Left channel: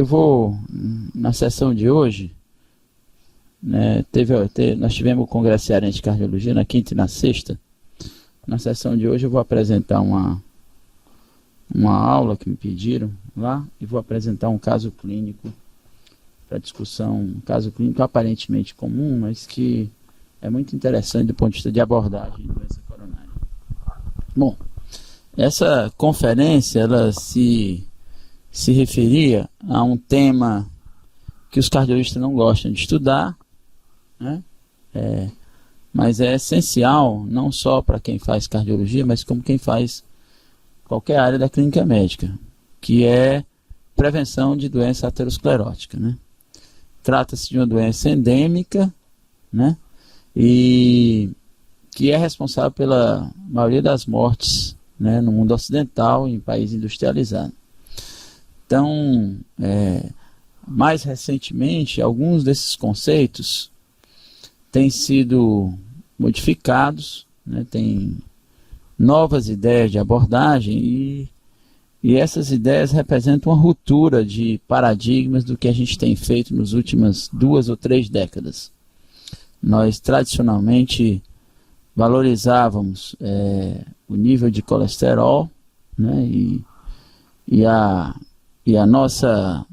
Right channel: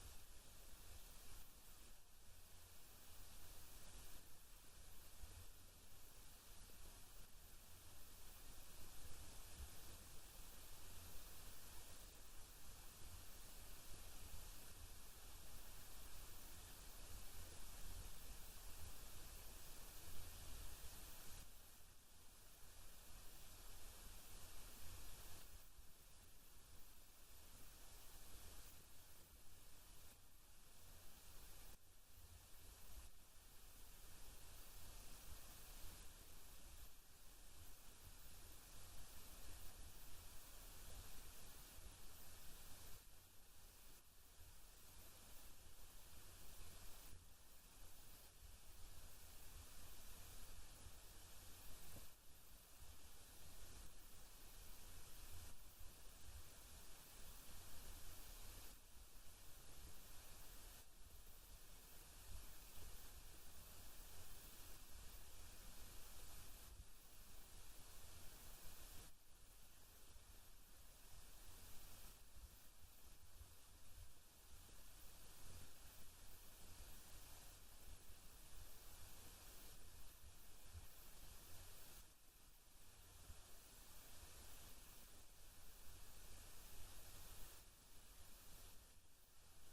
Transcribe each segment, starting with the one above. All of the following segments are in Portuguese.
eu vou, na sessão de hoje, né, nós tivemos o Congresso Cearense de Cardiologia na quinta e na sexta. Na sessão de hoje eu vou apresentar uma aula que me pediram lá e vou apresentar um caso clínico para discussão, um caso clínico aparentemente comum, mas que é muito interessante do ponto de vista de abordagem de doença coronária. Bom, essa conferência ela se referia a um tema que os cardiologistas não gostam de estudar, né? Mas é essencial não só para quem faz cardiologia, mas como quem faz qualquer área da clínica médica, que é prevenção de doença aterosclerótica, né? Trata-se de uma doença endêmica, né? E que é responsável pela maioria das mortes, né, no mundo ocidental e em países industrializados. Então, mais recentemente, alguns desses conceitos têm sido modificados, né, tem novas ideias de abordagem e essas ideias representam uma ruptura de paradigmas do que a gente tem feito nas últimas 2 ou 3 décadas. Nós tradicionalmente valorizávamos o nível de colesterol, né, e a nossa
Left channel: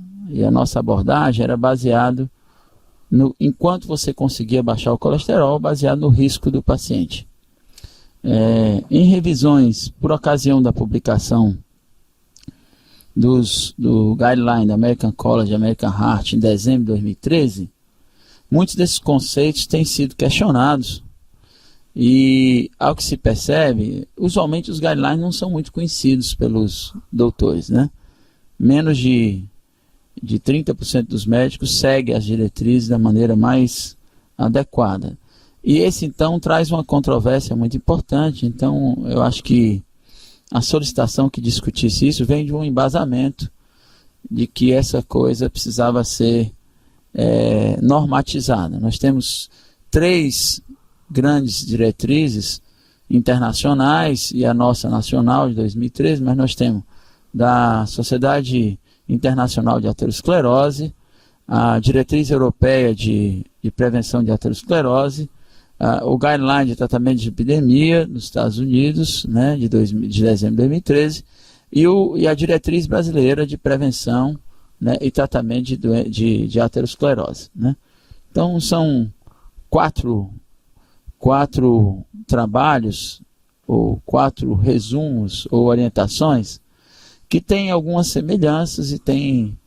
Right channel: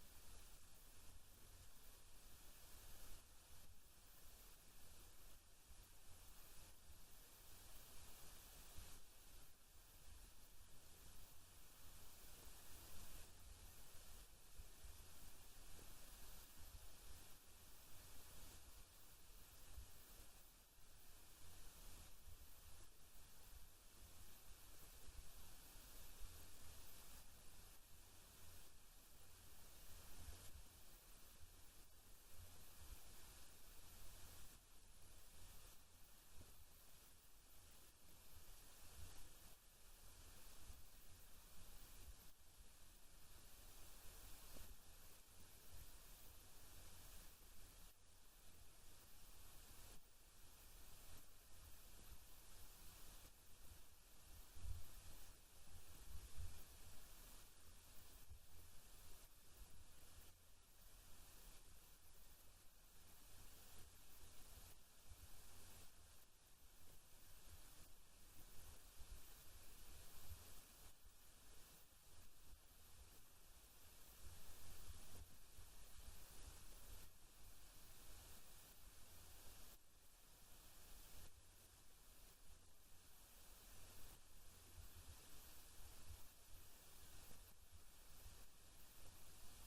abordagem era baseado enquanto você conseguia baixar o colesterol, baseado no risco do paciente. Em revisões, por ocasião da publicação do Guideline da American College American Heart em dezembro de 2013, muitos desses conceitos têm sido questionados e, ao que se percebe, usualmente os guidelines não são muito conhecidos pelos doutores, né? Menos de 30% dos médicos seguem as diretrizes da maneira mais adequada. E esse, então, traz uma controvérsia muito importante. Então, eu acho que a solicitação que discutisse isso vem de um embasamento de que essa coisa precisava ser normatizada. Nós temos 3 grandes diretrizes internacionais e a nossa nacional de 2013, mas nós temos da Sociedade Internacional de Aterosclerose, a Diretriz Europeia de Prevenção de Aterosclerose, o Guideline de Tratamento de Epidemia nos Estados Unidos, né, de dezembro de 2013, e a Diretriz Brasileira de Prevenção, né, e Tratamento de Aterosclerose, né? Então, são 4 trabalhos, ou 4 resumos, ou orientações, que têm algumas semelhanças e têm,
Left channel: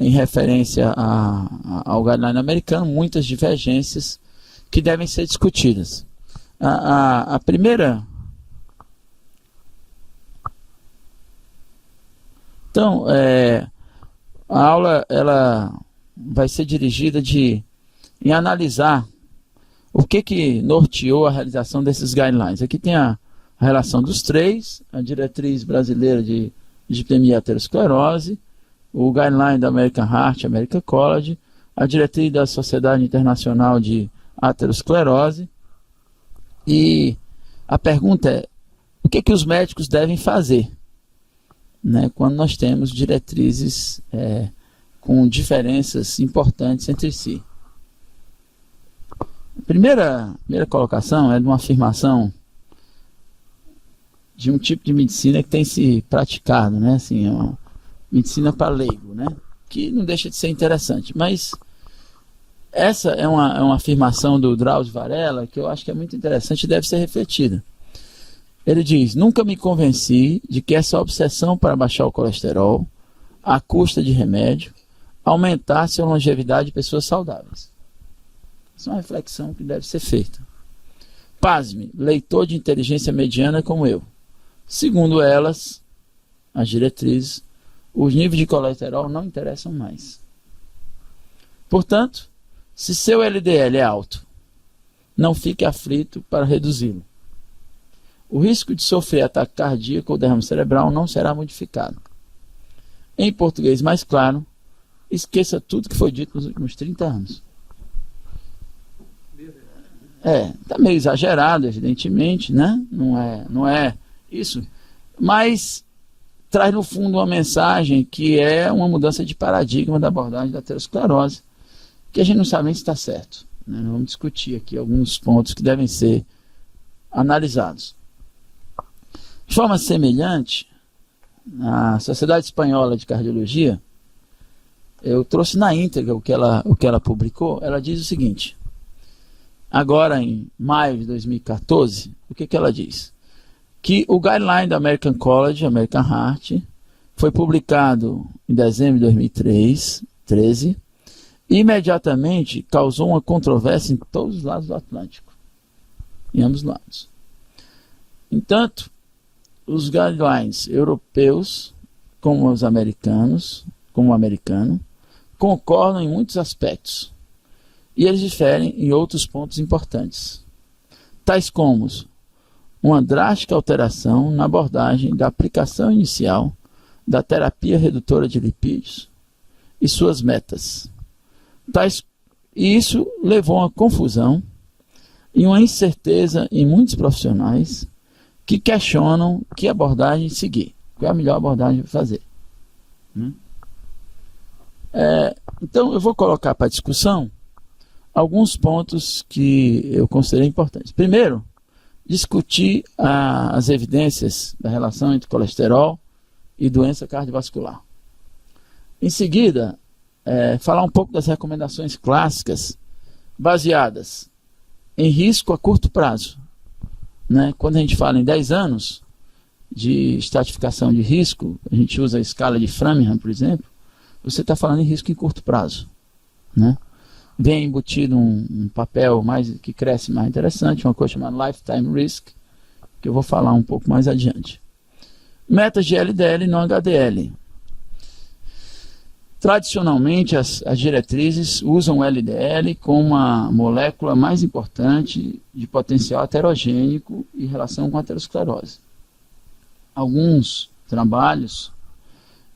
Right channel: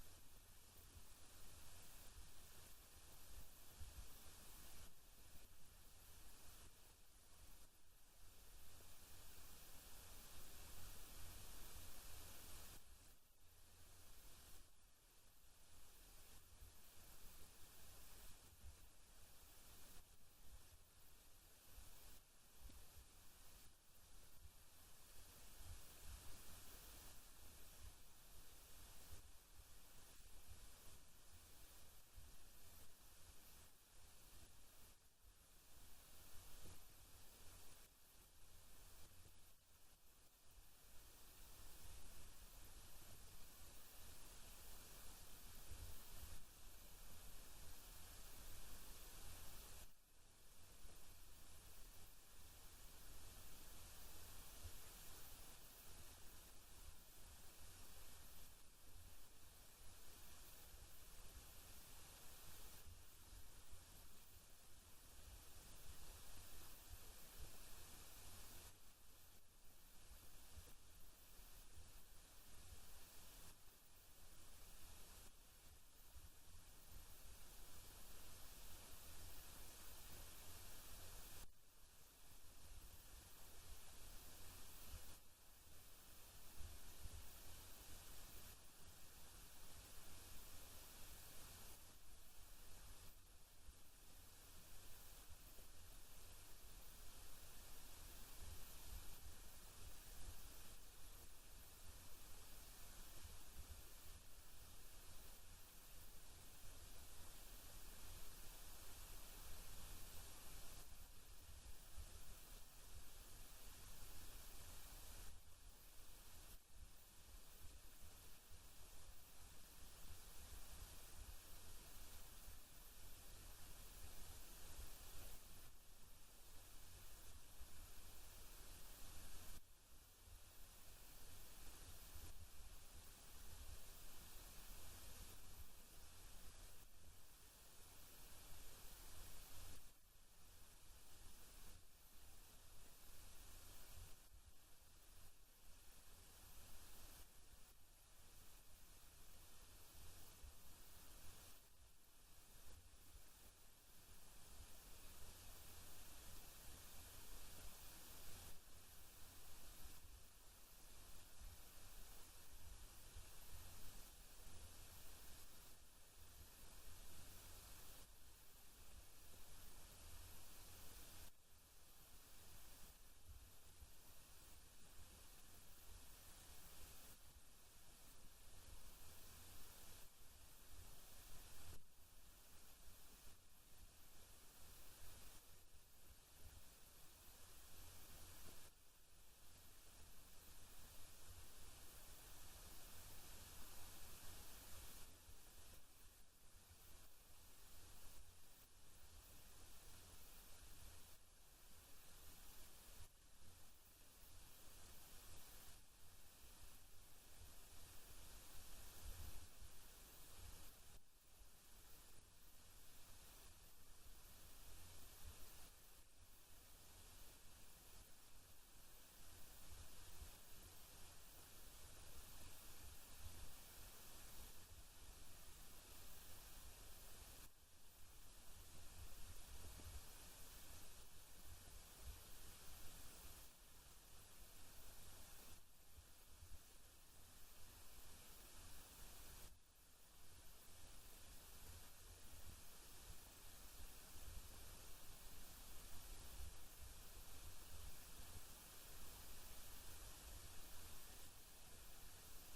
em referência ao guideline americano, muitas divergências que devem ser discutidas. A primeira... Então, a aula ela vai ser dirigida em analisar o que norteou a realização desses guidelines. Aqui tem a relação dos 3, a Diretriz Brasileira de Epidemia e Aterosclerose, o Guideline da American Heart, American College, a Diretriz da Sociedade Internacional de Aterosclerose. E a pergunta é, o que os médicos devem fazer, né, quando nós temos diretrizes com diferenças importantes entre si? A primeira colocação é de uma afirmação de um tipo de medicina que tem se praticado, né, assim, uma medicina para leigo, né, que não deixa de ser interessante, mas essa é uma afirmação do Drauzio Varela que eu acho que é muito interessante e deve ser refletida. Ele diz: nunca me convenci de que essa obsessão para baixar o colesterol, à custa de remédio, aumentasse a longevidade de pessoas saudáveis. Essa é uma reflexão que deve ser feita. Pasme, leitor de inteligência mediana como eu. Segundo elas, as diretrizes, os níveis de colesterol não interessam mais. Portanto, se seu LDL é alto, não fique aflito para reduzi-lo. O risco de sofrer ataque cardíaco ou derrame cerebral não será modificado. Em português mais claro, esqueça tudo que foi dito nos últimos 30 anos. Está meio exagerado, evidentemente, né? Não é isso. Mas traz no fundo uma mensagem que é uma mudança de paradigma da abordagem da aterosclerose, que a gente não sabe nem se está certo, né? Vamos discutir aqui alguns pontos que devem ser analisados. De forma semelhante, a Sociedade Espanhola de Cardiologia, eu trouxe na íntegra o que ela publicou. Ela diz o seguinte: agora em maio de 2014, o que ela diz? Que o guideline da American College, American Heart, foi publicado em dezembro de 2013 e imediatamente causou uma controvérsia em todos os lados do Atlântico, em ambos os lados. Entanto, os guidelines europeus, como os americanos, como o americano, concordam em muitos aspectos e eles diferem em outros pontos importantes, tais como uma drástica alteração na abordagem da aplicação inicial da terapia redutora de lipídios e suas metas. E isso levou a uma confusão e uma incerteza em muitos profissionais que questionam que abordagem seguir, qual é a melhor abordagem para fazer. Então eu vou colocar para discussão alguns pontos que eu considerei importantes. Primeiro, discutir as evidências da relação entre colesterol e doença cardiovascular. Em seguida, falar um pouco das recomendações clássicas baseadas em risco a curto prazo. Né? Quando a gente fala em 10 anos de estratificação de risco, a gente usa a escala de Framingham, por exemplo, você está falando em risco em curto prazo. Né? Vem embutido um papel que cresce mais interessante, uma coisa chamada Lifetime Risk, que eu vou falar um pouco mais adiante. Metas de LDL e não HDL. Tradicionalmente, as diretrizes usam o LDL como uma molécula mais importante de potencial aterogênico em relação com a aterosclerose. Alguns trabalhos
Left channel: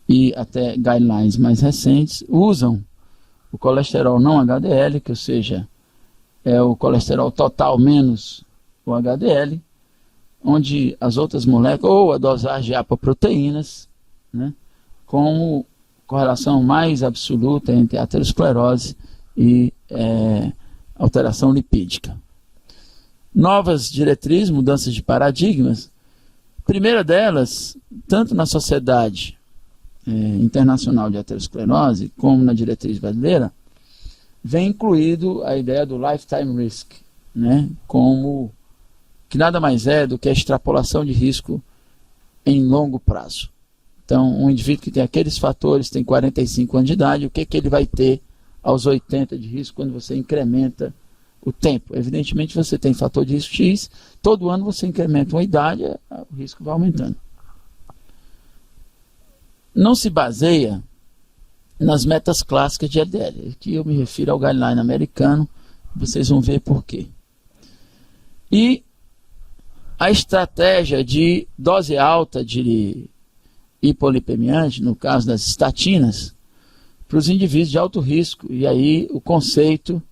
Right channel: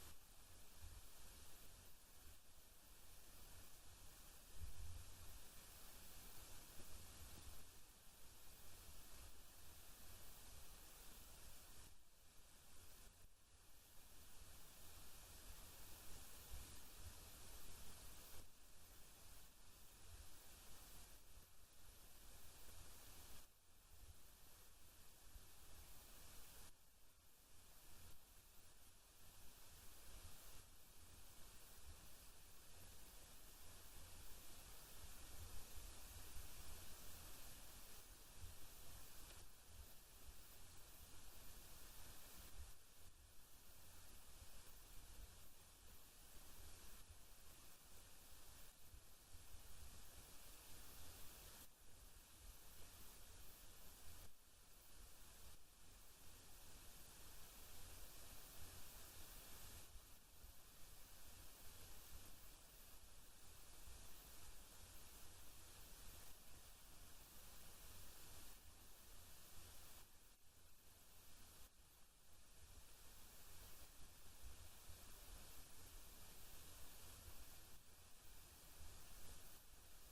e até guidelines mais recentes usam o colesterol não HDL, que ou seja, é o colesterol total menos o HDL, onde as outras moléculas, ou a dosagem de apoproteínas, né, como correlação mais absoluta entre aterosclerose e alteração lipídica. Novas diretrizes, mudanças de paradigmas. A primeira delas, tanto na Sociedade Internacional de Aterosclerose, como na diretriz brasileira, vem incluído a ideia do lifetime risk, né, como que nada mais é do que a extrapolação de risco em longo prazo. Então, um indivíduo que tem aqueles fatores, tem 45 anos de idade, o que ele vai ter aos 80 de risco quando você incrementa o tempo? Evidentemente, você tem fator de risco X, todo ano você incrementa uma idade, o risco vai aumentando. Não se baseia nas metas clássicas de LDL. Aqui eu me refiro ao guideline americano, vocês vão ver por quê. E a estratégia de dose alta de hipolipemiante, no caso das estatinas, para os indivíduos de alto risco. E aí o conceito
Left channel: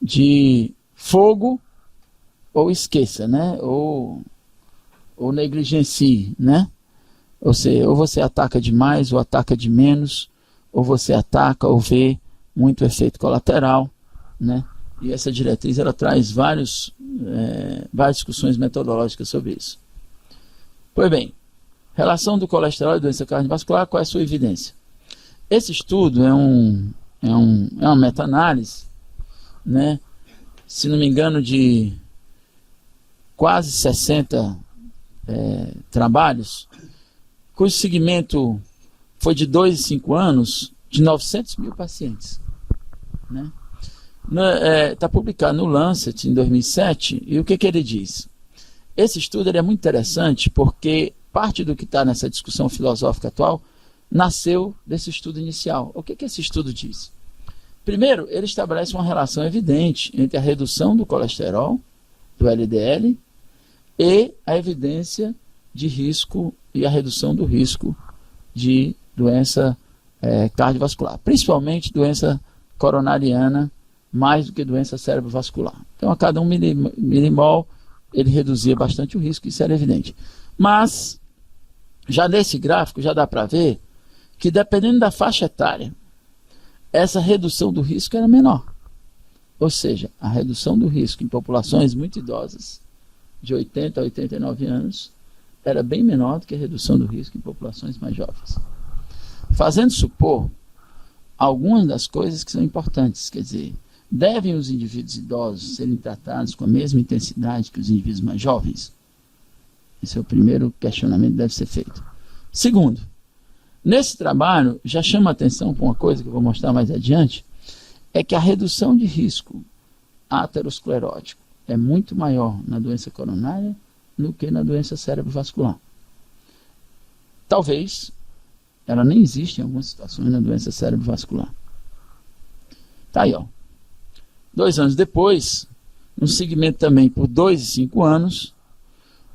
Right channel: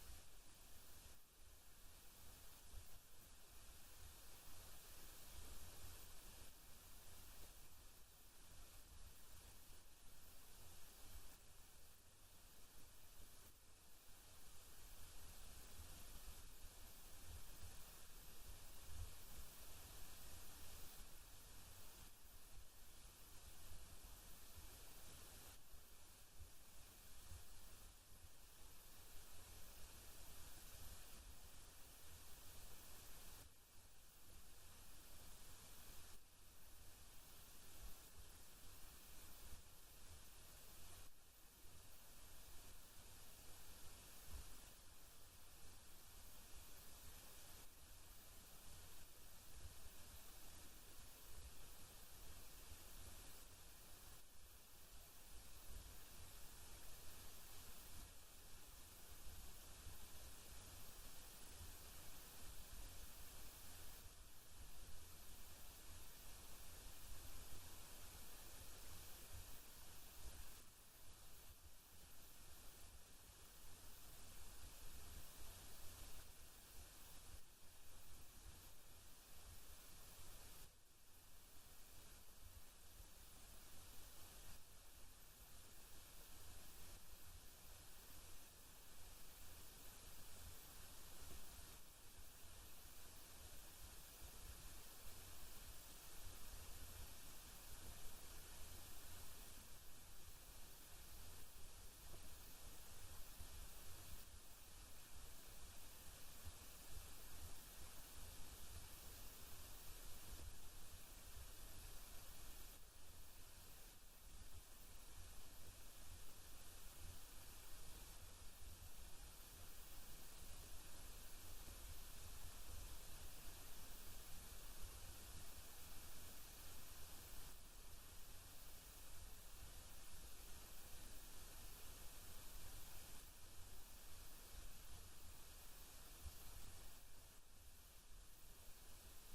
de fogo ou esqueça, né? Ou negligencie, né? Ou seja, ou você ataca demais ou ataca de menos, ou você ataca ou vê muito efeito colateral, né? E essa diretriz ela traz várias discussões metodológicas sobre isso. Pois bem, relação do colesterol e doença cardiovascular, qual é a sua evidência? Esse estudo é uma meta-análise, né? Se não me engano, de quase 60 trabalhos, cujo segmento foi de 2 e 5 anos, de 900 mil pacientes. Né? Está publicado no Lancet em 2007, e o que ele diz? Esse estudo é muito interessante porque parte do que está nessa discussão filosófica atual nasceu desse estudo inicial. O que esse estudo diz? Primeiro, ele estabelece uma relação evidente entre a redução do colesterol, do LDL, e a evidência de risco e a redução do risco de doença cardiovascular, principalmente doença coronariana, mais do que doença cerebrovascular. Então, a cada 1 milimol, ele reduzia bastante o risco, isso era evidente. Mas Já nesse gráfico já dá para ver que dependendo da faixa etária, essa redução do risco era menor. Ou seja, a redução do risco em populações muito idosas, de 80 a 89 anos, era bem menor do que a redução do risco em populações mais jovens. Fazendo supor algumas das coisas que são importantes, quer dizer, devem os indivíduos idosos serem tratados com a mesma intensidade que os indivíduos mais jovens? Esse é o primeiro questionamento que deve ser feito. Segundo, nesse trabalho já chama a atenção para uma coisa que eu vou mostrar mais adiante, é que a redução de risco aterosclerótico é muito maior na doença coronária do que na doença cerebrovascular. Talvez ela nem existe em algumas situações na doença cerebrovascular. Tá aí, ó. 2 anos depois, um segmento também por 2 e 5 anos,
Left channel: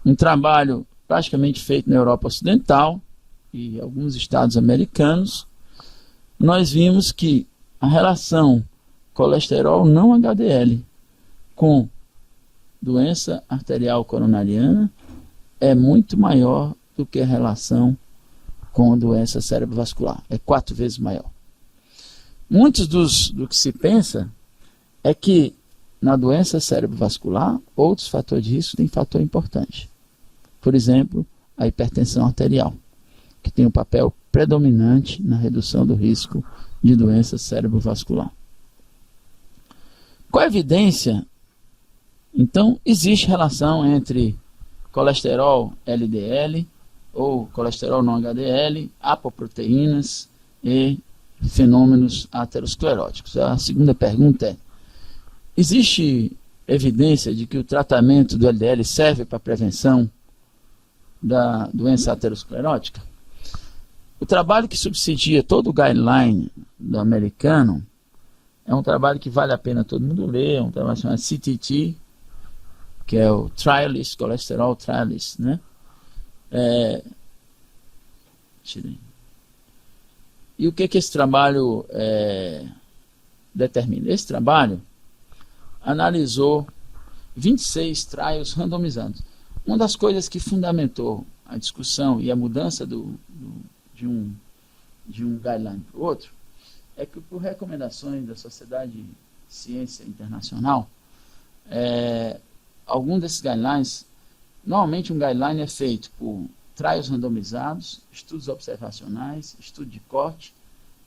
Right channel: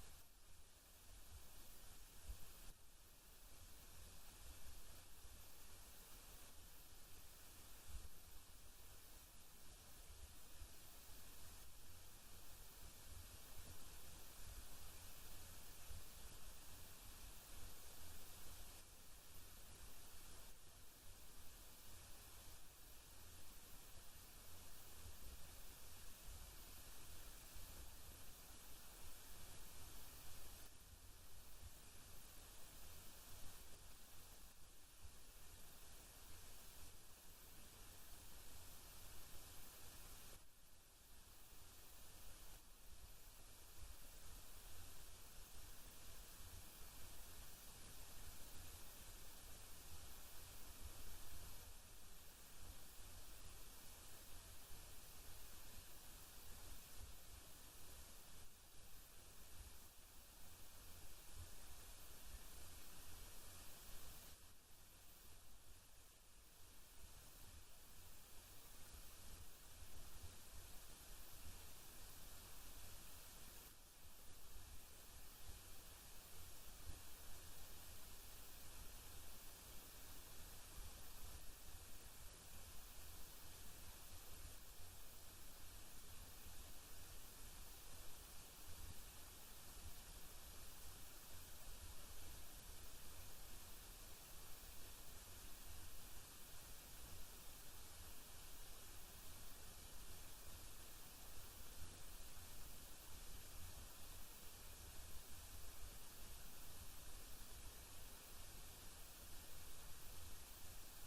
um trabalho praticamente feito na Europa Ocidental e alguns estados americanos, nós vimos que a relação colesterol não HDL com doença arterial coronariana é muito maior do que a relação com doença cerebrovascular. É 4 vezes maior. Muitos do que se pensa é que na doença cerebrovascular, outros fatores de risco têm fator importante. Por exemplo, a hipertensão arterial, que tem um papel predominante na redução do risco de doença cerebrovascular. Com a evidência, então, existe relação entre colesterol LDL ou colesterol não HDL, apoproteínas e fenômenos ateroscleróticos. A segunda pergunta é: existe evidência de que o tratamento do LDL serve para a prevenção da doença aterosclerótica? O trabalho que subsidia todo o guideline do americano é um trabalho que vale a pena todo mundo ler, é um trabalho chamado CTT, que é o Trialist, Cholesterol Trialist, né? E o que esse trabalho determina? Esse trabalho analisou 26 trials randomizados. Uma das coisas que fundamentou a discussão e a mudança de um guideline para o outro é que, por recomendações da Sociedade de Ciência Internacional, algum desses guidelines, normalmente um guideline é feito por trials randomizados, estudos observacionais, estudo de corte,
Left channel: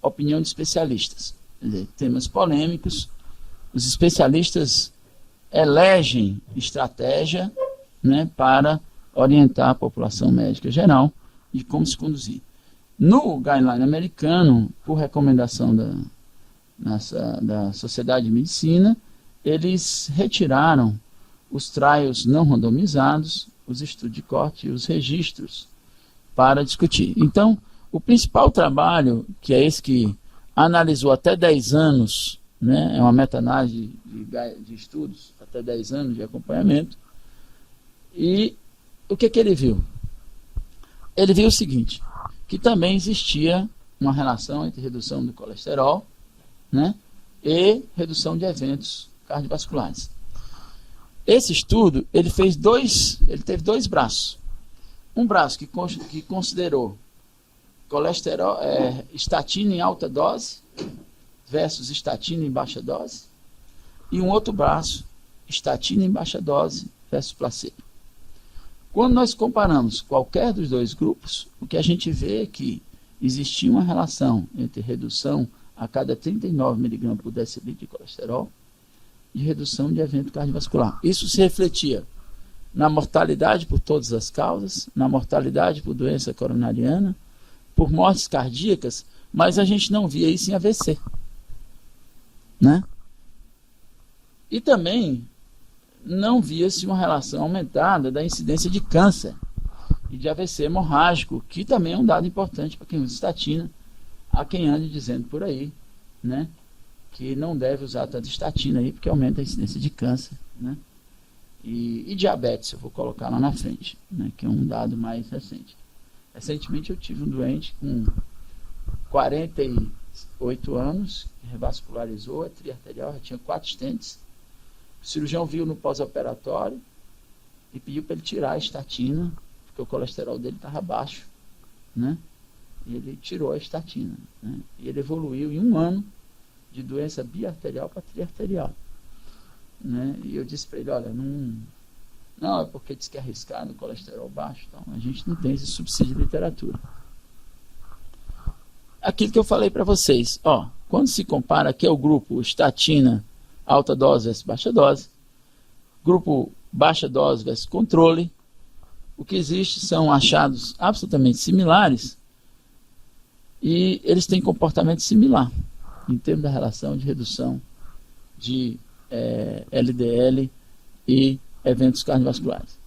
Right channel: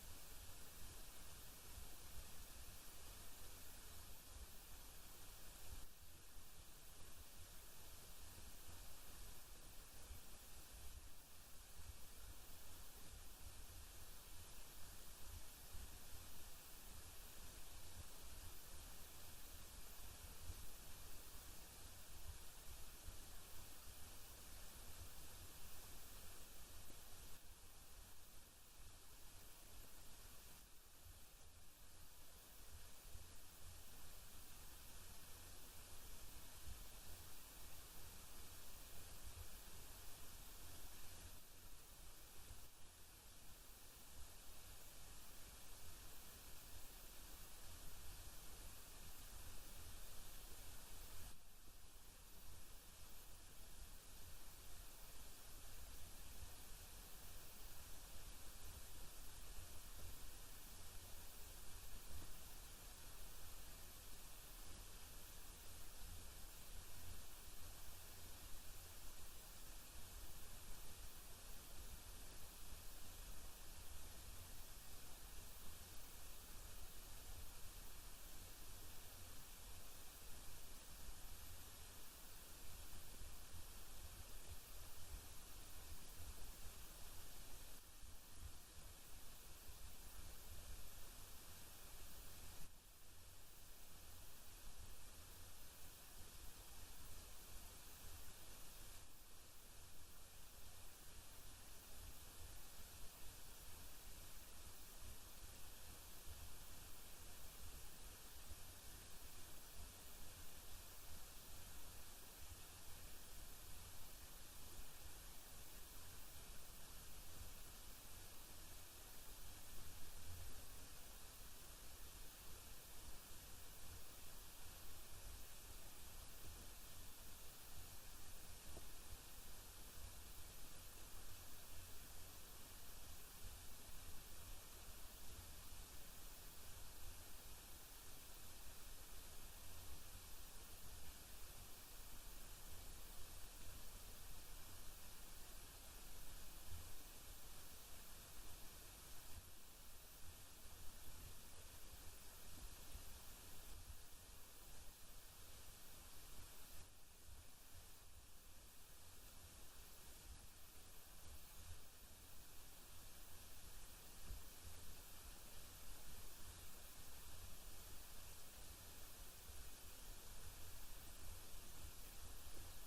opinião de especialistas. Quer dizer, temas polêmicos, os especialistas elegem estratégia, né, para orientar a população médica geral de como se conduzir. No guideline americano, por recomendação da Sociedade de Medicina, eles retiraram os trials não randomizados, os estudos de corte e os registros para discutir. Então, o principal trabalho, que é esse que analisou até 10 anos, né, é uma meta-análise de estudos, até 10 anos de acompanhamento, e o que ele viu? Ele viu o seguinte, que também existia uma relação entre redução do colesterol, né, e redução de eventos cardiovasculares. Esse estudo, ele teve 2 braços. Um braço que considerou colesterol, estatina em alta dose versus estatina em baixa dose, e um outro braço, estatina em baixa dose versus placebo. Quando nós comparamos qualquer dos 2 grupos, o que a gente vê é que existia uma relação entre redução a cada 39 mg por decilitro de colesterol e redução de evento cardiovascular. Isso se refletia na mortalidade por todas as causas, na mortalidade por doença coronariana, por mortes cardíacas, mas a gente não via isso em AVC, né? E também não via-se uma relação aumentada da incidência de câncer e de AVC hemorrágico, que também é um dado importante para quem usa estatina, a quem ande dizendo por aí, né, que não deve usar tanta estatina aí, porque aumenta a incidência de câncer, né, e diabetes, eu vou colocar lá na frente, né, que é um dado mais recente. Recentemente eu tive um doente com 48 anos, que revascularizou a tria arterial, já tinha 4 stents. O cirurgião viu no pós-operatório e pediu para ele tirar a estatina, porque o colesterol dele estava baixo. né? Ele tirou a estatina, né? E ele evoluiu em 1 ano de doença biarterial para triarterial, né? E eu disse para ele, olha, não é porque diz que é arriscado, colesterol baixo, então a gente não tem esse subsídio de literatura. Aquilo que eu falei para vocês, ó, quando se compara, aqui é o grupo estatina, alta dose versus baixa dose, grupo baixa dose versus controle, o que existe são achados absolutamente similares e eles têm comportamento similar em termos da relação de redução de LDL e eventos cardiovasculares.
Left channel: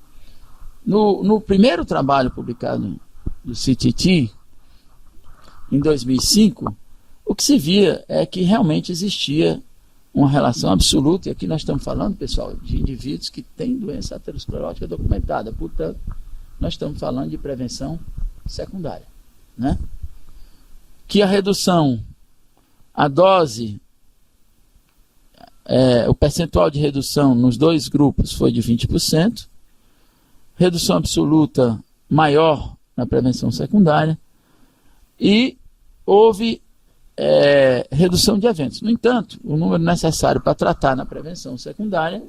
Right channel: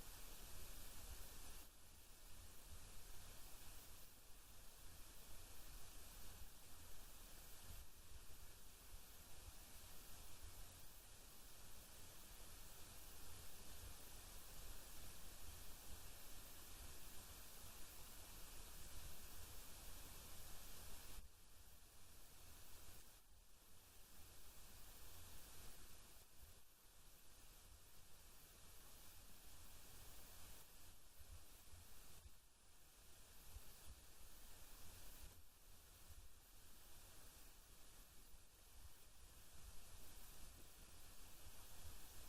No primeiro trabalho publicado do CTT, em 2005, o que se via é que realmente existia uma relação absoluta, e aqui nós estamos falando, pessoal, de indivíduos que têm doença aterosclerótica documentada, portanto, nós estamos falando de prevenção secundária, né? Que a redução, a dose, o percentual de redução nos 2 grupos foi de 20%, redução absoluta maior na prevenção secundária, e houve redução de eventos. No entanto, o número necessário para tratar na prevenção secundária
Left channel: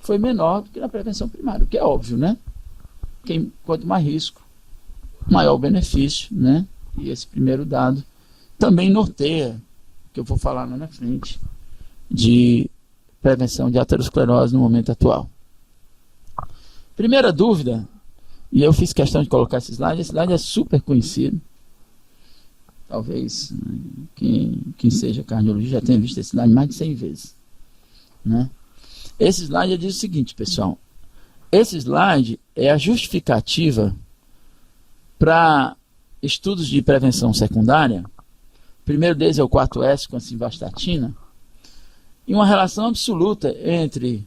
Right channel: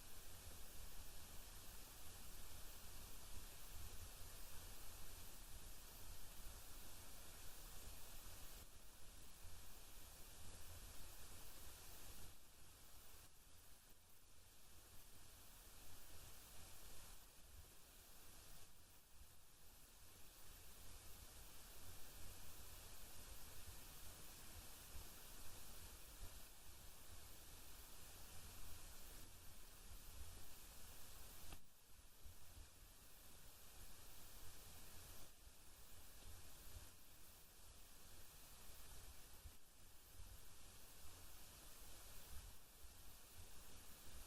foi menor do que na prevenção primária, o que é óbvio, né? Quanto mais risco, maior o benefício, né? E esse primeiro dado também norteia, que eu vou falar lá na frente, de prevenção de aterosclerose no momento atual. Primeira dúvida, e eu fiz questão de colocar esse slide é super conhecido, talvez quem seja cardiologista já tenha visto esse slide mais de 100 vezes, né? Esse slide diz o seguinte, pessoal, esse slide é a justificativa para estudos de prevenção secundária. O primeiro deles é o 4S com a simvastatina, e uma relação absoluta entre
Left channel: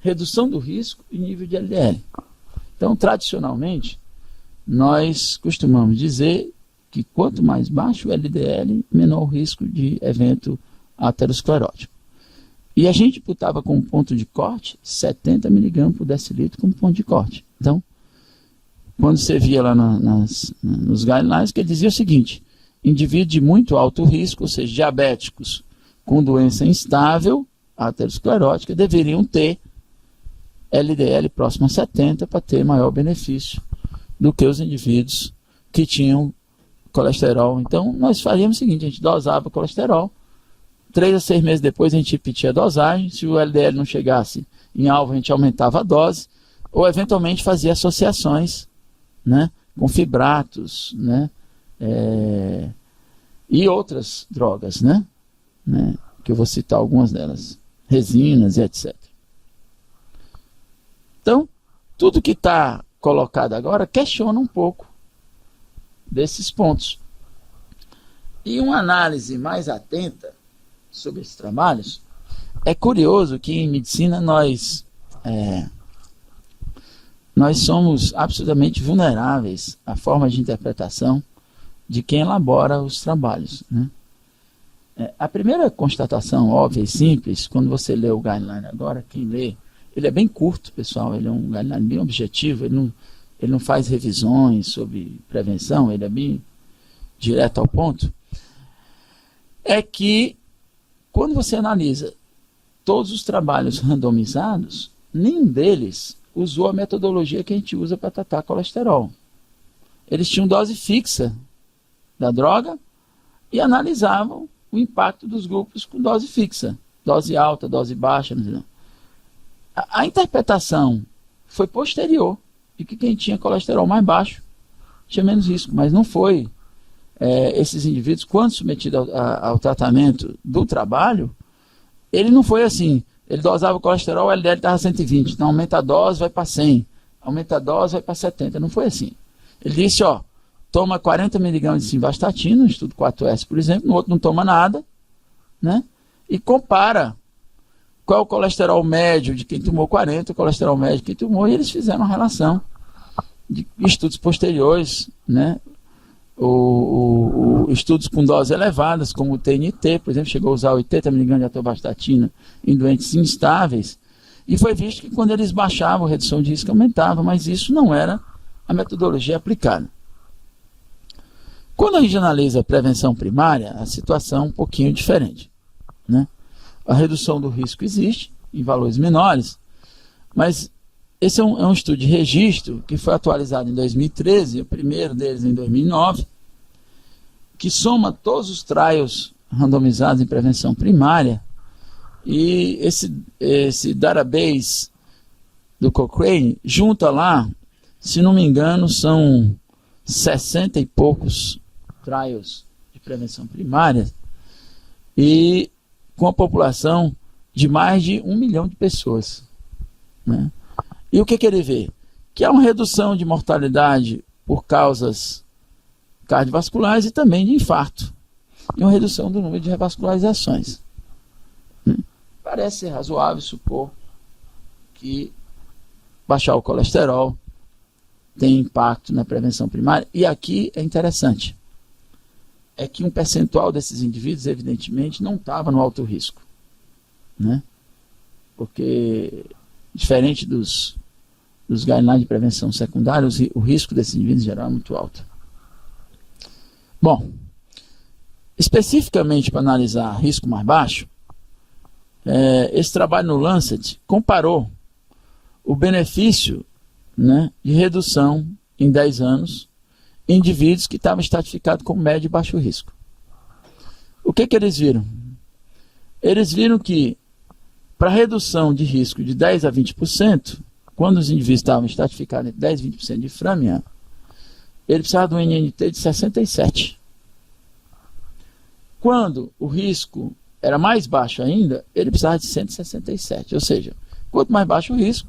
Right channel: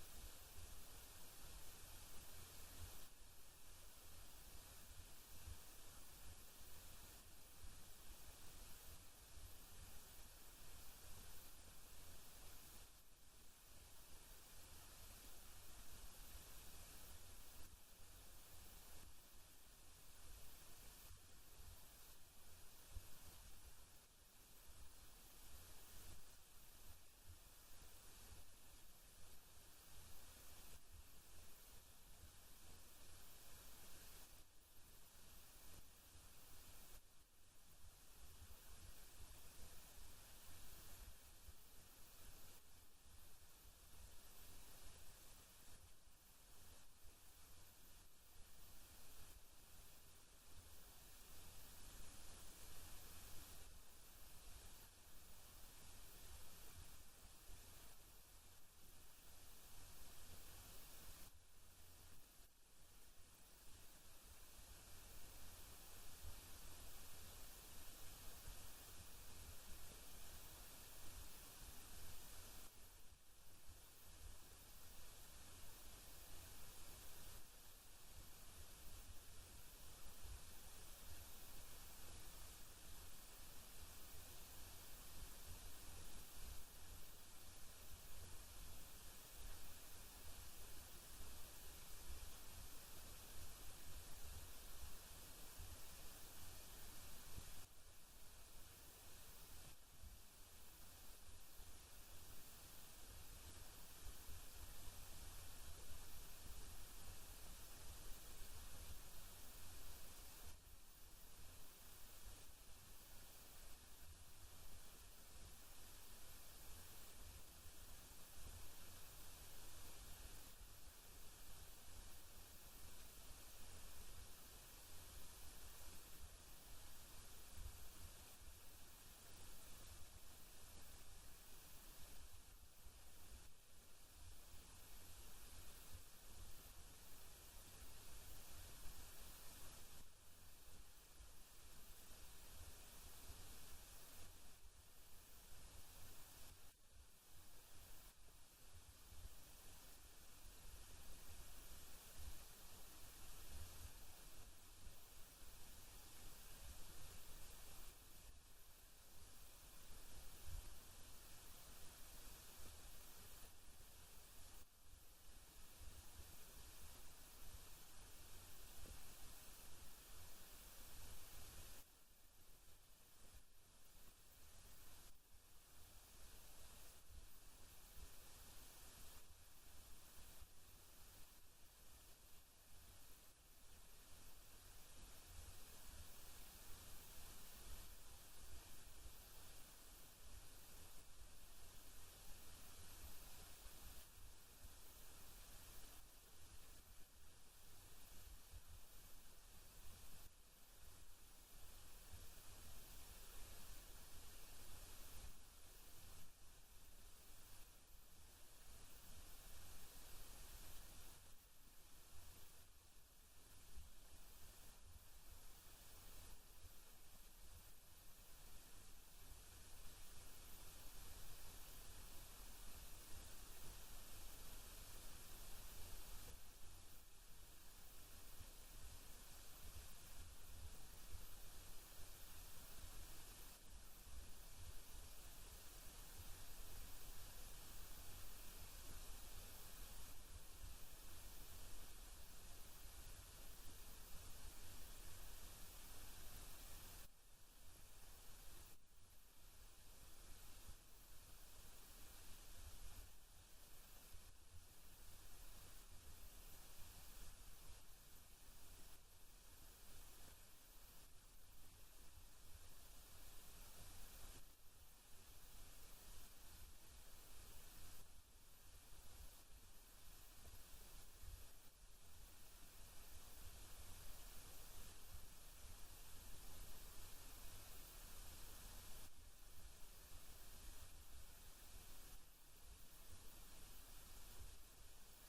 redução do risco e nível de LDL. Então, tradicionalmente, nós costumamos dizer que quanto mais baixo o LDL, menor o risco de evento aterosclerótico. E a gente botava como ponto de corte 70 mg por decilitro como ponto de corte. Então, quando você via lá nos guidelines, que ele dizia o seguinte, indivíduos de muito alto risco, ou seja, diabéticos com doença instável, aterosclerótica, deveriam ter LDL próximo a 70 para ter maior benefício do que os indivíduos que tinham colesterol. Então, nós faríamos o seguinte, a gente dosava o colesterol, 3 a 6 meses depois a gente repetia a dosagem, se o LDL não chegasse em alvo, a gente aumentava a dose, ou eventualmente fazia associações, né, com fibratos, né, e outras drogas, né, que eu vou citar algumas delas, resinas e etc. Então, tudo que está colocado agora questiona um pouco desses pontos. E uma análise mais atenta sobre esses trabalhos, é curioso que em medicina nós somos absolutamente vulneráveis à forma de interpretação de quem elabora os trabalhos, né? A primeira constatação óbvia e simples, quando você lê o guideline agora, quem lê, ele é bem curto, pessoal, ele é um guideline bem objetivo, ele não faz revisões sobre prevenção, ele é bem direto ao ponto, é que quando você analisa todos os trabalhos randomizados, nenhum deles usou a metodologia que a gente usa para tratar colesterol. Eles tinham dose fixa da droga e analisavam o impacto dos grupos com dose fixa, dose alta, dose baixa. A interpretação foi posterior de que quem tinha colesterol mais baixo tinha menos risco, mas não foi. Esses indivíduos, quando submetidos ao tratamento do trabalho, ele não foi assim, ele dosava o colesterol, o LDL estava 120, então aumenta a dose, vai para 100, aumenta a dose, vai para 70, não foi assim. Ele disse, ó, toma 40 mg de simvastatina, no estudo 4S, por exemplo, no outro não toma nada, né? E compara qual é o colesterol médio de quem tomou 40, o colesterol médio de quem tomou, e eles fizeram uma relação de estudos posteriores, né? Estudos com doses elevadas, como o TNT, por exemplo, chegou a usar 80 mg de atorvastatina em doentes instáveis, e foi visto que quando eles baixavam, a redução de risco aumentava, mas isso não era a metodologia aplicada. Quando a gente analisa a prevenção primária, a situação é um pouquinho diferente, né? A redução do risco existe em valores menores, mas esse é um estudo de registro que foi atualizado em 2013, o primeiro deles em 2009, que soma todos os trials randomizados em prevenção primária, e esse database do Cochrane junta lá, se não me engano, são 60 e poucos trials de prevenção primária, e com a população de mais de 1 milhão de pessoas, né? E o que ele vê? Que há uma redução de mortalidade por causas cardiovasculares e também de infarto, e uma redução do número de revascularizações. Parece ser razoável supor que baixar o colesterol tem impacto na prevenção primária. E aqui é interessante, é que um percentual desses indivíduos, evidentemente, não estava no alto risco, né? Porque, diferente dos guidelines de prevenção secundária, o risco desses indivíduos em geral é muito alto. Bom, especificamente para analisar risco mais baixo, esse trabalho no Lancet comparou o benefício, né, de redução em 10 anos em indivíduos que estavam estratificados com médio e baixo risco. O que eles viram? Eles viram que para redução de risco de 10 a 20%, quando os indivíduos estavam estratificados entre 10 e 20% de Framingham, ele precisava de um NNT de 67. Quando o risco era mais baixo ainda, ele precisava de 167. Ou seja, quanto mais baixo o risco,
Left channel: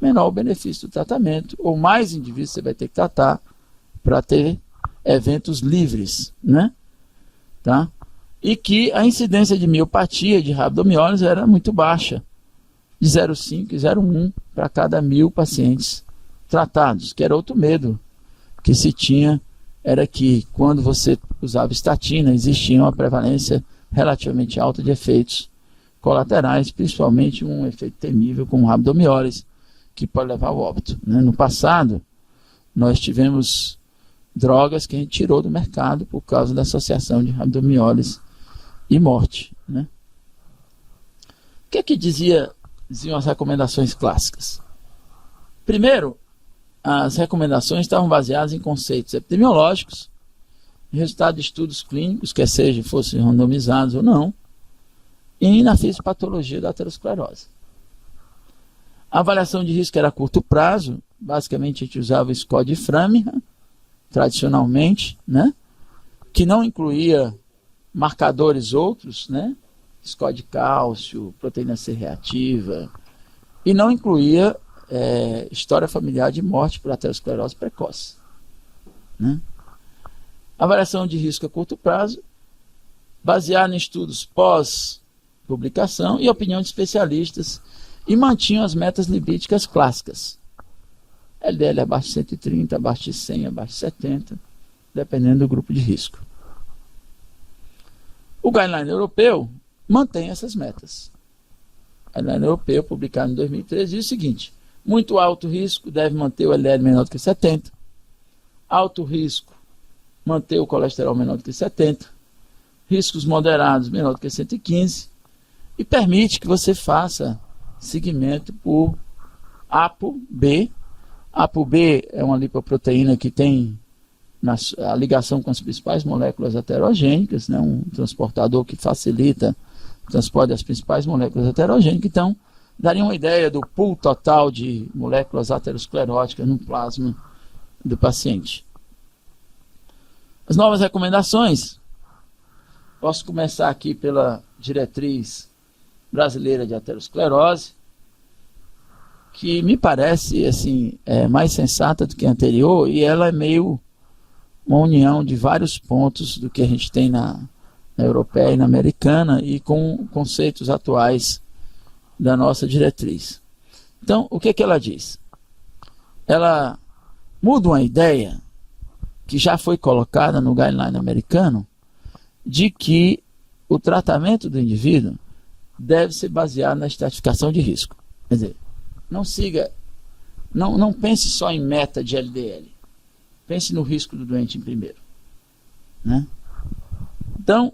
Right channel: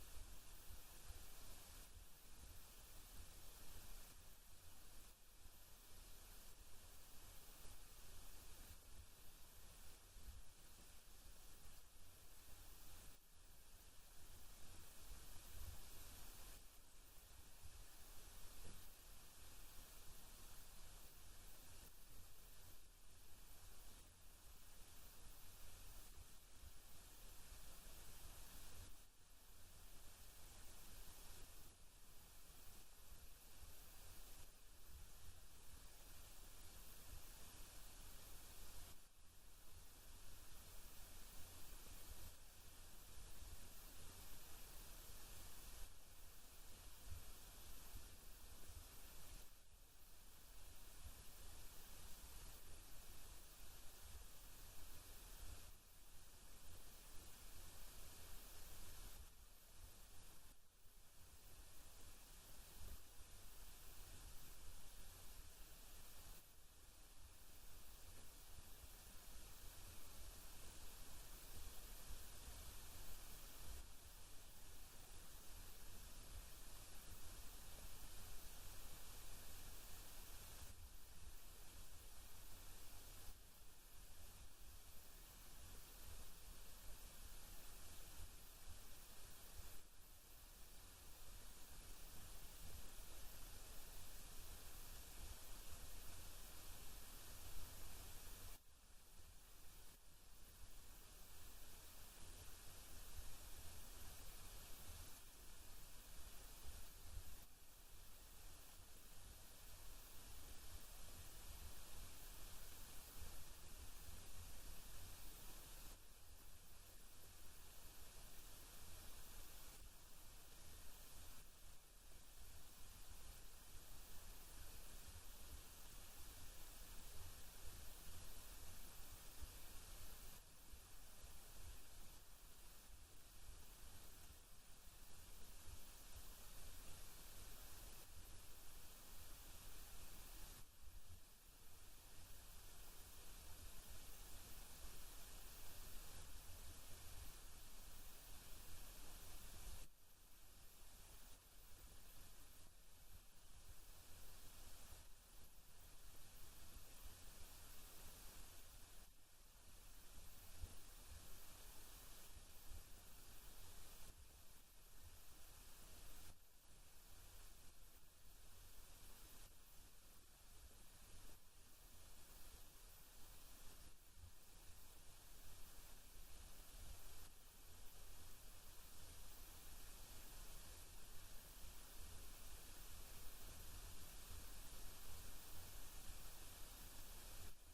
menor o benefício do tratamento, ou mais indivíduos você vai ter que tratar para ter eventos livres, né? Tá? E que a incidência de miopatia, de rabdomiólise, era muito baixa, de 0,5 e 0,1 para cada 1.000 pacientes tratados, que era outro medo que se tinha, era que quando você usava estatina, existia uma prevalência relativamente alta de efeitos colaterais, principalmente um efeito temível como rabdomiólise, que pode levar ao óbito, né? No passado, nós tivemos drogas que a gente tirou do mercado por causa da associação de rabdomiólise e morte, né? O que diziam as recomendações clássicas? Primeiro, as recomendações estavam baseadas em conceitos epidemiológicos, em resultado de estudos clínicos, quer seja fossem randomizados ou não, e na fisiopatologia da aterosclerose. A avaliação de risco era a curto prazo, basicamente a gente usava o score de Framingham, tradicionalmente, né? Que não incluía marcadores outros, né? Score de cálcio, proteína C reativa, e não incluía história familiar de morte por aterosclerose precoce, né? Avaliação de risco a curto prazo, baseada em estudos pós-publicação e opinião de especialistas, e mantinham as metas lipídicas clássicas. LDL abaixo de 130, abaixo de 100, abaixo de 70, dependendo do grupo de risco. O guideline europeu mantém essas metas. O guideline europeu, publicado em 2013, diz o seguinte: muito alto risco deve manter o LDL menor do que 70, alto risco manter o colesterol menor do que 70, riscos moderados menor do que 115, e permite que você faça segmento por ApoB. ApoB é uma lipoproteína que tem a ligação com as principais moléculas heterogênicas, né? Um transportador que facilita o transporte das principais moléculas heterogênicas. Então, daria uma ideia do pool total de moléculas ateroscleróticas no plasma do paciente. As novas recomendações, posso começar aqui pela diretriz brasileira de aterosclerose, que me parece assim, mais sensata do que a anterior, e ela é meio uma união de vários pontos do que a gente tem na europeia e na americana, e com conceitos atuais da nossa diretriz. Então, o que ela diz? Ela muda uma ideia que já foi colocada no guideline americano, de que o tratamento do indivíduo deve ser baseado na estratificação de risco. Quer dizer, não pense só em meta de LDL. Pense no risco do doente em primeiro. né? Então,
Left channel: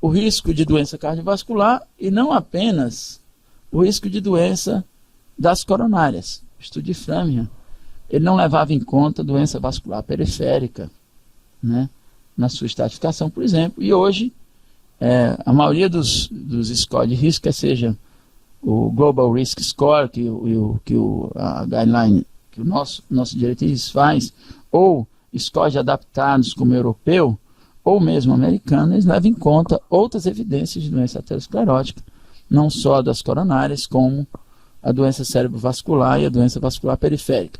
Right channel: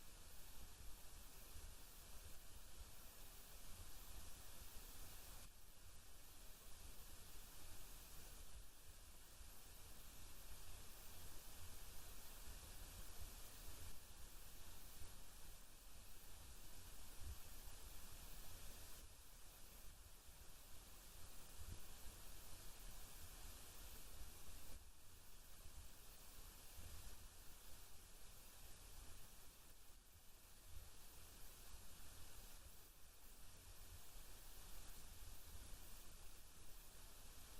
o risco de doença cardiovascular e não apenas o risco de doença das coronárias. O estudo de Framingham, ele não levava em conta doença vascular periférica, né, na sua estratificação, por exemplo. E hoje, a maioria dos scores de risco, quer seja o Global Risk Score, a guideline, que o nosso diretriz faz, ou scores adaptados como europeu, ou mesmo americano, eles levam em conta outras evidências de doença aterosclerótica, não só das coronárias, como a doença cerebrovascular e a doença vascular periférica.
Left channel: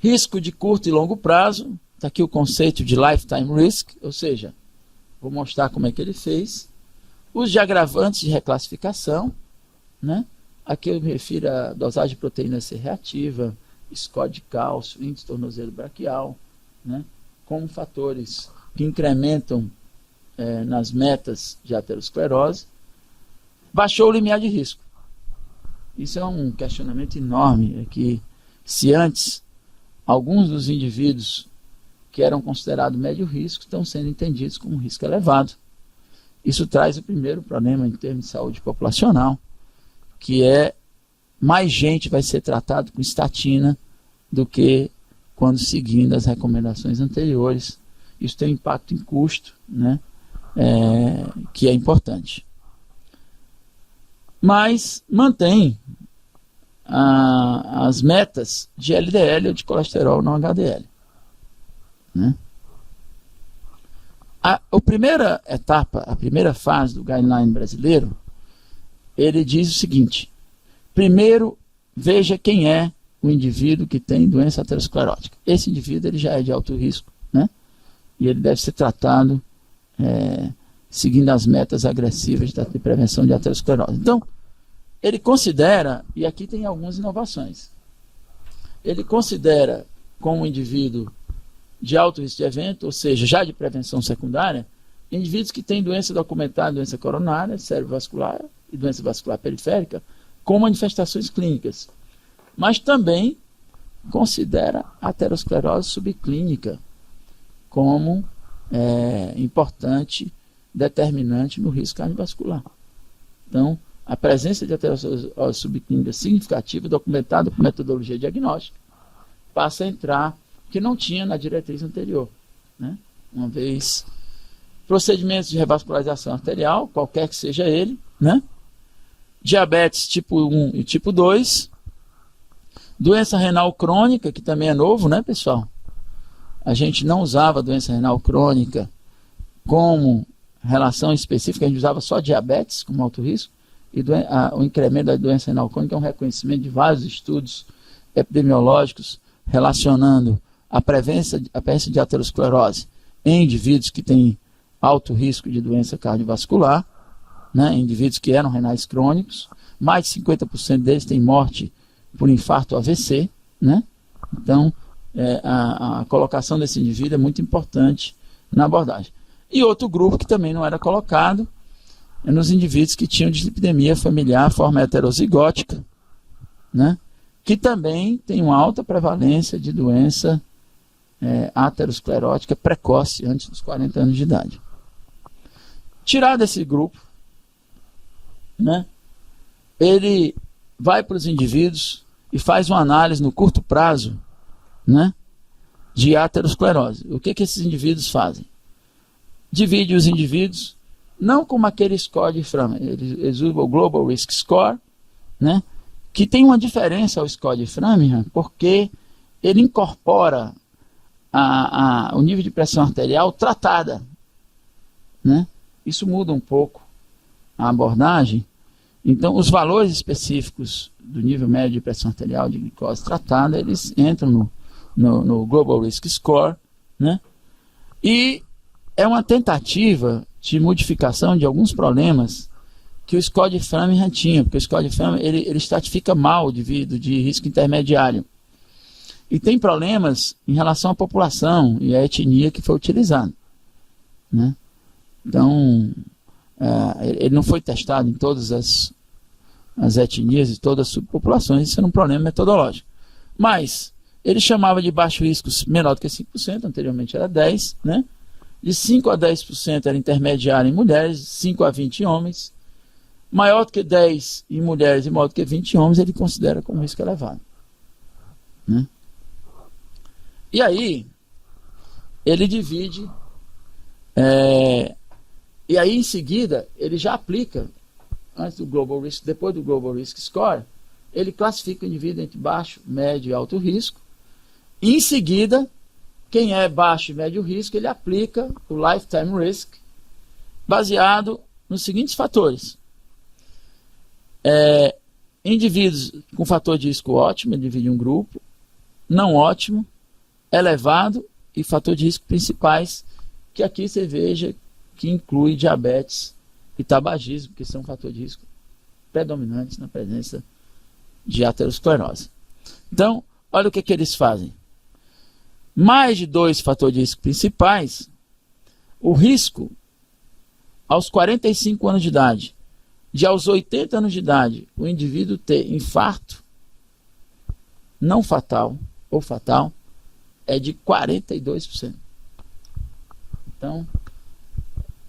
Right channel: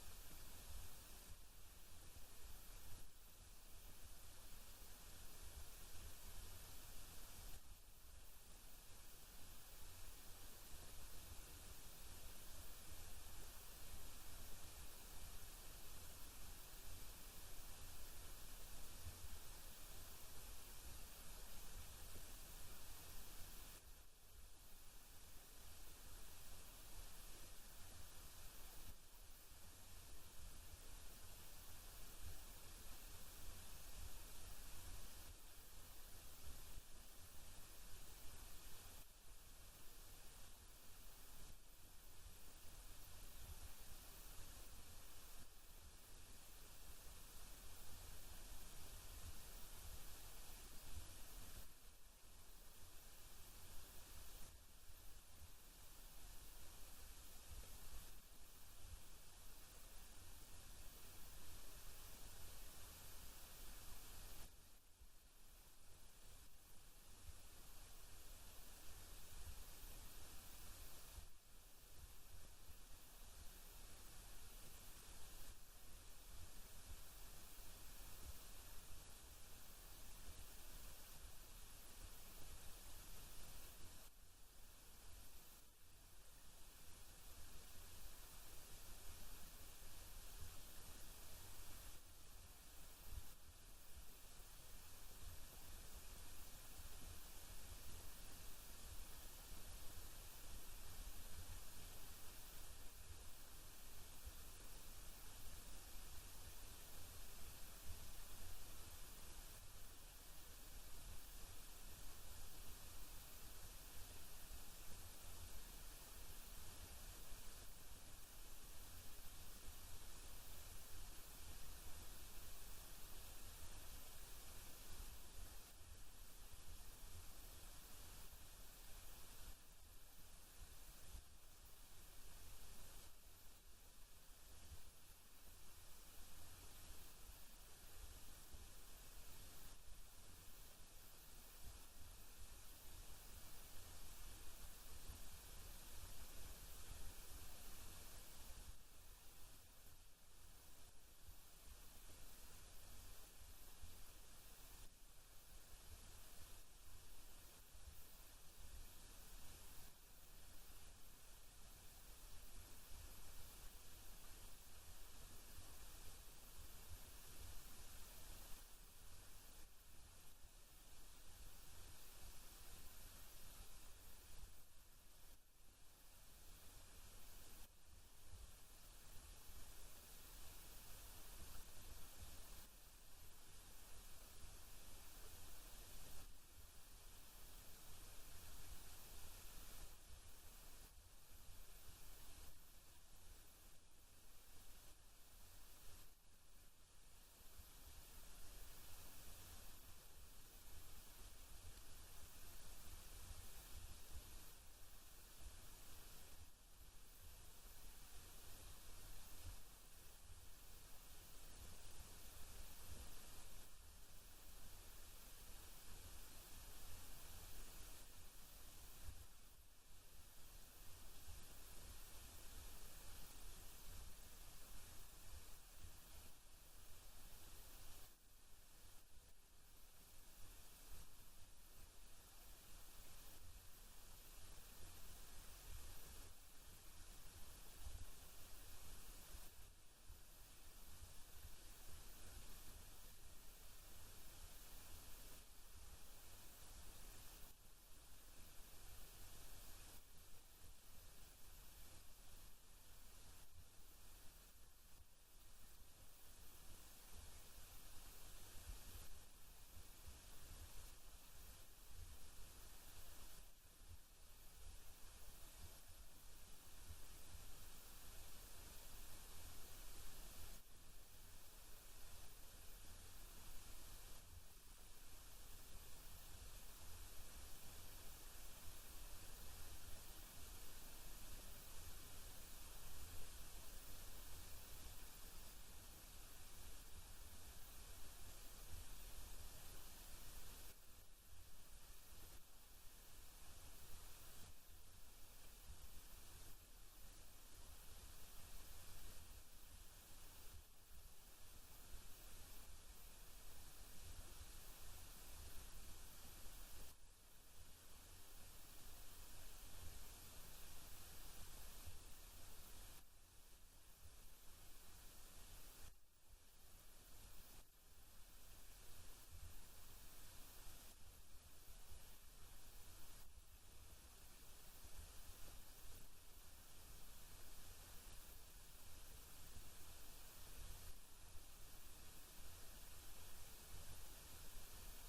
Risco de curto e longo prazo, está aqui o conceito de lifetime risk, ou seja, vou mostrar como é que ele fez. Os de agravantes de reclassificação, né? Aqui eu me refiro à dosagem de proteína C reativa, score de cálcio, índice tornozelo braquial, né? Como fatores que incrementam nas metas de aterosclerose. Baixou o limiar de risco. Isso é um questionamento enorme, é que se antes alguns dos indivíduos que eram considerados médio risco estão sendo entendidos como risco elevado. Isso traz o primeiro problema em termos de saúde populacional, que é mais gente vai ser tratado com estatina do que quando seguindo as recomendações anteriores. Isso tem um impacto em custo, né, que é importante. Mas mantém as metas de LDL ou de colesterol não HDL. Né? A primeira etapa, a primeira fase do guideline brasileiro, ele diz o seguinte: primeiro, veja quem é o indivíduo que tem doença aterosclerótica. Esse indivíduo ele já é de alto risco, né? E ele deve ser tratado seguindo as metas agressivas de prevenção de aterosclerose. Então, ele considera, e aqui tem algumas inovações, ele considera como indivíduo de alto risco de evento, ou seja, já de prevenção secundária, indivíduos que têm doença documentada, doença coronária, cerebrovascular e doença vascular periférica, com manifestações clínicas. Mas também considera a aterosclerose subclínica como importante determinante no risco cardiovascular. Então, a presença de aterosclerose subclínica significativa, documentada por metodologia diagnóstica, passa a entrar, que não tinha na diretriz anterior. Né? Uma vez, procedimentos de revascularização arterial, qualquer que seja ele, né? Diabetes tipo 1 e tipo 2, doença renal crônica, que também é novo, né, pessoal? A gente não usava doença renal crônica como relação específica, a gente usava só diabetes como alto risco, e o incremento da doença renal crônica é um reconhecimento de vários estudos epidemiológicos relacionando a presença de aterosclerose em indivíduos que têm alto risco de doença cardiovascular, né, indivíduos que eram renais crônicos, mais de 50% deles têm morte por infarto AVC, né? Então, a colocação desse indivíduo é muito importante na abordagem. E outro grupo que também não era colocado é nos indivíduos que tinham dislipidemia familiar, forma heterozigótica, né? Que também tem uma alta prevalência de doença aterosclerótica precoce, antes dos 40 anos de idade. Tirado esse grupo, né, ele vai para os indivíduos e faz uma análise no curto prazo, né, de aterosclerose. O que esses indivíduos fazem? Divide os indivíduos, não como aquele score de Framingham, eles usam o Global Risk Score, né, que tem uma diferença ao score de Framingham, porque ele incorpora o nível de pressão arterial tratada, né? Isso muda um pouco a abordagem. Então, os valores específicos do nível médio de pressão arterial de glicose tratada, eles entram no Global Risk Score, né? E é uma tentativa de modificação de alguns problemas que o score de Framingham tinha, porque o score de Framingham ele estratifica mal o indivíduo de risco intermediário. E tem problemas em relação à população e à etnia que foi utilizado, né? Então, ele não foi testado em todas as etnias e todas as subpopulações, isso era um problema metodológico. Mas ele chamava de baixo risco menor do que 5%, anteriormente era 10%, né? de 5 a 10% era intermediário em mulheres, 5 a 20 em homens, maior do que 10 em mulheres e maior do que 20 em homens, ele considera como risco elevado. Né? E aí, ele divide, e aí em seguida, ele já aplica, antes do Global Risk, depois do Global Risk Score, ele classifica o indivíduo entre baixo, médio e alto risco, e em seguida, quem é baixo e médio risco, ele aplica o Lifetime Risk, baseado nos seguintes fatores. Indivíduos com fator de risco ótimo, ele divide um grupo, não ótimo, elevado e fator de risco principais, que aqui você veja que inclui diabetes e tabagismo, que são fatores de risco predominantes na presença de aterosclerose. Então, olha o que eles fazem. Mais de 2 fatores de risco principais, o risco aos 45 anos de idade, de aos 80 anos de idade, o indivíduo ter infarto não fatal ou fatal, é de 42%. Então,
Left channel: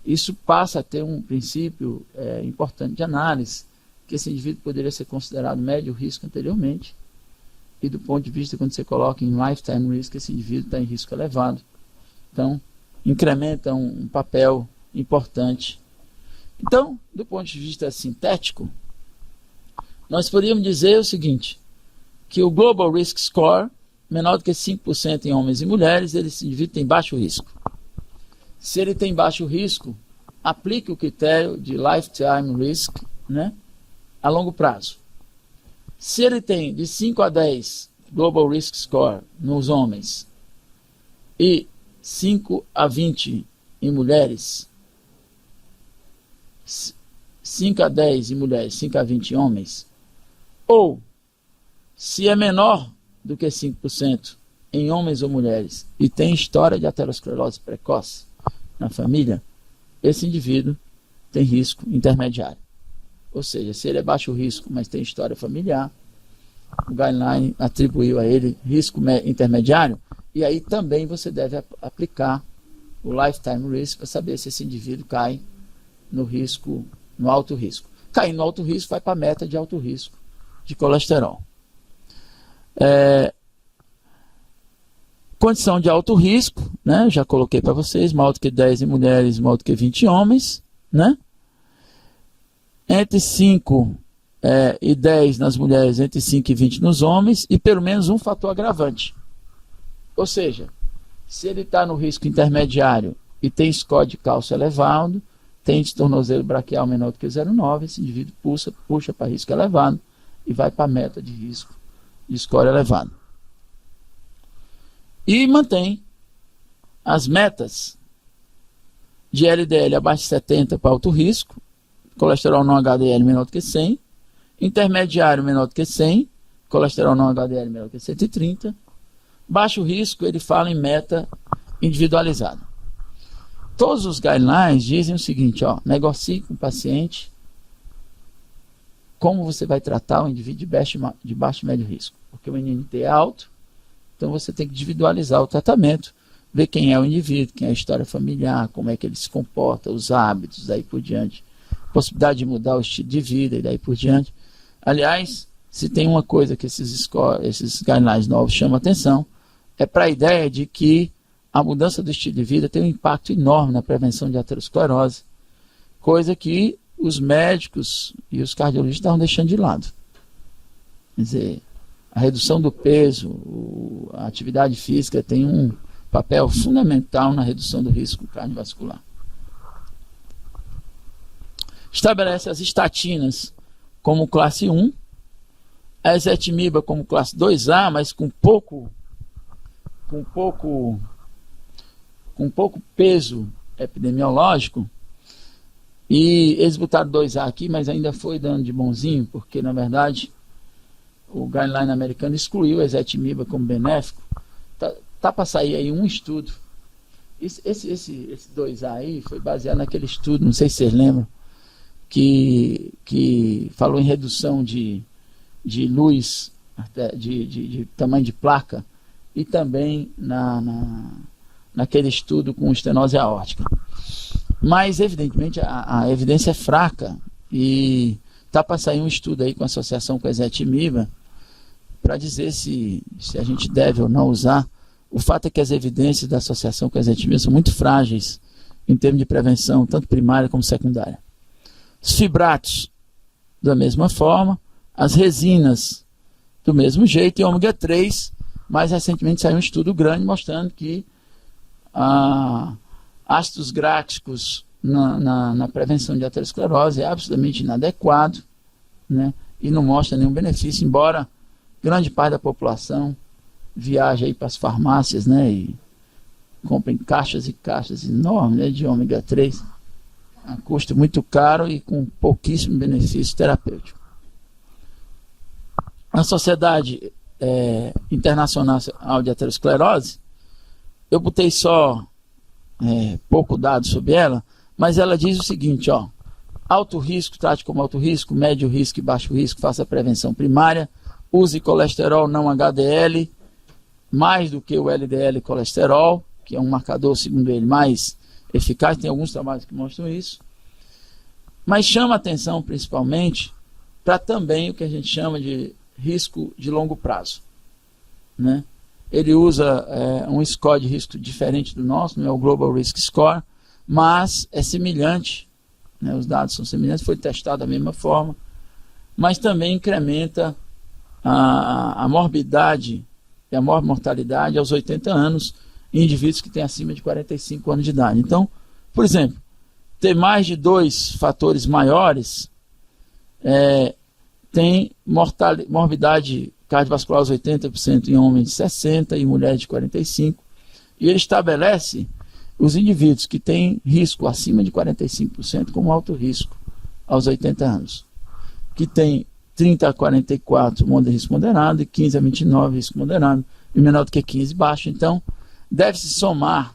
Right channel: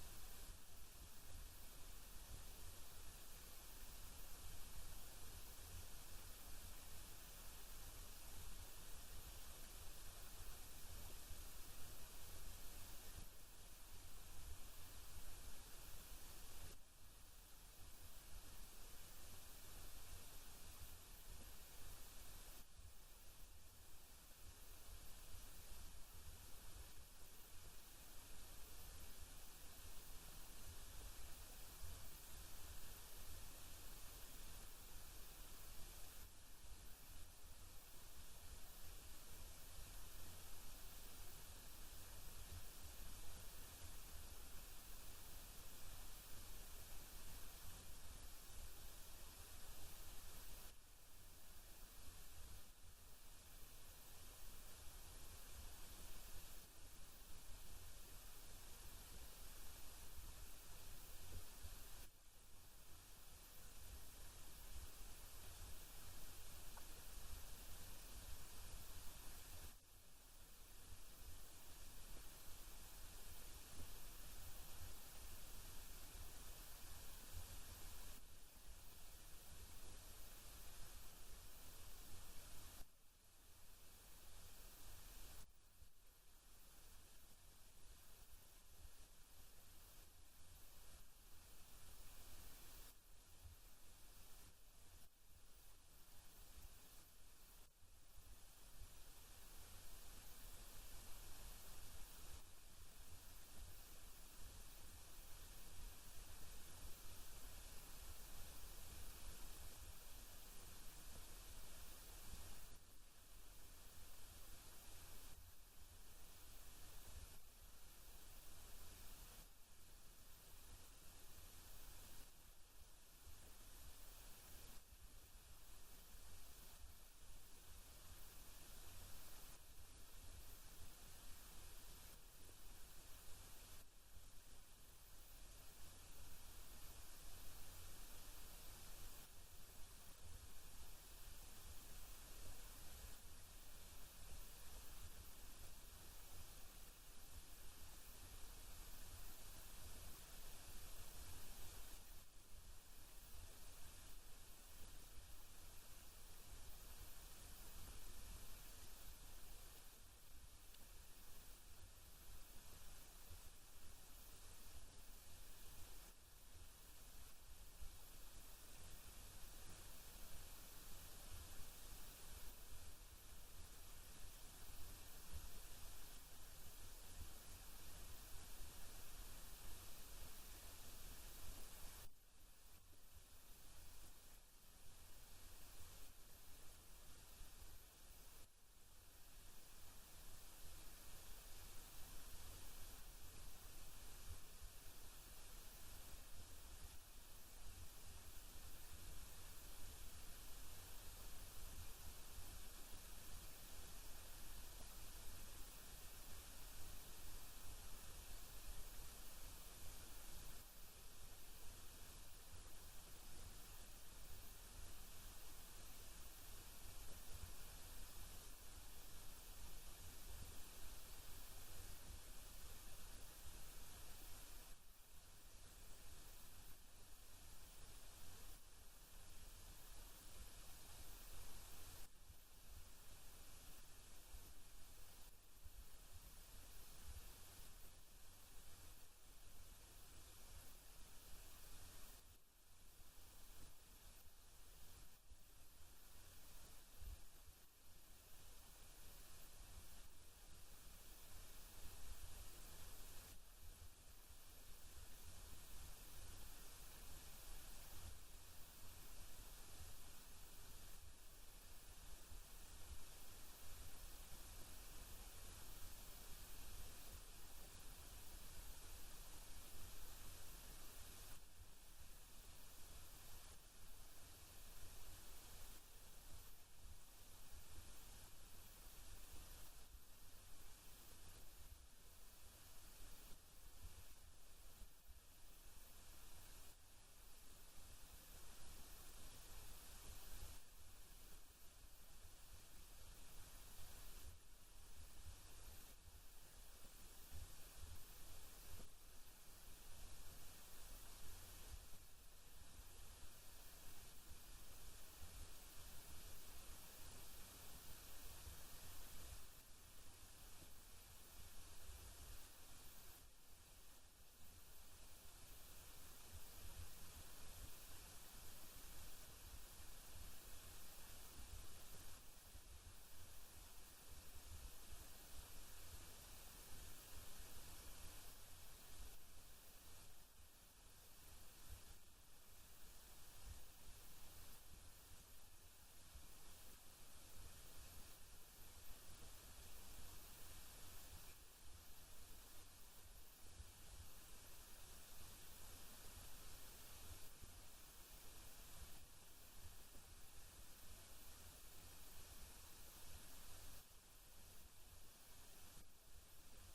isso passa a ter um princípio importante de análise, que esse indivíduo poderia ser considerado médio risco anteriormente, e do ponto de vista, quando você coloca em lifetime risk, esse indivíduo está em risco elevado. Então, incrementa um papel importante. Então, do ponto de vista sintético, nós poderíamos dizer o seguinte, que o Global Risk Score, menor do que 5% em homens e mulheres, esse indivíduo tem baixo risco. Se ele tem baixo risco, aplique o critério de Lifetime Risk, né, a longo prazo. Se ele tem de 5 a 10 Global Risk Score nos homens e 5 a 20 em mulheres, 5 a 10 em mulheres, 5 a 20 em homens, ou se é menor do que 5% em homens ou mulheres e tem história de aterosclerose precoce na família, esse indivíduo tem risco intermediário. Ou seja, se ele é baixo risco, mas tem história familiar, o guideline atribuiu a ele risco intermediário, e aí também você deve aplicar o lifetime risk para saber se esse indivíduo cai no risco, no alto risco. Cair no alto risco, vai para a meta de alto risco de colesterol. Condição de alto risco, né? Já coloquei para vocês, maior do que 10 em mulheres, maior do que 20 em homens, né? Entre 5 e 10 nas mulheres, entre 5 e 20 nos homens, e pelo menos um fator agravante. Ou seja, se ele está no risco intermediário e tem score de cálcio elevado, tem de tornozelo braquial menor do que 0,9, esse indivíduo puxa para risco elevado e vai para a meta de risco de score elevado. E mantém as metas de LDL abaixo de 70 para alto risco, colesterol não HDL menor do que 100, intermediário menor do que 100, colesterol não HDL menor do que 130, baixo risco, ele fala em meta individualizada. Todos os guidelines dizem o seguinte, negocie com o paciente como você vai tratar o indivíduo de baixo e médio risco, porque o NNT é alto, então você tem que individualizar o tratamento, ver quem é o indivíduo, quem é a história familiar, como é que ele se comporta, os hábitos, daí por diante, possibilidade de mudar o estilo de vida e daí por diante. Aliás, se tem uma coisa que esses guidelines novos chamam a atenção, é para a ideia de que a mudança do estilo de vida tem um impacto enorme na prevenção de aterosclerose, coisa que os médicos e os cardiologistas estavam deixando de lado. Quer dizer, a redução do peso, a atividade física tem um papel fundamental na redução do risco cardiovascular. Estabelece as estatinas como classe 1, a ezetimiba como classe 2A, mas com pouco peso epidemiológico, e eles botaram 2A aqui, mas ainda foi dando de bonzinho, porque na verdade o guideline americano excluiu a ezetimiba como benéfico. Tá para sair aí um estudo. Esse 2A aí foi baseado naquele estudo, não sei se vocês lembram, que falou em redução de luz, de tamanho de placa, e também naquele estudo com estenose aórtica. Mas, evidentemente, a evidência é fraca e está para sair um estudo aí com a associação com a ezetimiba para dizer se a gente deve ou não usar. O fato é que as evidências da associação com a ezetimiba são muito frágeis em termos de prevenção, tanto primária como secundária. Os fibratos, da mesma forma, as resinas, do mesmo jeito, e ômega 3, mais recentemente saiu um estudo grande mostrando que ácidos gráficos na prevenção de aterosclerose é absolutamente inadequado, né? E não mostra nenhum benefício, embora grande parte da população viaje aí para as farmácias, né, e comprem caixas e caixas enormes, né, de ômega 3 a custo muito caro e com pouquíssimo benefício terapêutico. A Sociedade Internacional de Aterosclerose, eu botei só pouco dado sobre ela, mas ela diz o seguinte, ó: alto risco, trate como alto risco, médio risco e baixo risco, faça a prevenção primária, use colesterol não HDL, mais do que o LDL colesterol, que é um marcador, segundo ele, mais eficaz, tem alguns trabalhos que mostram isso, mas chama atenção principalmente para também o que a gente chama de risco de longo prazo, né? Ele usa um score de risco diferente do nosso, não é o Global Risk Score, mas é semelhante, né? Os dados são semelhantes, foi testado da mesma forma, mas também incrementa a morbidade e a mortalidade aos 80 anos em indivíduos que têm acima de 45 anos de idade. Então, por exemplo, ter mais de 2 fatores maiores tem morbidade cardiovascular aos 80% em homens de 60 e mulheres de 45, e ele estabelece os indivíduos que têm risco acima de 45% como alto risco aos 80 anos, que tem 30 a 44 risco moderado e 15 a 29 risco moderado, e menor do que 15 baixo. Então, deve-se somar,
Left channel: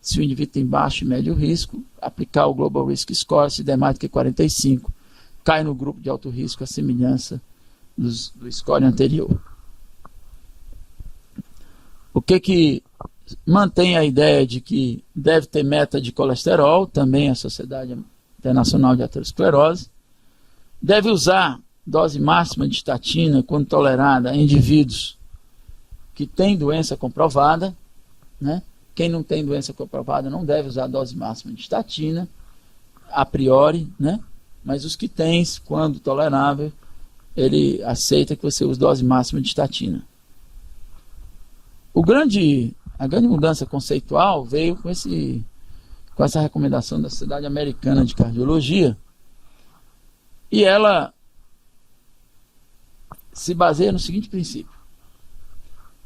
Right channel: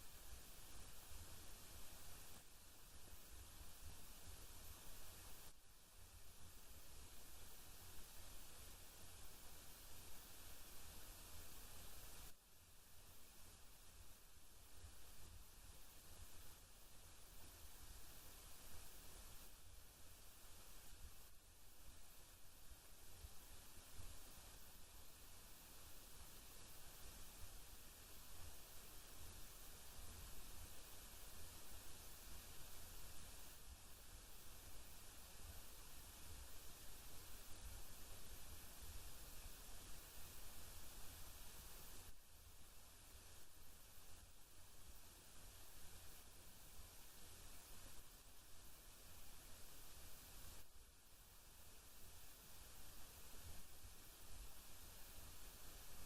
se o indivíduo tem baixo e médio risco, aplicar o Global Risk Score, se der mais do que 45, cai no grupo de alto risco, a semelhança do score anterior. O que mantém a ideia de que deve ter meta de colesterol, também a Sociedade Internacional de Aterosclerose, deve usar dose máxima de estatina quando tolerada em indivíduos que têm doença comprovada, né? Quem não tem doença comprovada não deve usar dose máxima de estatina, a priori, né? Mas os que têm, quando tolerável, ele aceita que você use dose máxima de estatina. A grande mudança conceitual veio com essa recomendação da Sociedade Americana de Cardiologia, e ela se baseia no seguinte princípio:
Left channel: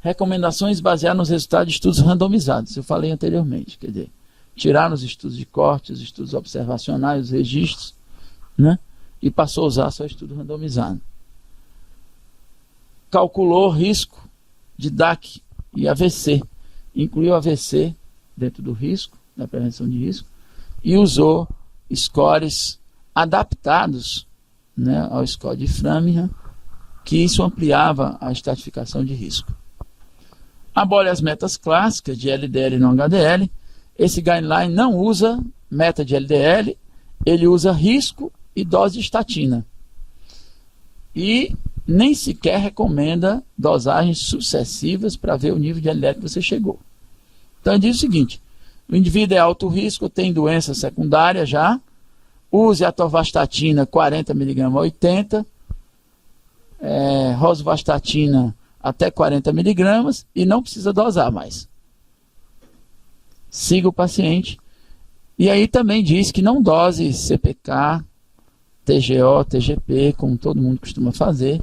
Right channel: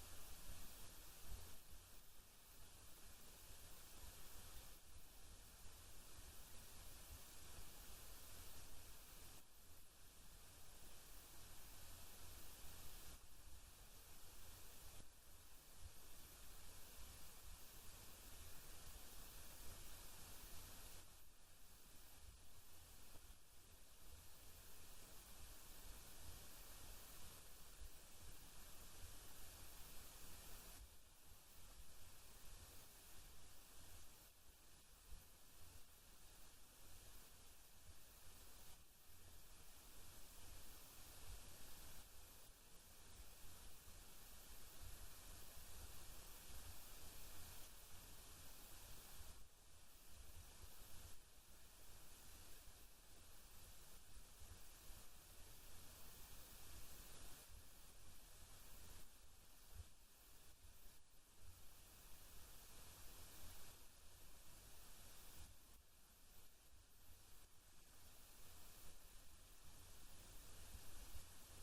recomendações baseadas nos resultados de estudos randomizados. Eu falei anteriormente, quer dizer, tirar os estudos de corte, os estudos observacionais, os registros, né? E passou a usar só estudo randomizado. Calculou risco de DAC e AVC, incluiu AVC dentro do risco, da prevenção de risco, e usou scores adaptados, né, ao score de Framingham, que isso ampliava a estratificação de risco. Abole as metas clássicas de LDL e não HDL. Esse guideline não usa meta de LDL, ele usa risco e dose de estatina. E nem sequer recomenda dosagens sucessivas para ver o nível de LDL que você chegou. Então ele diz o seguinte: o indivíduo é alto risco, tem doença secundária já, use a atorvastatina 40 mg a 80, rosuvastatina até 40 mg e não precisa dosar mais. Siga o paciente. E aí também diz que não dose CPK, TGO, TGP, como todo mundo costuma fazer,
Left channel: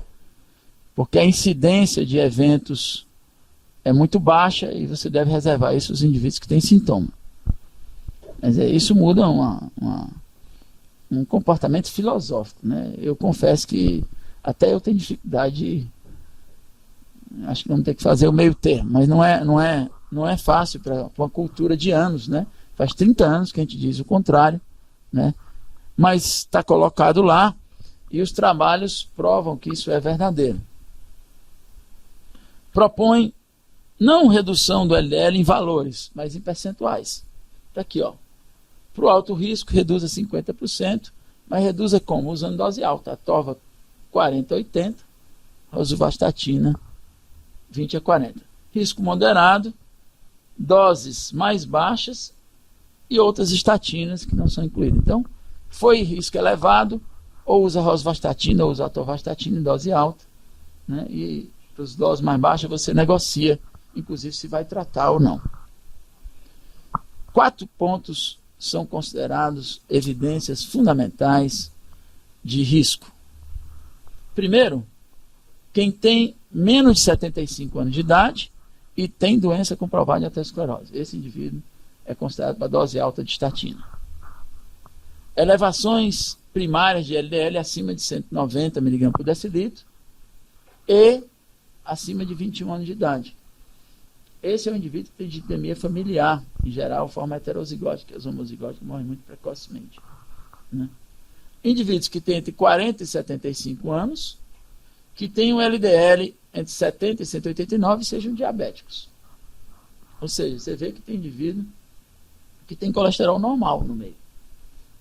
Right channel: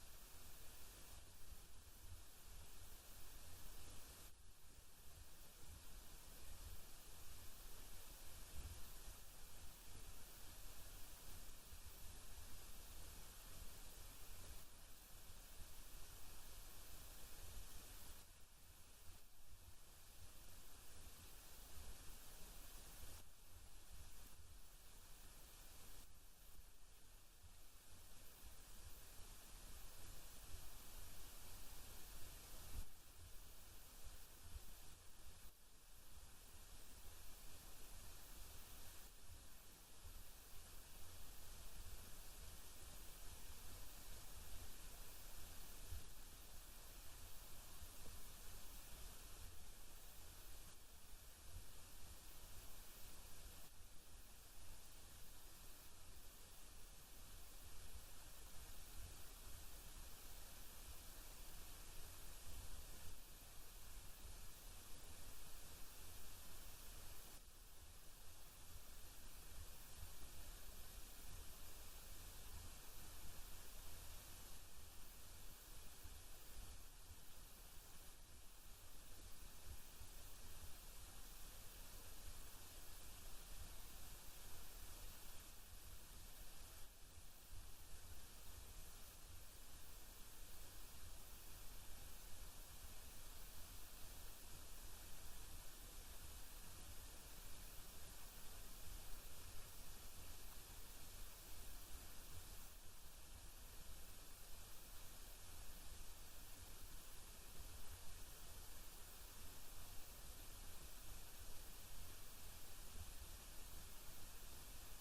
porque a incidência de eventos é muito baixa e você deve reservar isso aos indivíduos que têm sintoma. Mas isso muda um comportamento filosófico, né? Eu confesso que até eu tenho dificuldade, acho que vamos ter que fazer o meio termo, mas não é fácil para uma cultura de anos, né? Faz 30 anos que a gente diz o contrário, né? Mas está colocado lá e os trabalhos provam que isso é verdadeiro. Propõe Não redução do LDL em valores, mas em percentuais. Está aqui, ó. Para o alto risco, reduza 50%, mas reduza como? Usando dose alta. Atorva 40 a 80, rosuvastatina 20 a 40. Risco moderado, doses mais baixas e outras estatinas que não são incluídas. Então, foi risco elevado, ou usa rosuvastatina ou usa atorvastatina em dose alta, né? E para as doses mais baixas você negocia, inclusive se vai tratar ou não. 4 pontos são considerados evidências fundamentais de risco. Primeiro, quem tem menos de 75 anos de idade e tem doença comprovada de aterosclerose. Esse indivíduo é considerado para dose alta de estatina. Elevações primárias de LDL acima de 190 mg por decilitro e acima de 21 anos de idade. Esse é um indivíduo que tem dislipidemia familiar, em geral, forma heterozigótica, os homozigóticos morrem muito precocemente, né? Indivíduos que têm entre 40 e 75 anos, que têm um LDL entre 70 e 189 sejam diabéticos. Ou seja, você vê que tem indivíduo que tem colesterol normal no meio,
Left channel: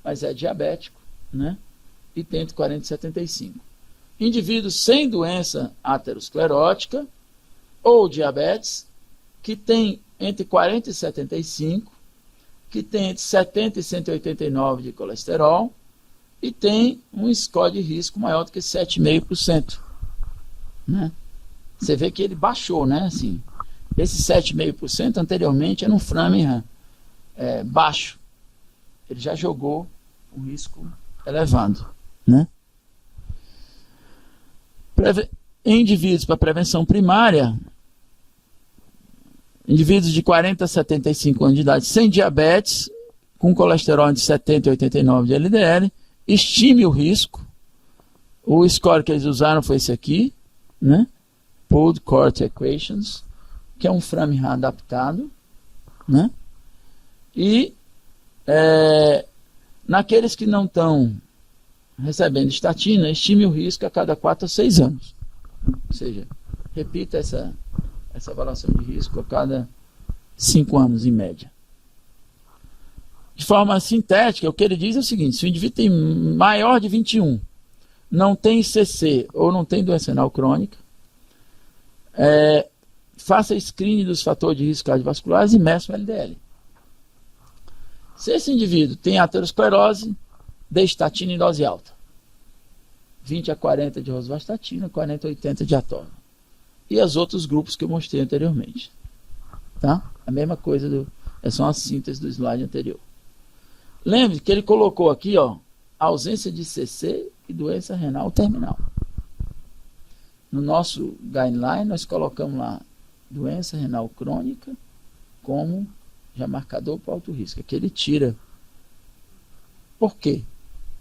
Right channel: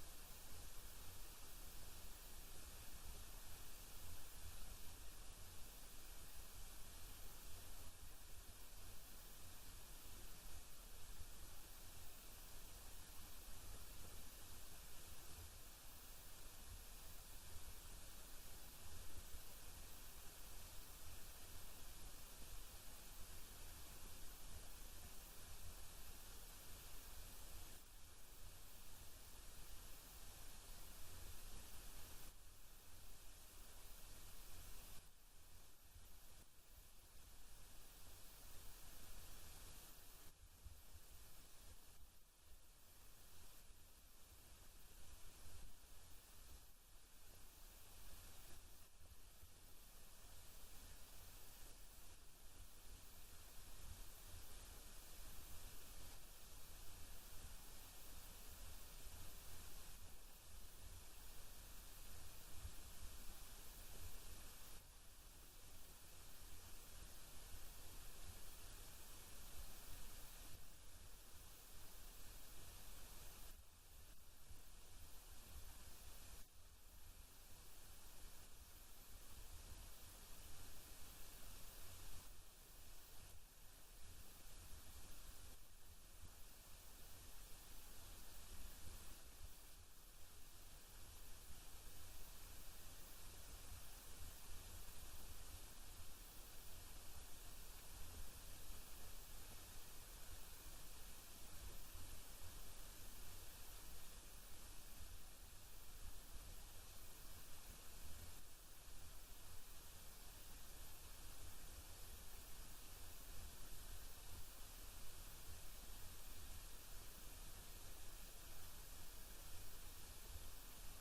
mas é diabético, né? E tem entre 40 e 75. Indivíduos sem doença aterosclerótica ou diabetes, que tem entre 40 e 75, que tem entre 70 e 189 de colesterol e tem um score de risco maior do que 7,5%. Né? Você vê que ele baixou, né? Assim, esse 7,5% anteriormente era um Framingham baixo. Ele já jogou um risco elevado, né? Em indivíduos para prevenção primária, indivíduos de 40 a 75 anos de idade sem diabetes, com colesterol entre 70 e 89 de LDL, estime o risco. O score que eles usaram foi esse aqui, né? Pooled Cohort Equations, que é um Framingham adaptado, né? E naqueles que não estão recebendo estatina, estime o risco a cada 4 a 6 anos. Ou seja, repita essa avaliação de risco a cada 5 anos, em média. De forma sintética, o que ele diz é o seguinte: se o indivíduo tem maior de 21, não tem ICC ou não tem doença renal crônica, faça screening dos fatores de risco cardiovasculares e meça o LDL. Se esse indivíduo tem aterosclerose, dê estatina em dose alta. 20 a 40 de rosuvastatina, 40 a 80 de atorva. E os outros grupos que eu mostrei anteriormente. Tá? A mesma coisa, é só uma síntese do slide anterior. Lembre que ele colocou aqui, ó, ausência de CC e doença renal terminal. No nosso guideline, nós colocamos lá doença renal crônica como já marcador para alto risco. Aqui ele tira. Por quê?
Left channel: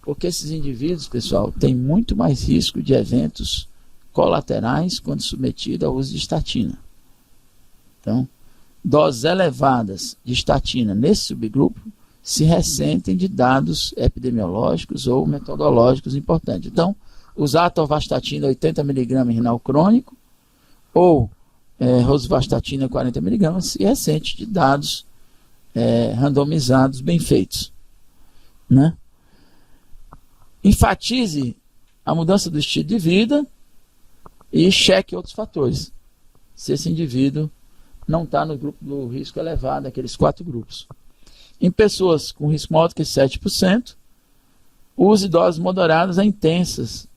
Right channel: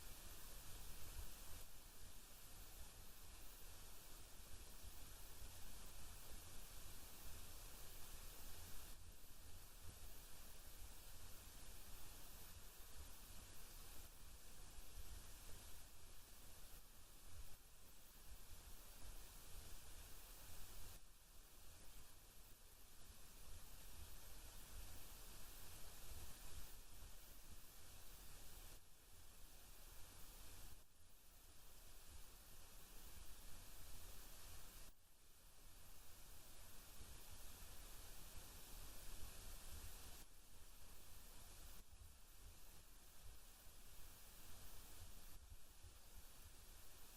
Porque esses indivíduos, pessoal, têm muito mais risco de eventos colaterais quando submetido ao uso de estatina. Então, doses elevadas de estatina nesse subgrupo se ressentem de dados epidemiológicos ou metodológicos importantes. Então, usar atorvastatina 80 mg em renal crônico ou rosuvastatina 40 mg se ressente de dados randomizados bem feitos, né? Enfatize a mudança do estilo de vida e cheque outros fatores, se esse indivíduo não está no grupo do risco elevado, aqueles 4 grupos. Em pessoas com risco maior do que 7%, use doses moderadas a intensas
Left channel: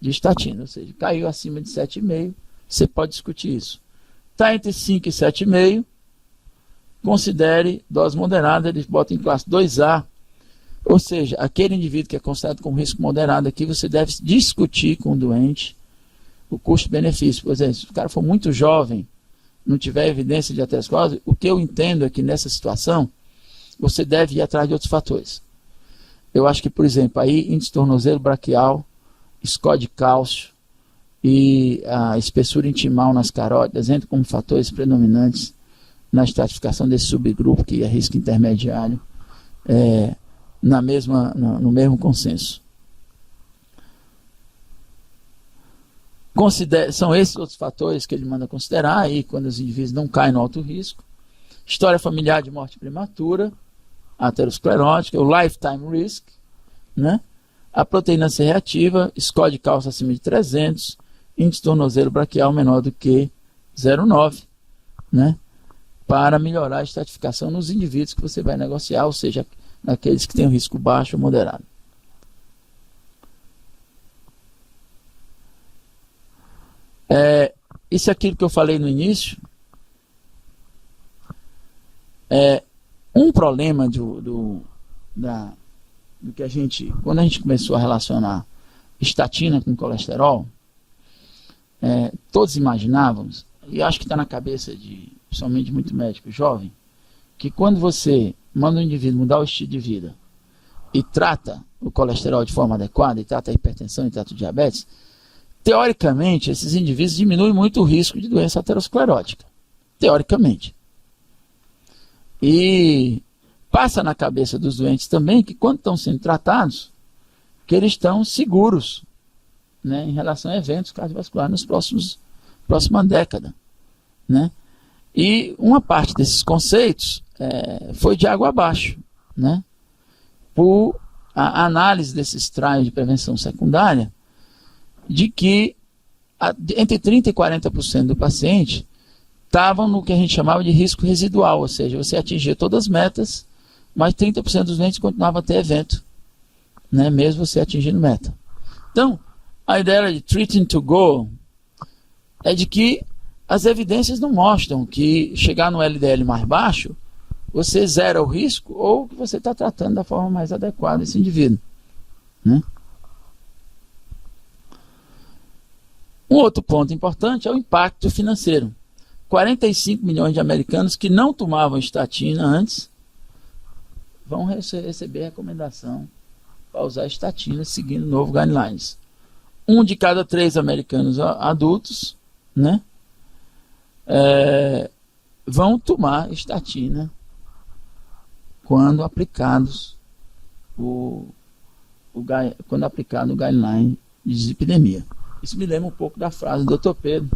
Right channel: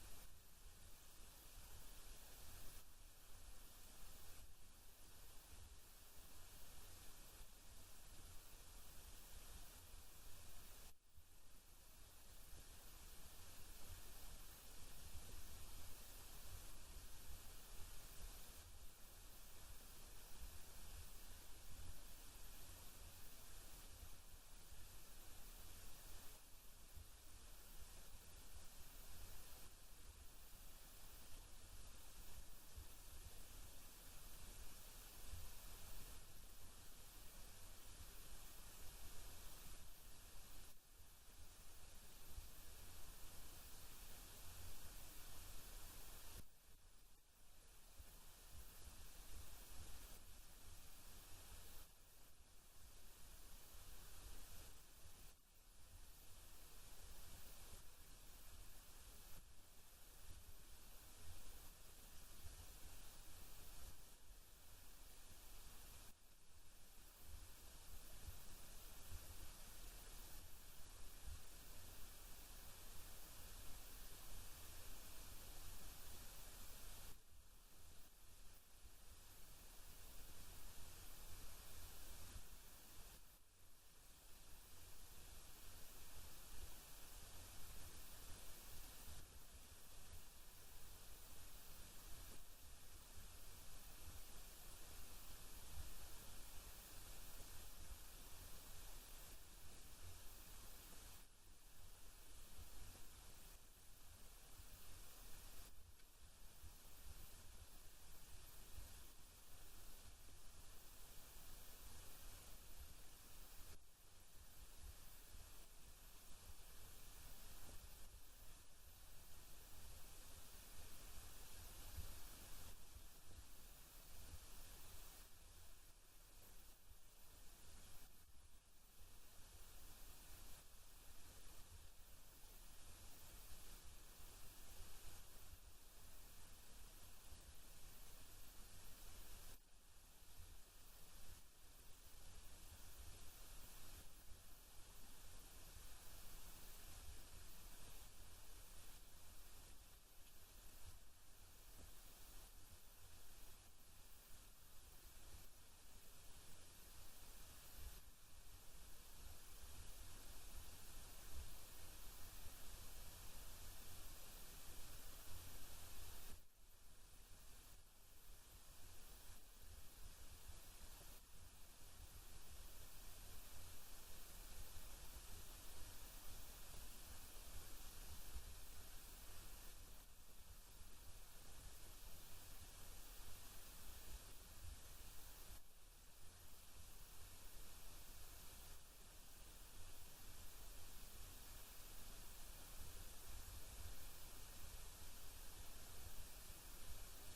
de estatina, ou seja, caiu acima de 7,5%, você pode discutir isso. Está entre 5 e 7,5%, considere dose moderada, ele bota em classe 2A, ou seja, aquele indivíduo que é considerado com risco moderado aqui, você deve discutir com o doente o custo-benefício. Por exemplo, se o cara for muito jovem, não tiver evidência de aterosclerose, o que eu entendo é que nessa situação, você deve ir atrás de outros fatores. Eu acho que, por exemplo, aí índice tornozelo braquial, score de cálcio e a espessura intimal nas carótidas entram como fatores predominantes na estratificação desse subgrupo, que é risco intermediário, no mesmo consenso. São esses outros fatores que ele manda considerar aí quando os indivíduos não caem no alto risco. História familiar de morte prematura, aterosclerótica, o lifetime risk, né? A proteína C reativa, score de cálcio acima de 300, índice tornozelo braquial menor do que 0,9, né? Para melhorar a estratificação nos indivíduos que você vai negociar, ou seja, naqueles que têm um risco baixo ou moderado. Isso é aquilo que eu falei no início. Um problema do que a gente, quando a gente começou a relacionar estatina com colesterol, todos imaginávamos, e acho que está na cabeça de principalmente muito médico jovem, que quando você manda um indivíduo mudar o estilo de vida e trata o colesterol de forma adequada, e trata a hipertensão e trata o diabetes, teoricamente esses indivíduos diminuem muito o risco de doença aterosclerótica. Teoricamente. E passa na cabeça dos doentes também que quando estão sendo tratados, que eles estão seguros, né, em relação a eventos cardiovasculares próxima década, né? E uma parte desses conceitos foi de água abaixo, né? Por a análise desses trials de prevenção secundária, de que entre 30% e 40% do paciente estavam no que a gente chamava de risco residual, ou seja, você atingia todas as metas, mas 30% dos doentes continuavam a ter evento, né, mesmo você atingindo meta. Então, a ideia de treating to go é de que as evidências não mostram que chegar no LDL mais baixo, você zera o risco ou que você está tratando da forma mais adequada esse indivíduo, né? Um outro ponto importante é o impacto financeiro. 45 milhões de americanos que não tomavam estatina antes vão receber recomendação para usar estatina seguindo o novo guidelines. 1 de cada 3 americanos adultos, né, vão tomar estatina quando aplicados quando aplicado o guideline de dislipidemia. Isso me lembra um pouco da frase do Dr. Pedro,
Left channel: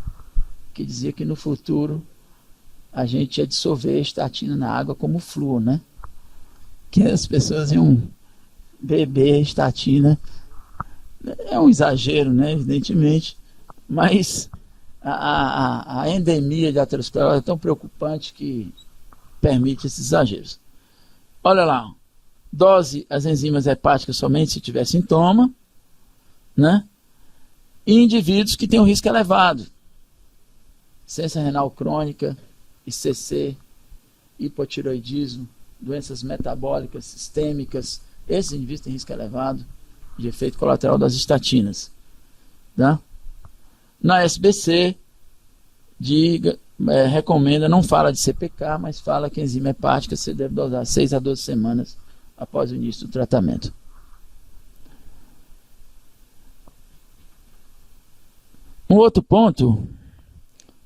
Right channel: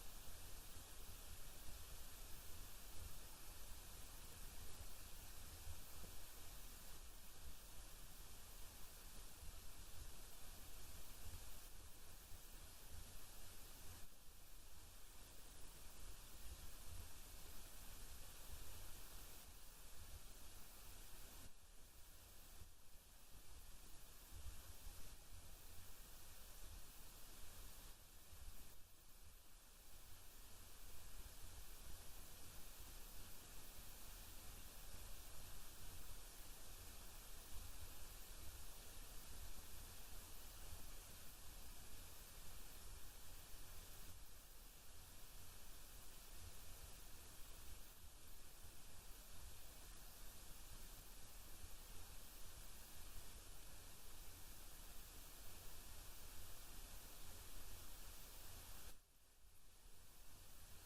que dizia que no futuro a gente ia dissolver a estatina na água como flúor, né? Que as pessoas iam beber estatina. É um exagero, né? Evidentemente, mas a endemia de aterosclerose é tão preocupante que permite esses exageros. Olha lá, dose as enzimas hepáticas somente se tiver sintoma, né? E indivíduos que têm um risco elevado, insuficiência renal crônica, ICC, hipotireoidismo, doenças metabólicas sistêmicas, esses indivíduos têm risco elevado de efeito colateral das estatinas, tá? Na SBC, recomenda, não fala de CPK, mas fala que a enzima hepática você deve dosar 6 a 12 semanas após o início do tratamento. Um outro ponto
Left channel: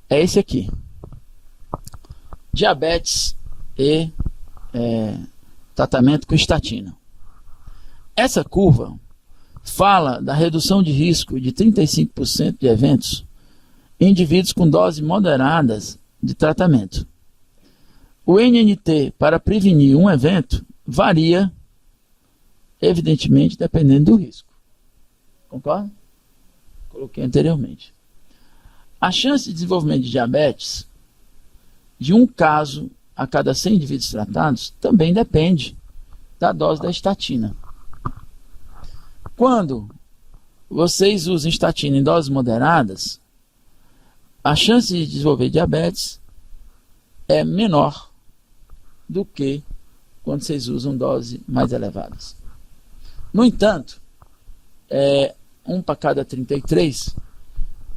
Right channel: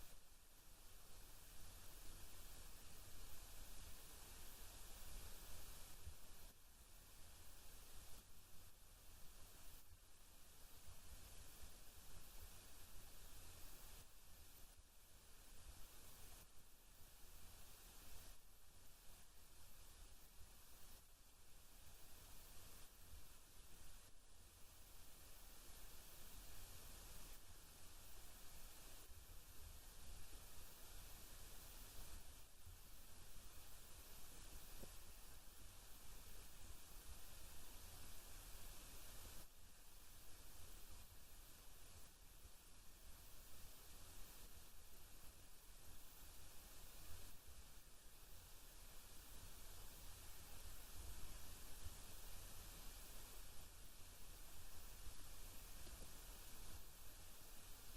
é esse aqui. Diabetes e tratamento com estatina. Essa curva fala da redução de risco de 35% de eventos em indivíduos com doses moderadas de tratamento. O NNT para prevenir um evento varia, evidentemente, dependendo do risco. Concorda? Coloquei anteriormente. A chance de desenvolvimento de diabetes de um caso a cada 100 indivíduos tratados também depende da dose da estatina. Quando vocês usam estatina em doses moderadas, a chance de desenvolver diabetes é menor do que quando vocês usam doses mais elevadas. No entanto, 1 para cada 33,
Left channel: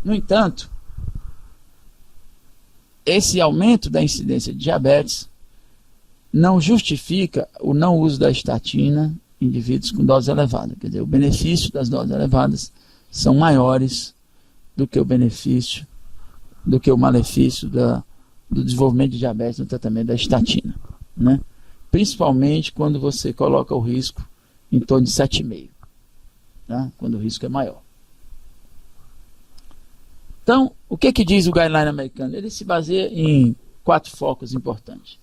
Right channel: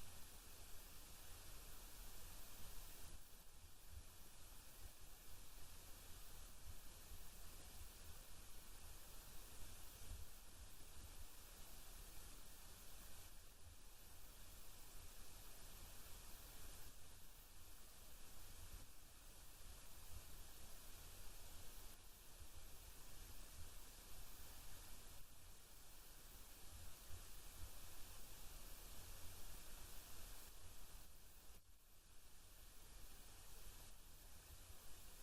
no entanto, esse aumento da incidência de diabetes não justifica o não uso da estatina em indivíduos com dose elevada. Quer dizer, o benefício das doses elevadas são maiores do que o benefício, do que o malefício do desenvolvimento de diabetes no tratamento da estatina, né? Principalmente quando você coloca o risco em torno de 7,5, tá? Quando o risco é maior. Então, o que diz o guideline americano? Ele se baseia em 4 focos importantes.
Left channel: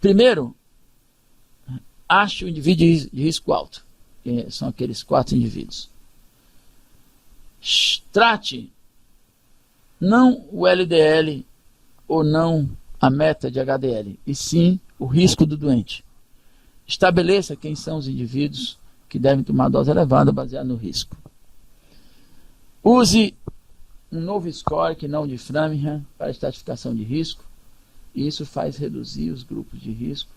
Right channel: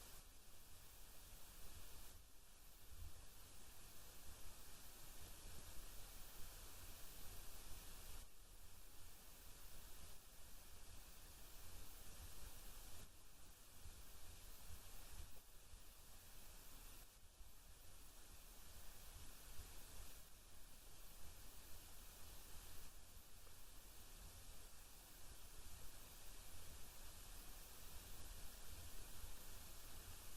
Primeiro, ache o indivíduo de risco alto, que são aqueles 4 indivíduos. Trate não o LDL ou não a meta de HDL, e sim o risco do doente. Estabeleça quem são os indivíduos que devem tomar dose elevada baseada no risco. Use um novo score que não o de Framingham para estratificação de risco. E isso faz reduzir os grupos de risco,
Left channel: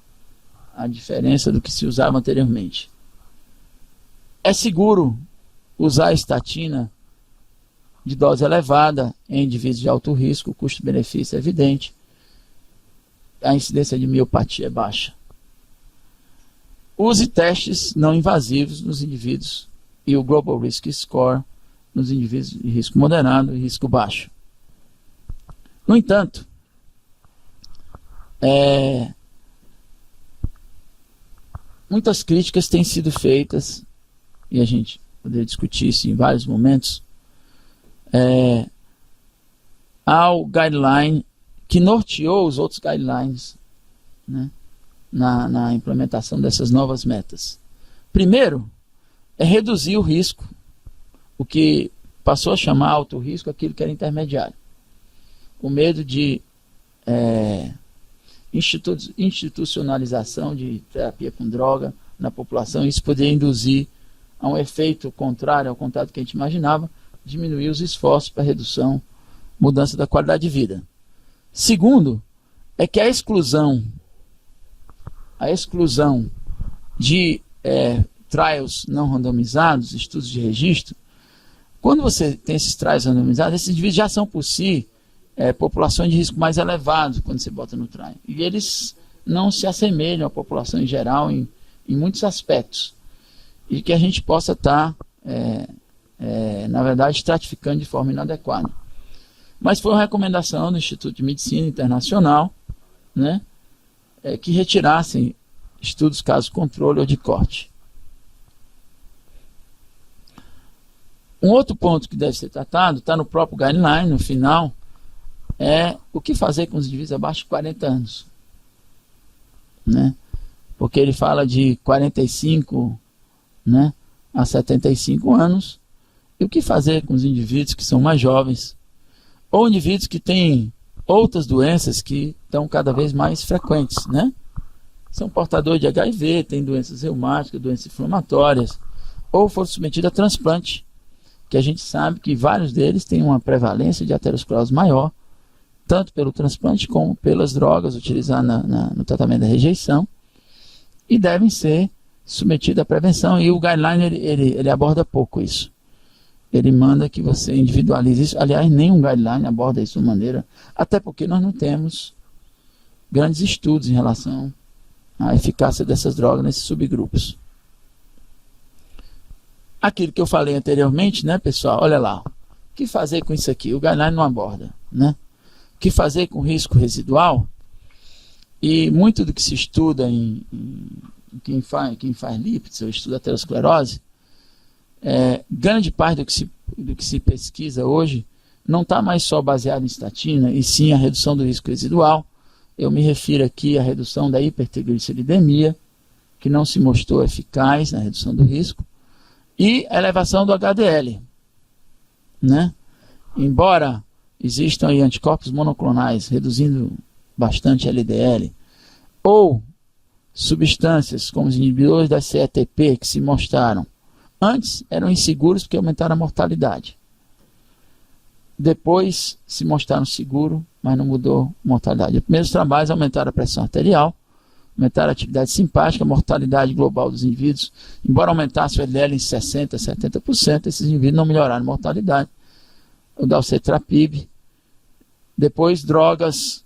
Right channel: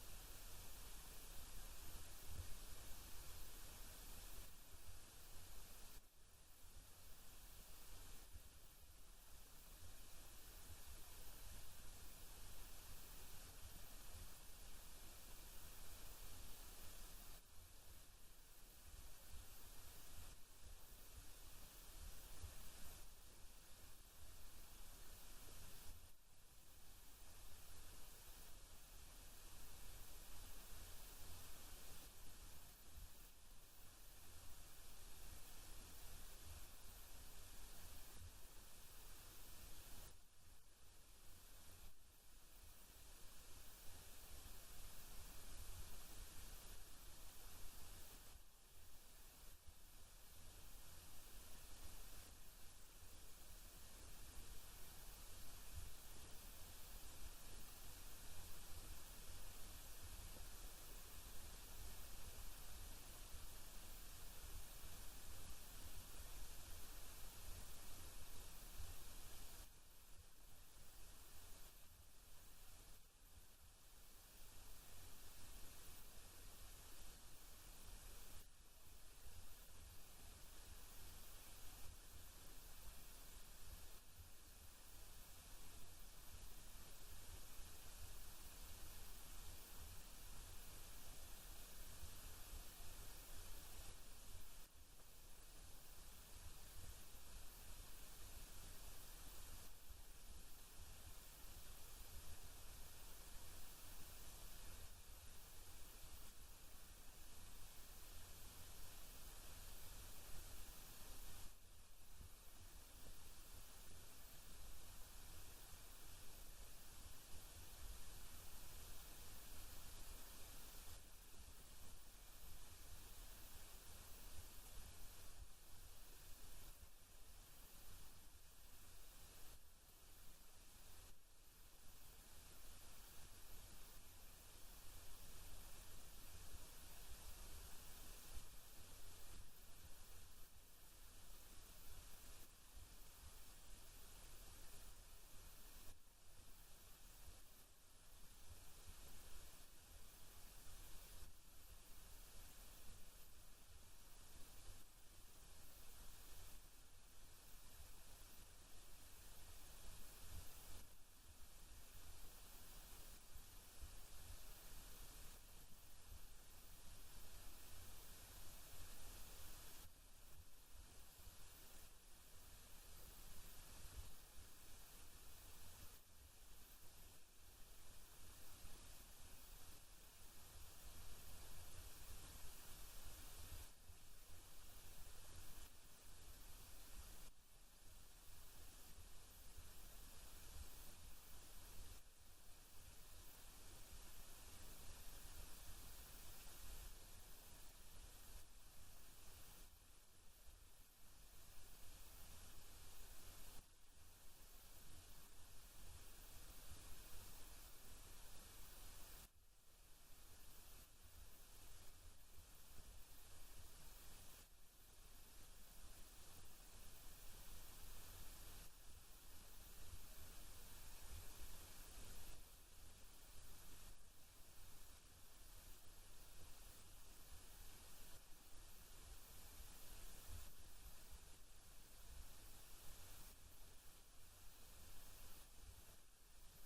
a diferença do que se usava anteriormente. É seguro usar a estatina de dose elevada em indivíduos de alto risco, o custo-benefício é evidente, a incidência de miopatia é baixa. Use testes não invasivos nos indivíduos e o Global Risk Score nos indivíduos de risco moderado e risco baixo. No entanto, muitas críticas têm sido feitas, e a gente poderia discutir isso em vários momentos, ao guideline que norteou os outros guidelines, né, na implementação dessas novas metas. Primeiro, é reduzir o risco, o que passou a chamar alto risco aquilo que era intermediário. O medo de institucionalização de terapia com droga na população, isso poderia induzir a um efeito contrário ao contrário do que a gente imaginava, diminuir os esforços para redução, mudança da qualidade de vida. Segundo, é que a exclusão de trials não randomizados, estudos de registro, quando você tem esses trials randomizados, esses indivíduos já são por si populações de risco mais elevado quando você bota no trial. E eles não se assemelham à população em geral em muitos aspectos. E que a gente possa estar, na verdade, estratificando de forma inadequada. Mas foi uma recomendação do Instituto de Medicina Internacional, né, que retirassem estudos caso controle ou de corte. Um outro ponto que deve ser tratado, está no próprio guideline, no final, é o que fazer com os indivíduos abaixo de 40 anos. Né? Porque ele fala de 45, né, a 75 anos, e o que fazer com os indivíduos que são mais jovens, ou indivíduos que têm outras doenças que estão cada vez mais frequentes, né? São portadores de HIV, têm doenças reumáticas, doenças inflamatórias, ou foram submetidos a transplante, que a gente sabe que vários deles têm uma prevalência de aterosclerose maior, tanto pelo transplante como pelas drogas utilizadas no tratamento da rejeição, e devem ser submetidos à prevenção, e o guideline ele aborda pouco isso. Ele manda que você individualize isso. Aliás, nenhum guideline aborda isso de maneira, até porque nós não temos grandes estudos em relação à eficácia dessas drogas nesses subgrupos. Aquilo que eu falei anteriormente, né, pessoal, olha lá, o que fazer com isso aqui? O guideline não aborda, né? O que fazer com risco residual? E muito do que se estuda em quem faz lípides, ou estuda aterosclerose, grande parte do que se pesquisa hoje não está mais só baseado em estatina, e sim a redução do risco residual. Eu me refiro aqui à redução da hipertrigliceridemia, que não se mostrou eficaz na redução do risco, e a elevação do HDL. Né? Embora existam aí anticorpos monoclonais reduzindo bastante LDL, ou substâncias como os inibidores da CETP que se mostraram antes eram inseguros porque aumentaram a mortalidade. Depois se mostraram seguros, mas não mudou a mortalidade. Os primeiros trabalhos aumentaram a pressão arterial, aumentaram a atividade simpática, a mortalidade global dos indivíduos, embora aumentasse o LDL em 60%, 70%, esses indivíduos não melhoraram a mortalidade. O dalcetrapib, depois drogas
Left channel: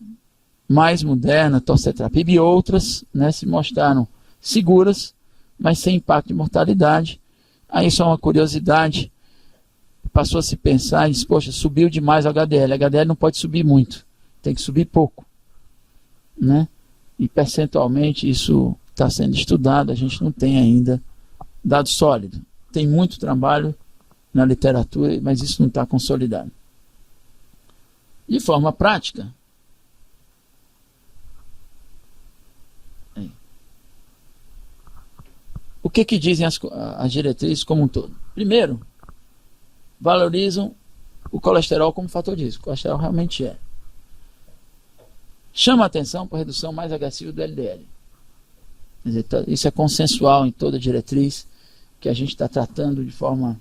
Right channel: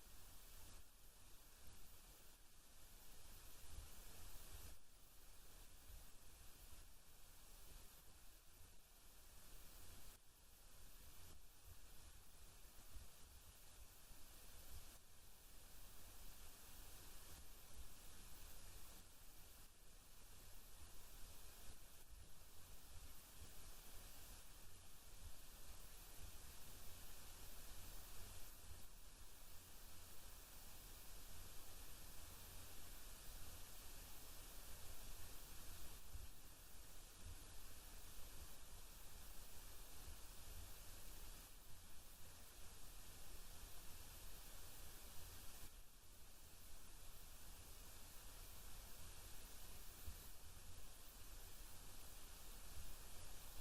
mais modernas, torcetrapib e outras, né, se mostraram seguras, mas sem impacto de mortalidade. Aí só uma curiosidade, passou a se pensar e disse, poxa, subiu demais o HDL. O HDL não pode subir muito, tem que subir pouco. Né? E percentualmente isso está sendo estudado, a gente não tem ainda dado sólido. Tem muito trabalho na literatura, mas isso não está consolidado. De forma prática, o que dizem as diretrizes como um todo? Primeiro, valorizam o colesterol como fator de risco. O colesterol realmente é. Chama a atenção para a redução mais agressiva do LDL. Quer dizer, isso é consensual em toda a diretriz, que a gente está tratando de forma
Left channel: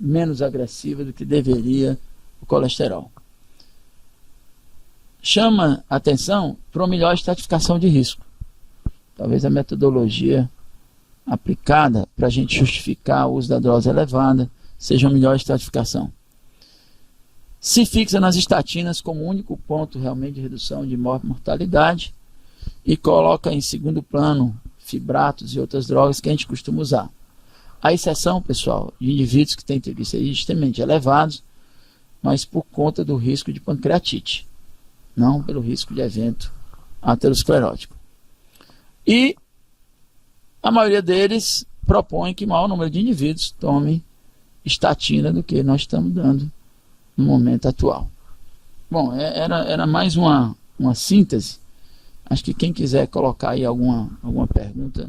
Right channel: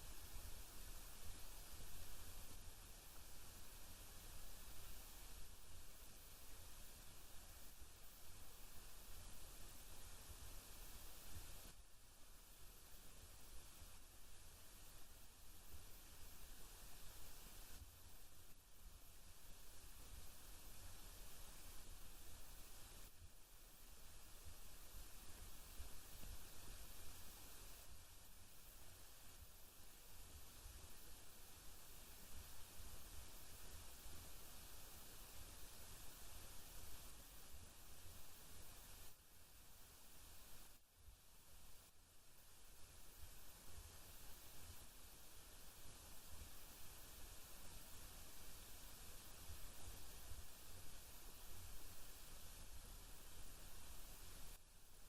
menos agressiva do que deveria o colesterol. Chama a atenção para uma melhor estratificação de risco. Talvez a metodologia aplicada para a gente justificar o uso da dose elevada seja uma melhor estratificação. Se fixa nas estatinas como único ponto realmente de redução de mortalidade e coloca em segundo plano fibratos e outras drogas que a gente costuma usar. A exceção, pessoal, de indivíduos que têm triglicerídeos extremamente elevados, mas por conta do risco de pancreatite, não pelo risco de evento aterosclerótico. E a maioria deles propõe que o maior número de indivíduos tome estatina do que nós estamos dando no momento atual. Bom, era mais uma síntese. Acho que quem quiser colocar aí alguma pergunta.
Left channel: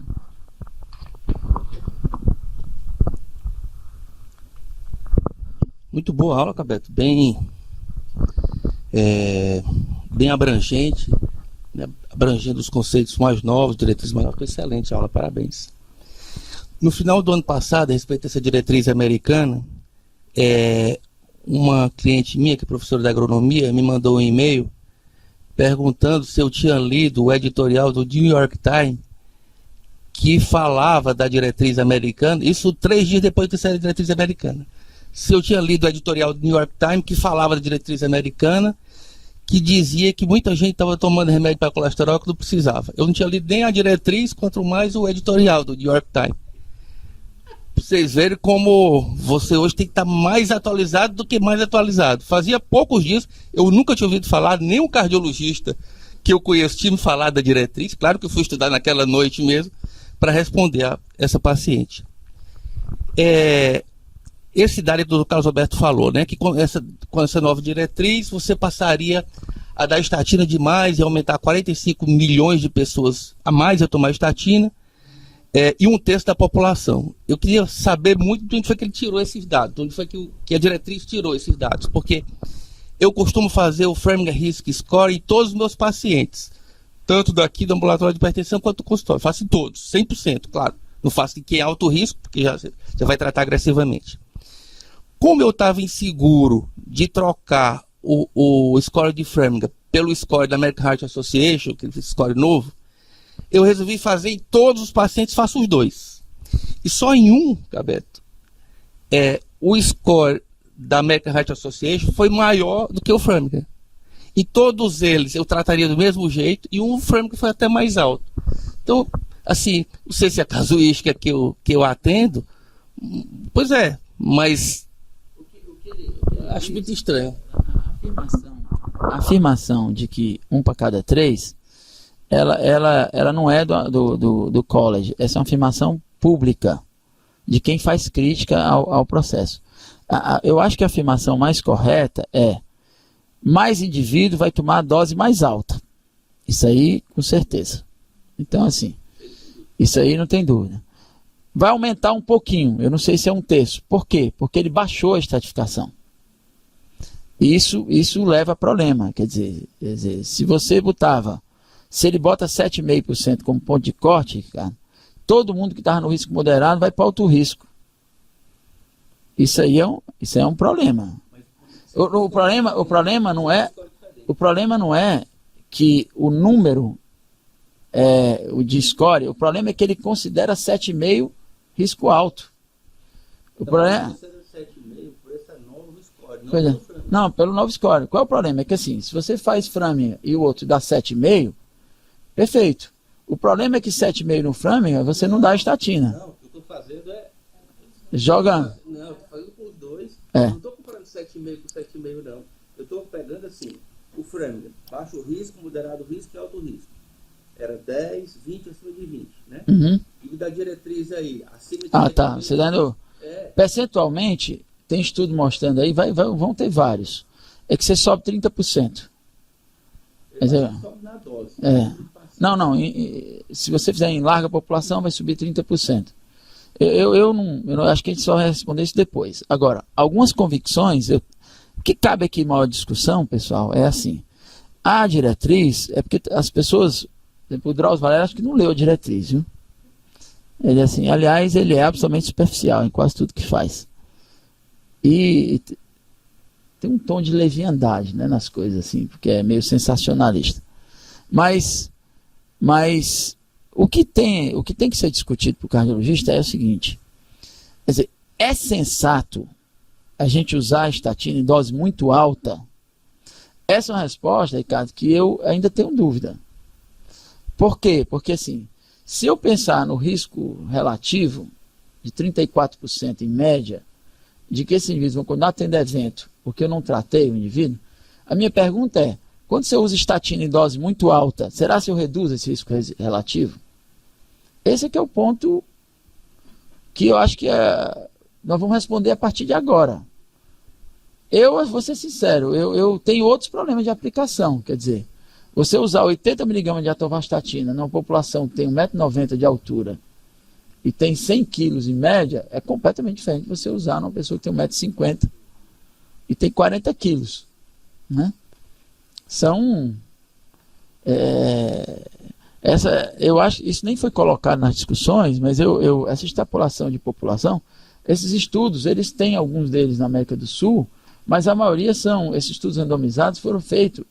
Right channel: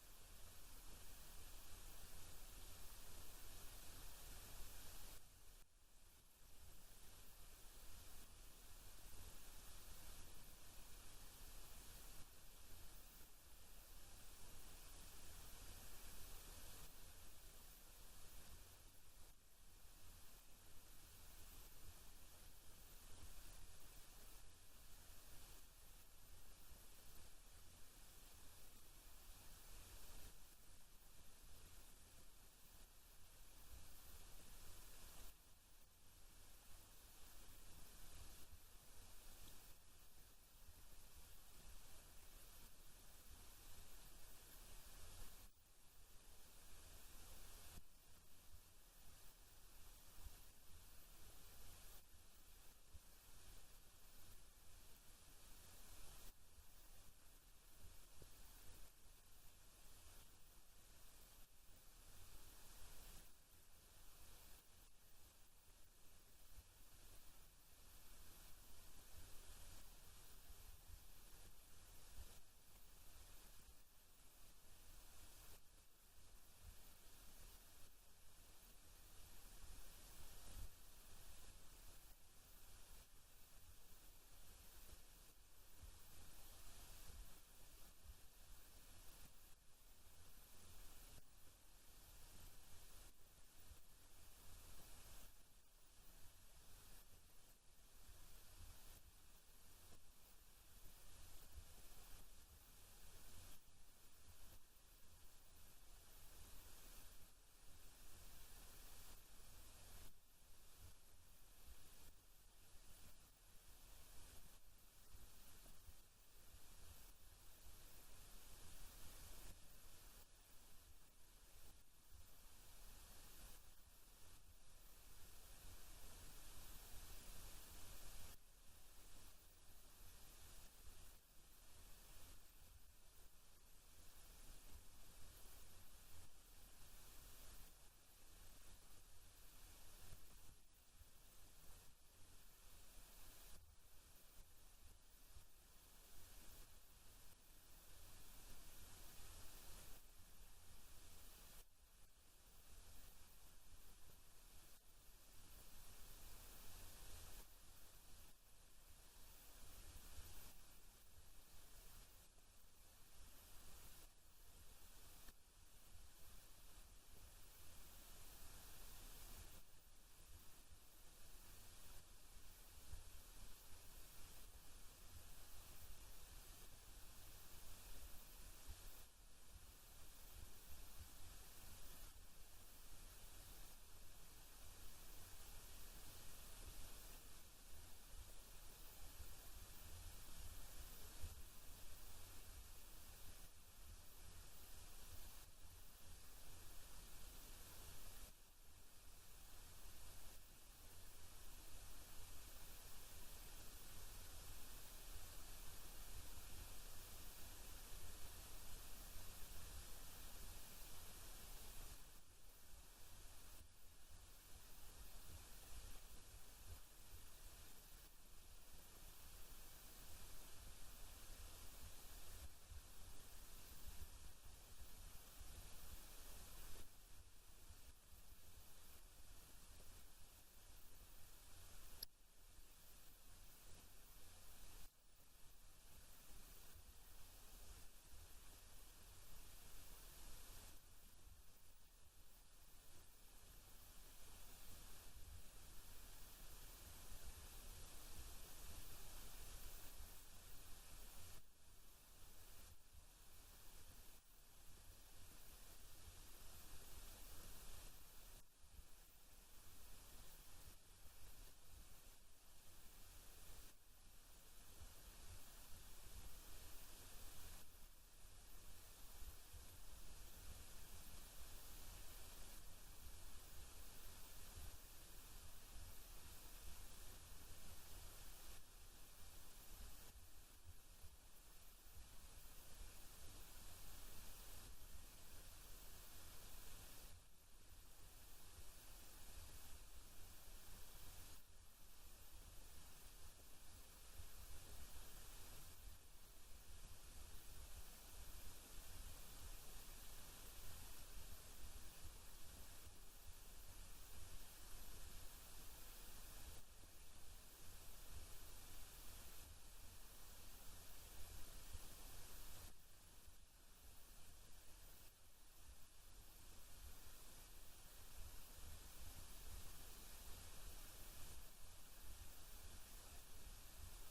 Muito boa aula, Cabeto. Bem abrangente, né? Abrangendo os conceitos mais novos, diretrizes mais novas. Excelente aula, parabéns. No final do ano passado, a respeito dessa diretriz americana, uma cliente minha, que é professora de agronomia, me mandou um e-mail perguntando se eu tinha lido o editorial do New York Times que falava da diretriz americana, isso 3 dias depois de ter saído a diretriz americana. Se eu tinha lido o editorial do New York Times que falava da diretriz americana, que dizia que muita gente estava tomando remédio para colesterol que não precisava. Eu não tinha lido nem a diretriz, quanto mais o editorial do New York Times. Pra vocês verem como você hoje tem que estar mais atualizado do que mais atualizado. Fazia poucos dias, eu nunca tinha ouvido falar, nem um cardiologista que eu conheço tinha me falado da diretriz. Claro que eu fui estudar naquela noite mesmo para responder a essa paciente. Esse dado que o Dr. Carlos Alberto falou, né, que com essa nova diretriz você passaria a dar estatina demais e aumentar 45 milhões de pessoas a mais a tomar estatina, e 1/3 da população. Eu queria saber muito de onde foi que ele tirou esses dados, de onde foi que a diretriz tirou esses dados, porque eu costumo fazer o Framingham Risk Score em todos os meus pacientes, tanto daqui do ambulatório de hipertensão quanto do consultório. Faço em todos, 100%, claro. Não faço em quem é alto risco, porque já vai tratar agressivamente. Como eu estava inseguro de trocar o score de Framingham pelo score da American Heart Association, aquele score novo, eu resolvi fazer em todos os pacientes, faço os dois. E só em um, Cabeto, o score da American Heart Association foi maior do que o Framingham. E todos eles eu trataria do mesmo jeito, e o Framingham foi até mais alto. Então, assim, não sei se é a casuística que eu atendo, pois mas acho muito estranho. A afirmação de que 1 para cada 3, ela não é do college. Essa é uma afirmação pública de quem faz crítica ao processo. Eu acho que a afirmação mais correta é: mais indivíduo vai tomar a dose mais alta. Isso aí, com certeza. Então, assim, isso aí não tem dúvida. Vai aumentar um pouquinho, eu não sei se é 1/3. Por quê? Porque ele baixou a estratificação. Isso leva a problema. Quer dizer, se você se ele bota 7,5% como ponto de corte, cara, todo mundo que estava no risco moderado vai para alto risco. Isso aí é um problema. O problema não é que o número o de score, o problema é que ele considera 7,5 risco alto. O problema não, pelo novo score. Qual é o problema? É que assim, se você faz Framingham e o outro dá 7,5, perfeito. O problema é que 7,5 no Framingham você não dá estatina. Não, o que eu estou fazendo joga. Não, eu estou fazendo por 2. Não estou comparando 7,5 com 7,5, não. Eu estou pegando assim, o Framingham, baixo risco, moderado risco e alto risco. Era 10, 20, acima de 20, né? Uhum. E da diretriz aí, acima de 20, tá. Você dando Percentualmente, tem estudo mostrando aí, vão ter vários. É que você sobe 30%. Mas não, se você fizer em larga população, vai subir 30%. Eu não acho que a gente só vai responder isso depois. Agora, algumas convicções, o que cabe aqui maior discussão, pessoal, é assim. A diretriz, é porque as pessoas, por exemplo, o Drauzio Varela, acho que não leu a diretriz, viu? Ele assim, aliás, ele é absolutamente superficial em quase tudo que faz. E tem um tom de leviandade, né, nas coisas, assim, porque é meio sensacionalista. Mas o que tem que ser discutido para o cardiologista é o seguinte: quer dizer, é sensato a gente usar a estatina em dose muito alta? Essa é uma resposta, Ricardo, que eu ainda tenho dúvida. Por quê? Porque assim, se eu pensar no risco relativo de 34% em média, de que esses indivíduos vão continuar tendo evento porque eu não tratei o indivíduo, a minha pergunta é, quando você usa estatina em dose muito alta, será que eu reduzo esse risco relativo? Esse é que é o ponto que eu acho que nós vamos responder a partir de agora. Eu vou ser sincero, eu tenho outros problemas de aplicação, quer dizer, você usar 80 mg de atorvastatina numa população que tem 1,90 m de altura e tem 100 quilos em média, é completamente diferente de você usar numa pessoa que tem 1,50 m e tem 40 quilos, né? Eu acho isso nem foi colocado nas discussões, mas essa extrapolação de população, esses estudos, eles têm alguns deles na América do Sul, mas a maioria esses estudos randomizados foram feitos,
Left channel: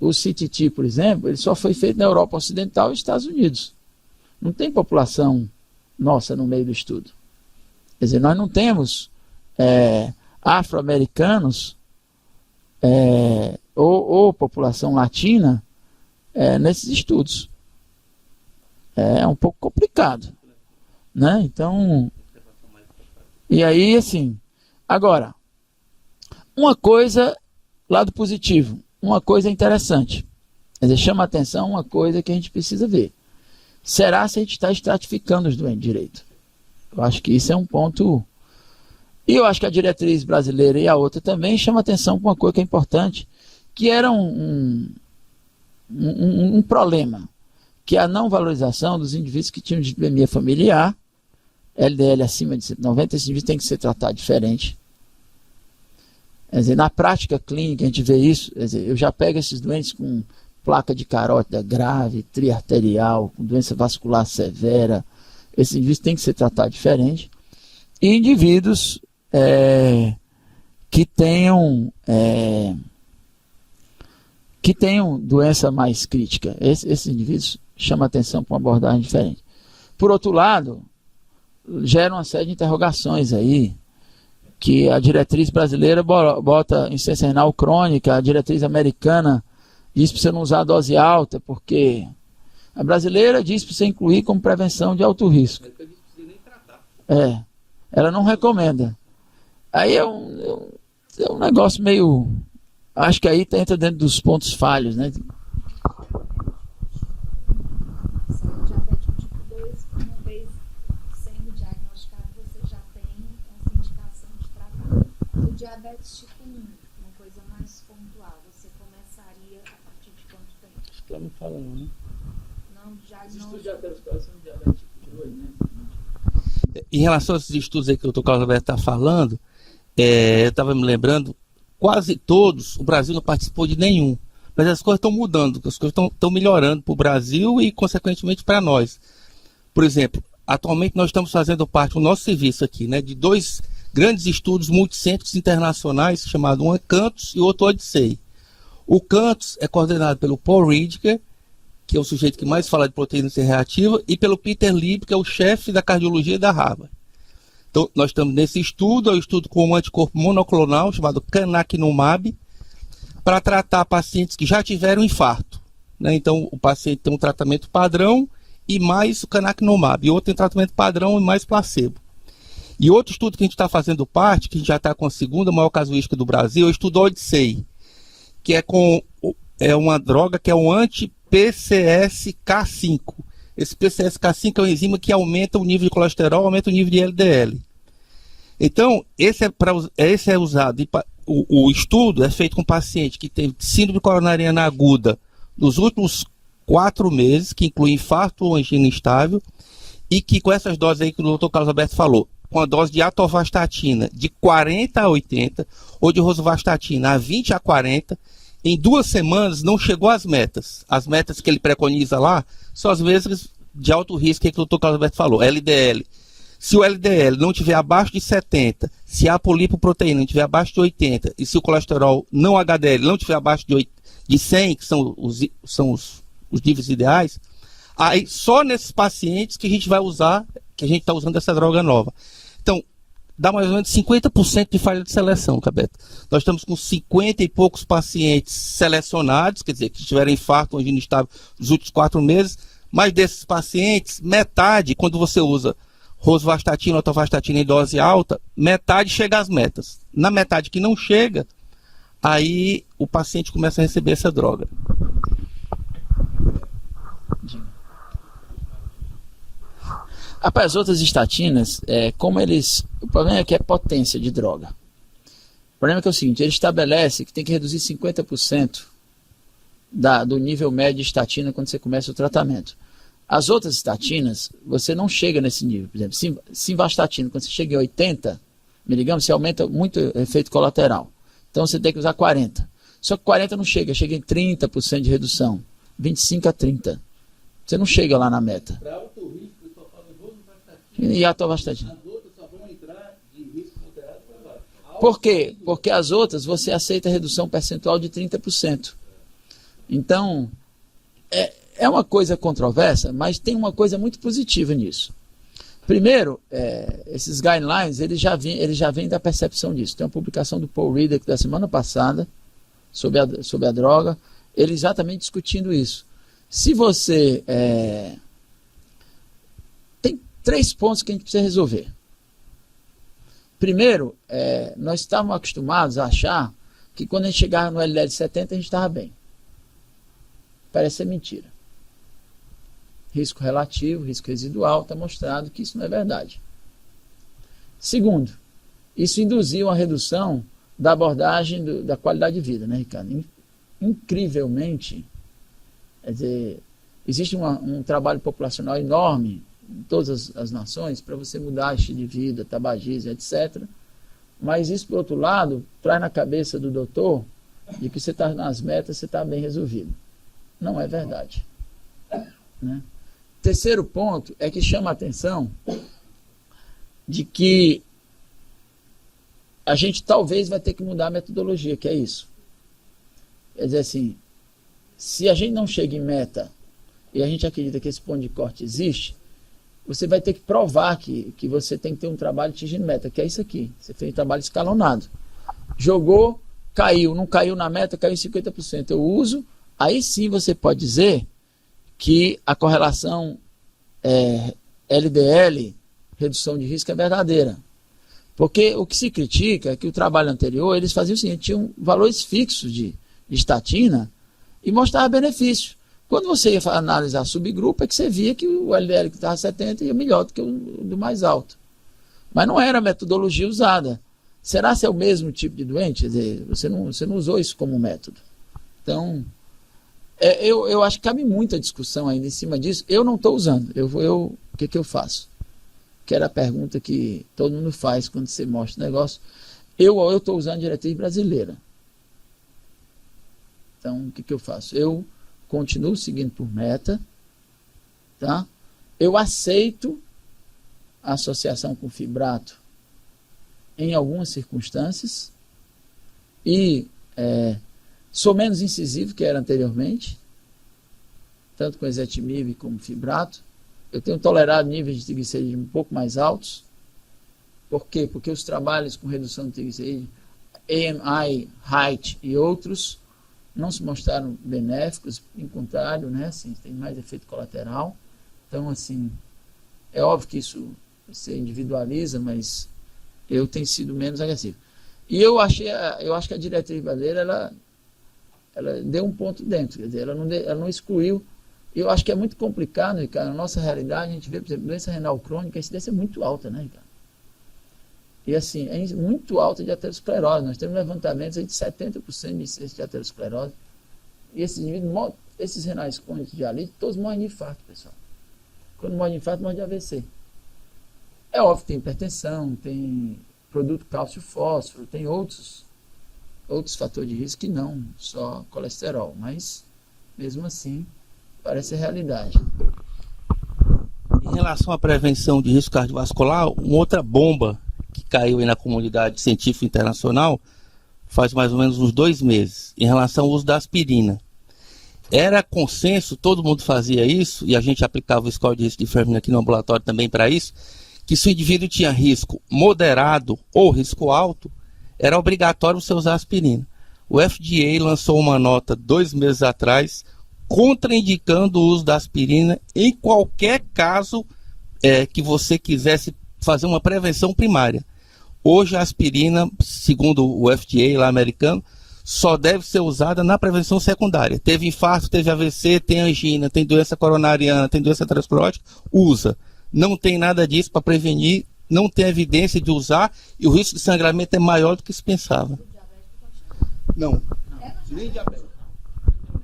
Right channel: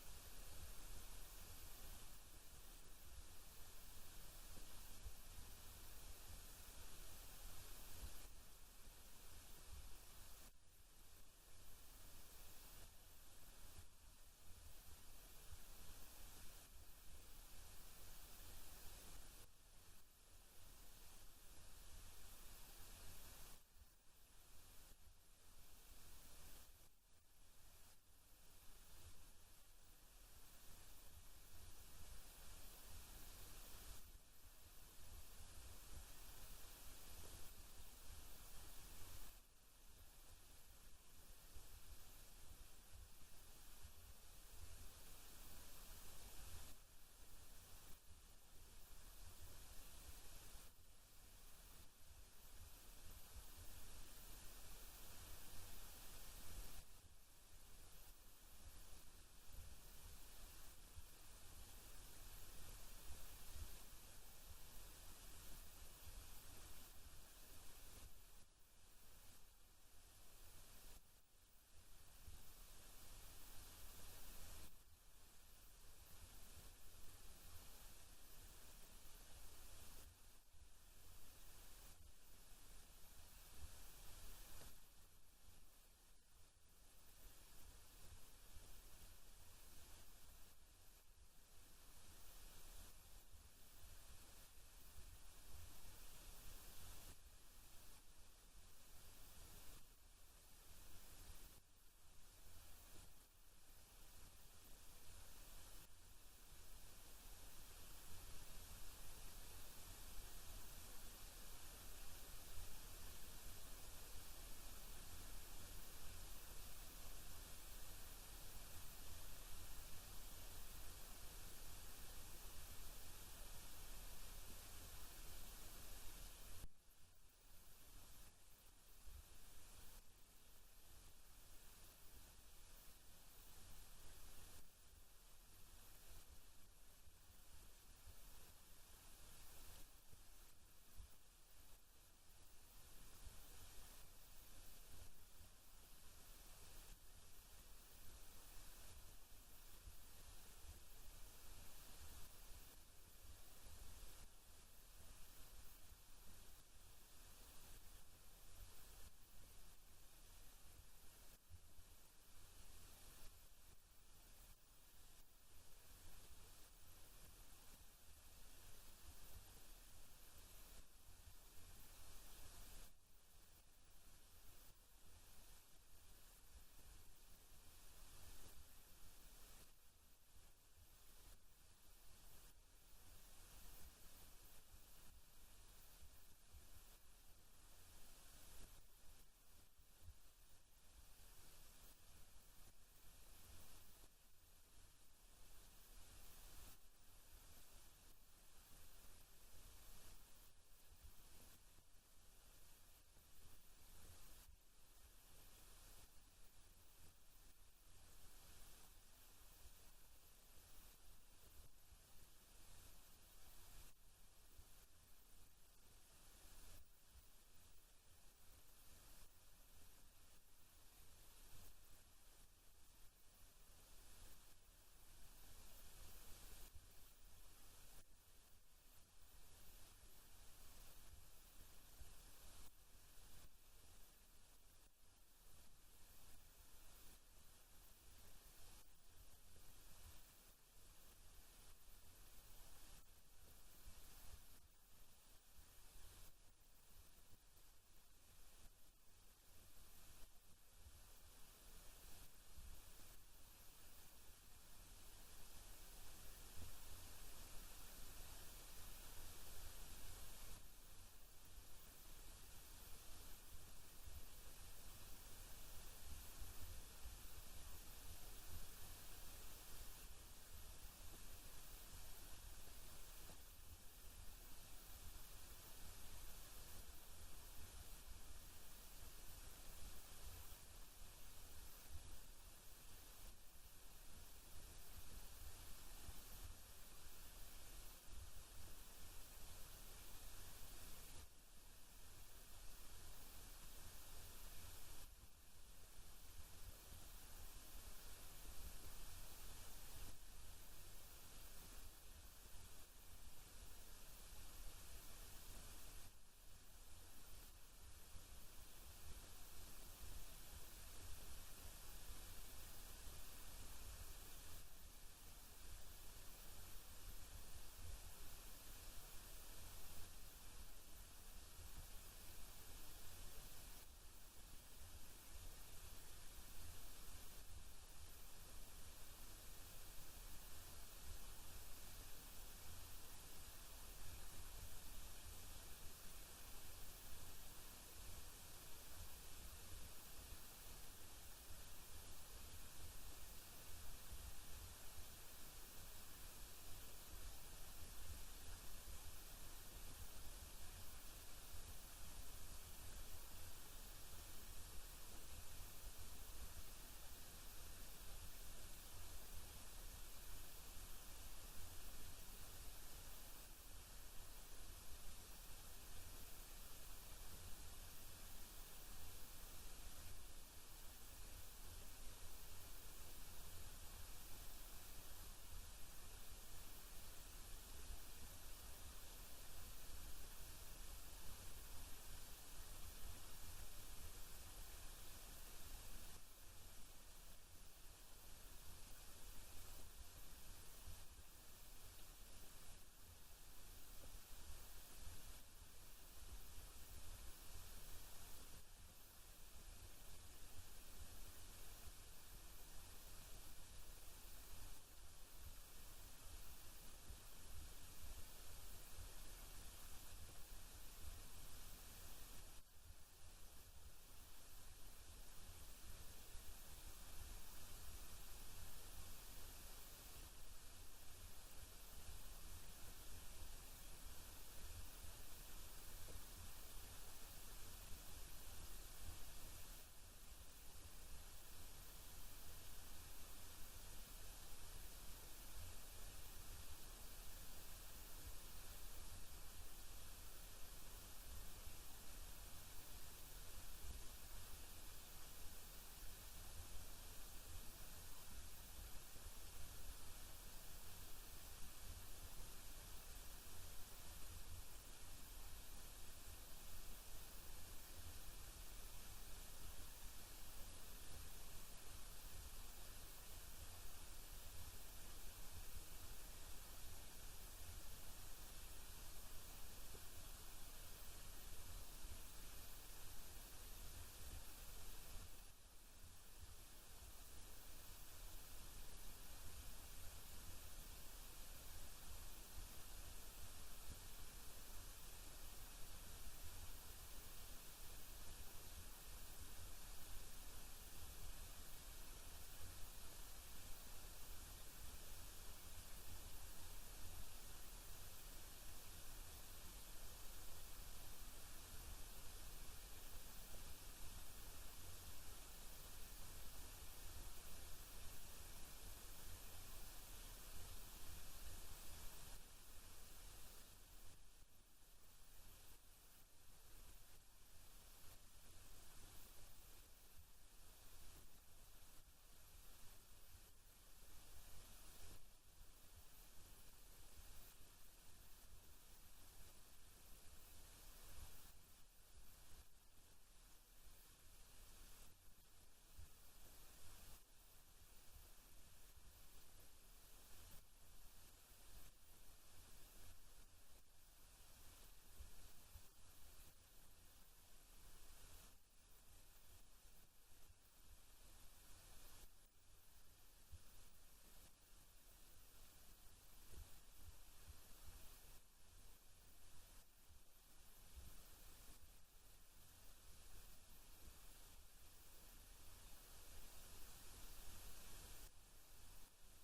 o CTT, por exemplo, ele só foi feito na Europa Ocidental e Estados Unidos. Não tem população nossa no meio do estudo. Quer dizer, nós não temos afro-americanos ou população latina nesses estudos. É um pouco complicado, né? Então, e aí, assim, agora, uma coisa, lado positivo, uma coisa interessante, quer dizer, chama a atenção uma coisa que a gente precisa ver. Será se a gente está estratificando os doentes direito? Eu acho que isso é um ponto. E eu acho que a diretriz brasileira e a outra também chama atenção para uma coisa que é importante, que era um problema, que é a não valorização dos indivíduos que tinham dislipidemia familiar, LDL acima de 190, esses indivíduos têm que ser tratados diferente. Quer dizer, na prática clínica a gente vê isso, quer dizer, eu já pego esses doentes com placa de carótida grave, triarterial, com doença vascular severa, esses indivíduos têm que ser tratados diferente. E indivíduos que tenham doença mais crítica, esses indivíduos chamam atenção para uma abordagem diferente. Por outro lado, gera uma série de interrogações aí, que a diretriz brasileira bota insuficiência renal crônica, a diretriz americana diz para você não usar dose alta, porque a brasileira diz para você incluir como prevenção de alto risco. Ela não recomenda. Aí é um negócio meio... Acho que aí entra dentro dos pontos falhos, né? Diabetes tipo 1, uma coisa mais pontual, você começaria a partir de quanto tempo? Acho que ela não fala não, né? Não, Os estudos de aterosclerose são diabetes tipo 2, né? Em relação a esses estudos aí que o Dr. Carlos Alberto está falando, eu estava me lembrando, quase todos, o Brasil não participou de nenhum. Mas as coisas estão mudando, as coisas estão melhorando para o Brasil e, consequentemente, para nós. Por exemplo, atualmente nós estamos fazendo parte, o nosso serviço aqui, né, de dois grandes estudos multicêntricos internacionais, chamado um é Cantos e o outro Odyssey. O Cantos é coordenado pelo Paul Ridker, que é o sujeito que mais fala de proteína C reativa, e pelo Peter Lieb, que é o chefe da cardiologia da Harvard. Então, nós estamos nesse estudo, é um estudo com um anticorpo monoclonal, chamado canakinumab, para tratar pacientes que já tiveram infarto, né? Então, o paciente tem um tratamento padrão e mais o canakinumab, e outro tem tratamento padrão e mais placebo. E outro estudo que a gente está fazendo parte, que a gente já está com a segunda maior casuística do Brasil, é o estudo Odyssey, que é uma droga que é um anti-PCSK5. Esse PCSK5 é uma enzima que aumenta o nível de colesterol, aumenta o nível de LDL. Então, esse é usado. O estudo é feito com paciente que tem síndrome coronariana aguda nos últimos 4 meses, que inclui infarto ou angina instável, e que com essas doses aí que o doutor Carlos Alberto falou, com a dose de atorvastatina de 40 a 80, ou de rosuvastatina a 20 a 40, em 2 semanas não chegou às metas. As metas que ele preconiza lá são as mesmas de alto risco que o doutor Carlos Alberto falou, LDL. Se o LDL não estiver abaixo de 70, se a polipoproteína não estiver abaixo de 80, e se o colesterol não HDL não estiver abaixo de 100, que são os níveis ideais, aí só nesses pacientes que a gente vai usar, que a gente está usando essa droga nova. Então, dá mais ou menos 50% de falha de seleção, Cabeto. Nós estamos com 50 e poucos pacientes selecionados, quer dizer, que tiveram infarto ou angina instável nos últimos 4 meses, mas desses pacientes, metade, quando você usa rosuvastatina ou atorvastatina em dose alta, metade chega às metas. Na metade que não chega, aí o paciente começa a receber essa droga. Rapaz, as outras estatinas, o problema é que é potência de droga. O problema é que é o seguinte, ele estabelece que tem que reduzir 50% do nível médio de estatina quando você começa o tratamento. As outras estatinas, você não chega nesse nível. Por exemplo, simvastatina, quando você chega em 80 miligramas, você aumenta muito o efeito colateral. Então você tem que usar 40. Só que 40 não chega em 30% de redução, 25 a 30. Você não chega lá na meta. Para alto risco, eu só falo rosuvastatina. E a atorvastatina. As outras só vão entrar de risco moderado para baixo. Por quê? Porque as outras você aceita redução percentual de 30%. Então, é uma coisa controversa, mas tem uma coisa muito positiva nisso. Primeiro, esses guidelines, eles já vêm da percepção disso. Tem uma publicação do Paul Riddick da semana passada, sobre a droga, ele exatamente discutindo isso. Se você... tem 3 pontos que a gente precisa resolver. Primeiro, nós estávamos acostumados a achar que quando a gente chegava no LDL 70, a gente estava bem. Parece ser mentira. Risco relativo, risco residual, está mostrado que isso não é verdade. Segundo, isso induziu uma redução da abordagem da qualidade de vida, né, Ricardo? Incrivelmente, quer dizer, existe um trabalho populacional enorme em todas as nações para você mudar estilo de vida, tabagismo, etc. Mas isso, por outro lado, traz na cabeça do doutor de que você está nas metas, você está bem resolvido. Não é verdade. Né? Terceiro ponto é que chama a atenção de que a gente talvez vai ter que mudar a metodologia, que é isso. Quer dizer assim, se a gente não chega em meta e a gente acredita que esse ponto de corte existe, você vai ter que provar que você tem que ter um trabalho atingindo meta, que é isso aqui. Você fez um trabalho escalonado. Jogou, caiu, não caiu na meta, caiu em 50%. Eu uso, aí sim você pode dizer que a correlação LDL, redução de risco, é verdadeira. Porque o que se critica é que o trabalho anterior, eles faziam o seguinte, tinham valores fixos de estatina e mostrava benefício. Quando você ia analisar subgrupo, é que você via que o LDL que estava 70 ia melhor do que o do mais alto. Mas não era a metodologia usada. Será que é o mesmo tipo de doente? Quer dizer, você não usou isso como método. Então, eu acho que cabe muita discussão ainda em cima disso. Eu não estou usando. O que eu faço? Que era a pergunta que todo mundo faz quando você mostra o negócio. Eu estou usando a diretriz brasileira. Então, o que eu faço? Eu continuo seguindo por meta, tá? Eu aceito a associação com fibrato em algumas circunstâncias e sou menos incisivo que era anteriormente, tanto com ezetimibe como fibrato. Eu tenho tolerado níveis de triglicerídeos um pouco mais altos. Por quê? Porque os trabalhos com redução de triglicerídeos, AMI, HEIGHT e outros, não se mostraram benéficos, em contrário, né? Assim, tem mais efeito colateral. Então, assim, é óbvio que isso você individualiza, mas eu tenho sido menos agressivo. E eu acho que a diretriz brasileira, ela deu um ponto dentro, quer dizer, ela não excluiu. Eu acho que é muito complicado, Ricardo. Na nossa realidade, a gente vê, por exemplo, doença renal crônica, a incidência é muito alta, né, Ricardo? E assim, é muito alta de aterosclerose. Nós temos levantamentos aí de 70% de incidência de aterosclerose. E esses indivíduos, esses renais crônicos de dialite, todos morrem de infarto, pessoal. Quando morre de infarto, morre de AVC. É óbvio que tem hipertensão, tem produto cálcio-fósforo, tem outros fatores de risco que não, só colesterol. Mas, mesmo assim, parece ser realidade. Em relação à prevenção de risco cardiovascular, uma outra bomba que caiu aí na comunidade científica internacional faz mais ou menos uns 2 meses, em relação ao uso da aspirina. Era consenso, todo mundo fazia isso, e a gente aplicava o score de risco de enfermagem aqui no ambulatório também para isso, que se o indivíduo tinha risco moderado ou risco alto, era obrigatório você usar aspirina. O FDA lançou uma nota 2 meses atrás, contraindicando o uso da aspirina em qualquer caso que você quisesse fazer uma prevenção primária. Hoje a aspirina, segundo o FDA lá americano, só deve ser usada na prevenção secundária. Teve infarto, teve AVC, tem angina, tem doença coronariana, tem doença aterosclerótica, usa. Não tem nada disso para prevenir, não tem evidência de usar e o risco de sangramento é maior do que se pensava. Não, nem diabetes.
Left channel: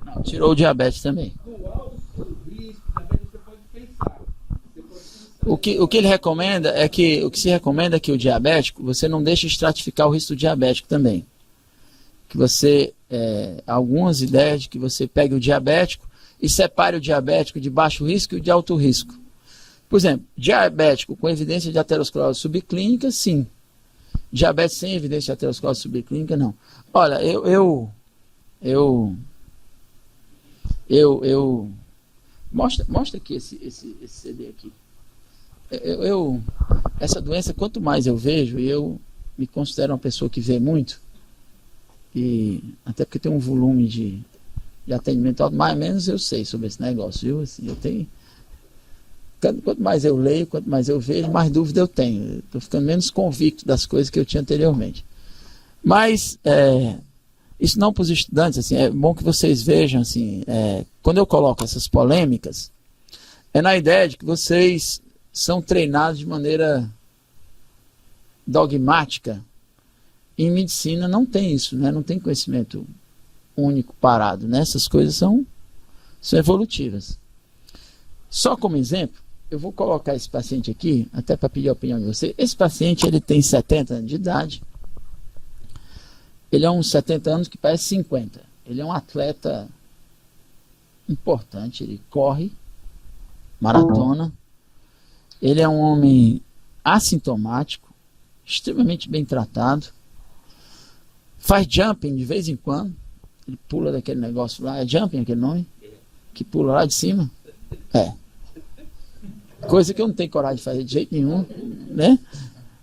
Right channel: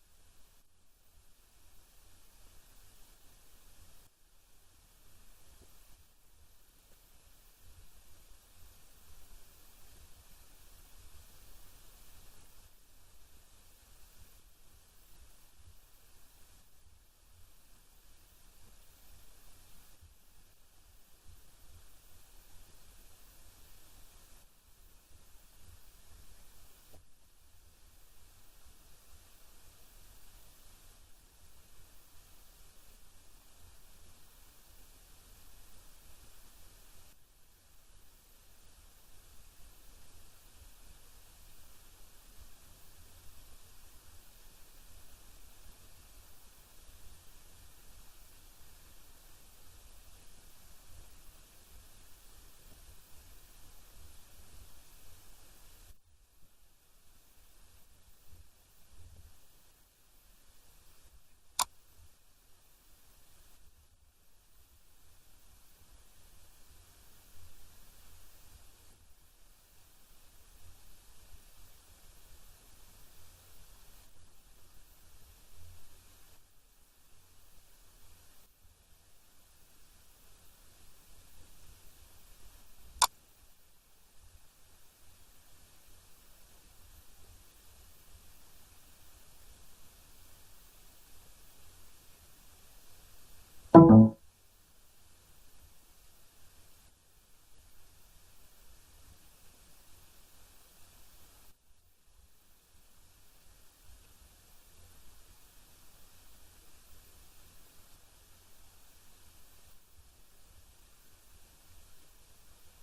Não, tirou o diabetes também. O que ele recomenda é que, o que se recomenda é que o diabético, você não deixe estratificar o risco diabético também. Que você, algumas ideias de que você pegue o diabético e separe o diabético de baixo risco e o de alto risco. Por exemplo, diabético com evidência de aterosclerose subclínica, sim. Diabetes sem evidência de aterosclerose subclínica, não. Olha, mostra aqui esse CD aqui. Essa doença, quanto mais eu vejo, e eu me considero uma pessoa que vê muito, e até porque tem um volume de atendimento alto, mais ou menos eu sei sobre esse negócio, viu? Assim, eu tenho, quanto mais eu leio, quanto mais eu vejo, mais dúvida eu tenho. Estou ficando menos convicto das coisas que eu tinha anteriormente. Mas isso não para os estudantes, assim, é bom que vocês vejam, assim, quando eu coloco essas polêmicas, é na ideia de que vocês são treinados de maneira dogmática. Em medicina não tem isso, né? Não tem conhecimento único parado, né? Essas coisas são evolutivas. Só como exemplo, eu vou colocar esse paciente aqui, até para pedir a opinião de você. Esse paciente, ele tem 70 anos de idade. Ele é uns 70 anos que parece 50. Ele é um atleta importante, ele corre maratona. Ele é um homem assintomático, extremamente bem tratado. Faz jumping de vez em quando. Ele pula daquele negócio lá. É jumping aquele nome? Que pula lá de cima? Coisa que eu não tenho coragem de fazer de jeito nenhum, né?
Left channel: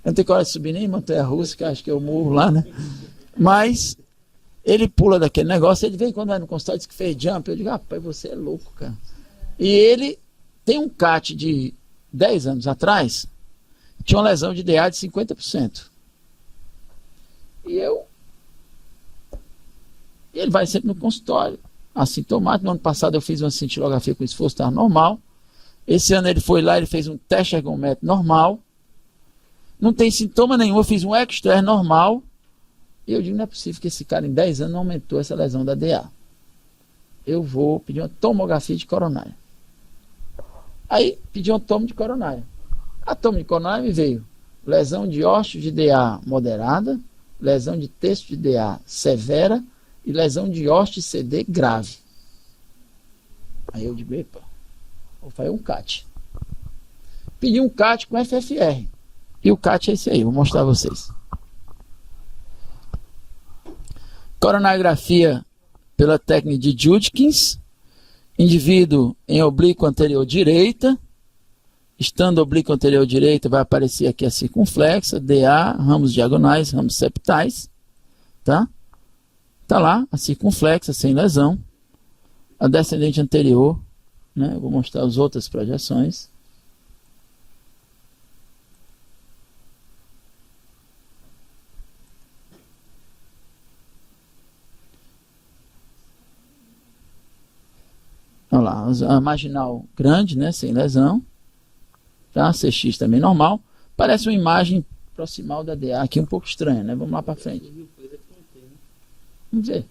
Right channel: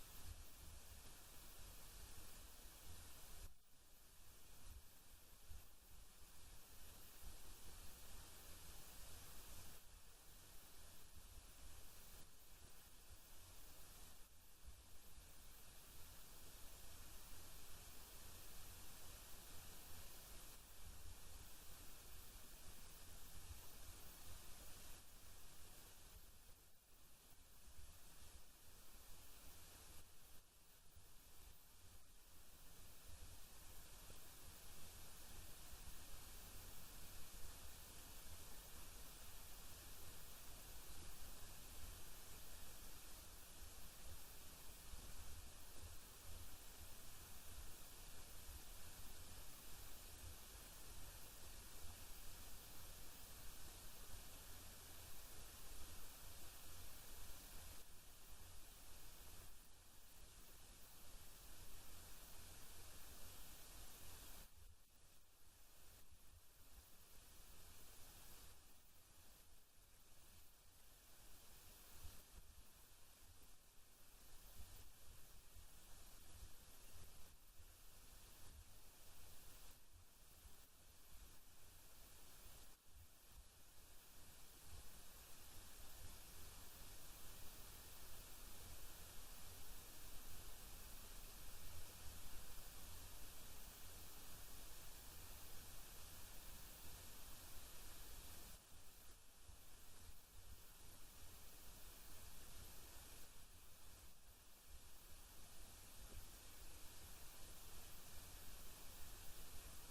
Eu não tenho coragem de subir nem em montanha-russa, que eu acho que eu morro lá, né? Mas ele pula daquele negócio, ele vem quando vai no consultório e diz que fez jump. Eu digo, rapaz, você é louco, cara. E ele tem um CAT de 10 anos atrás, tinha uma lesão de DA de 50%. E ele vai sempre no consultório, assintomático. No ano passado eu fiz uma cintilografia com esforço, estava normal. Esse ano ele foi lá, ele fez um teste ergométrico normal. Não tem sintoma nenhum, eu fiz um extra normal. E eu digo, não é possível que esse cara em 10 anos não aumentou essa lesão da DA. Eu vou pedir uma tomografia de coronária. Aí pedi uma tomo de coronária. A tomo de coronária me veio lesão de ósseo de DA moderada, lesão de terço de DA severa e lesão de ósseo de CD grave. Aí eu digo, epa, vou fazer um CAT. Pedi um CAT com FFR. E o CAT é esse aí, vou mostrar a vocês. Coronariografia pela técnica de Judkins. Indivíduo em oblíqua anterior direita. Estando oblíqua anterior direita, vai aparecer aqui a circunflexa, DA, ramos diagonais, ramos septais. Tá? Tá lá a circunflexa, sem lesão. A descendente anterior, né? Eu vou mostrar as outras projeções. Olha lá, a marginal grande, né, sem lesão. Tá? CX também normal. Parece uma imagem proximal da DA, aqui um pouco estranho, né? Vamos lá para frente. Vamos ver.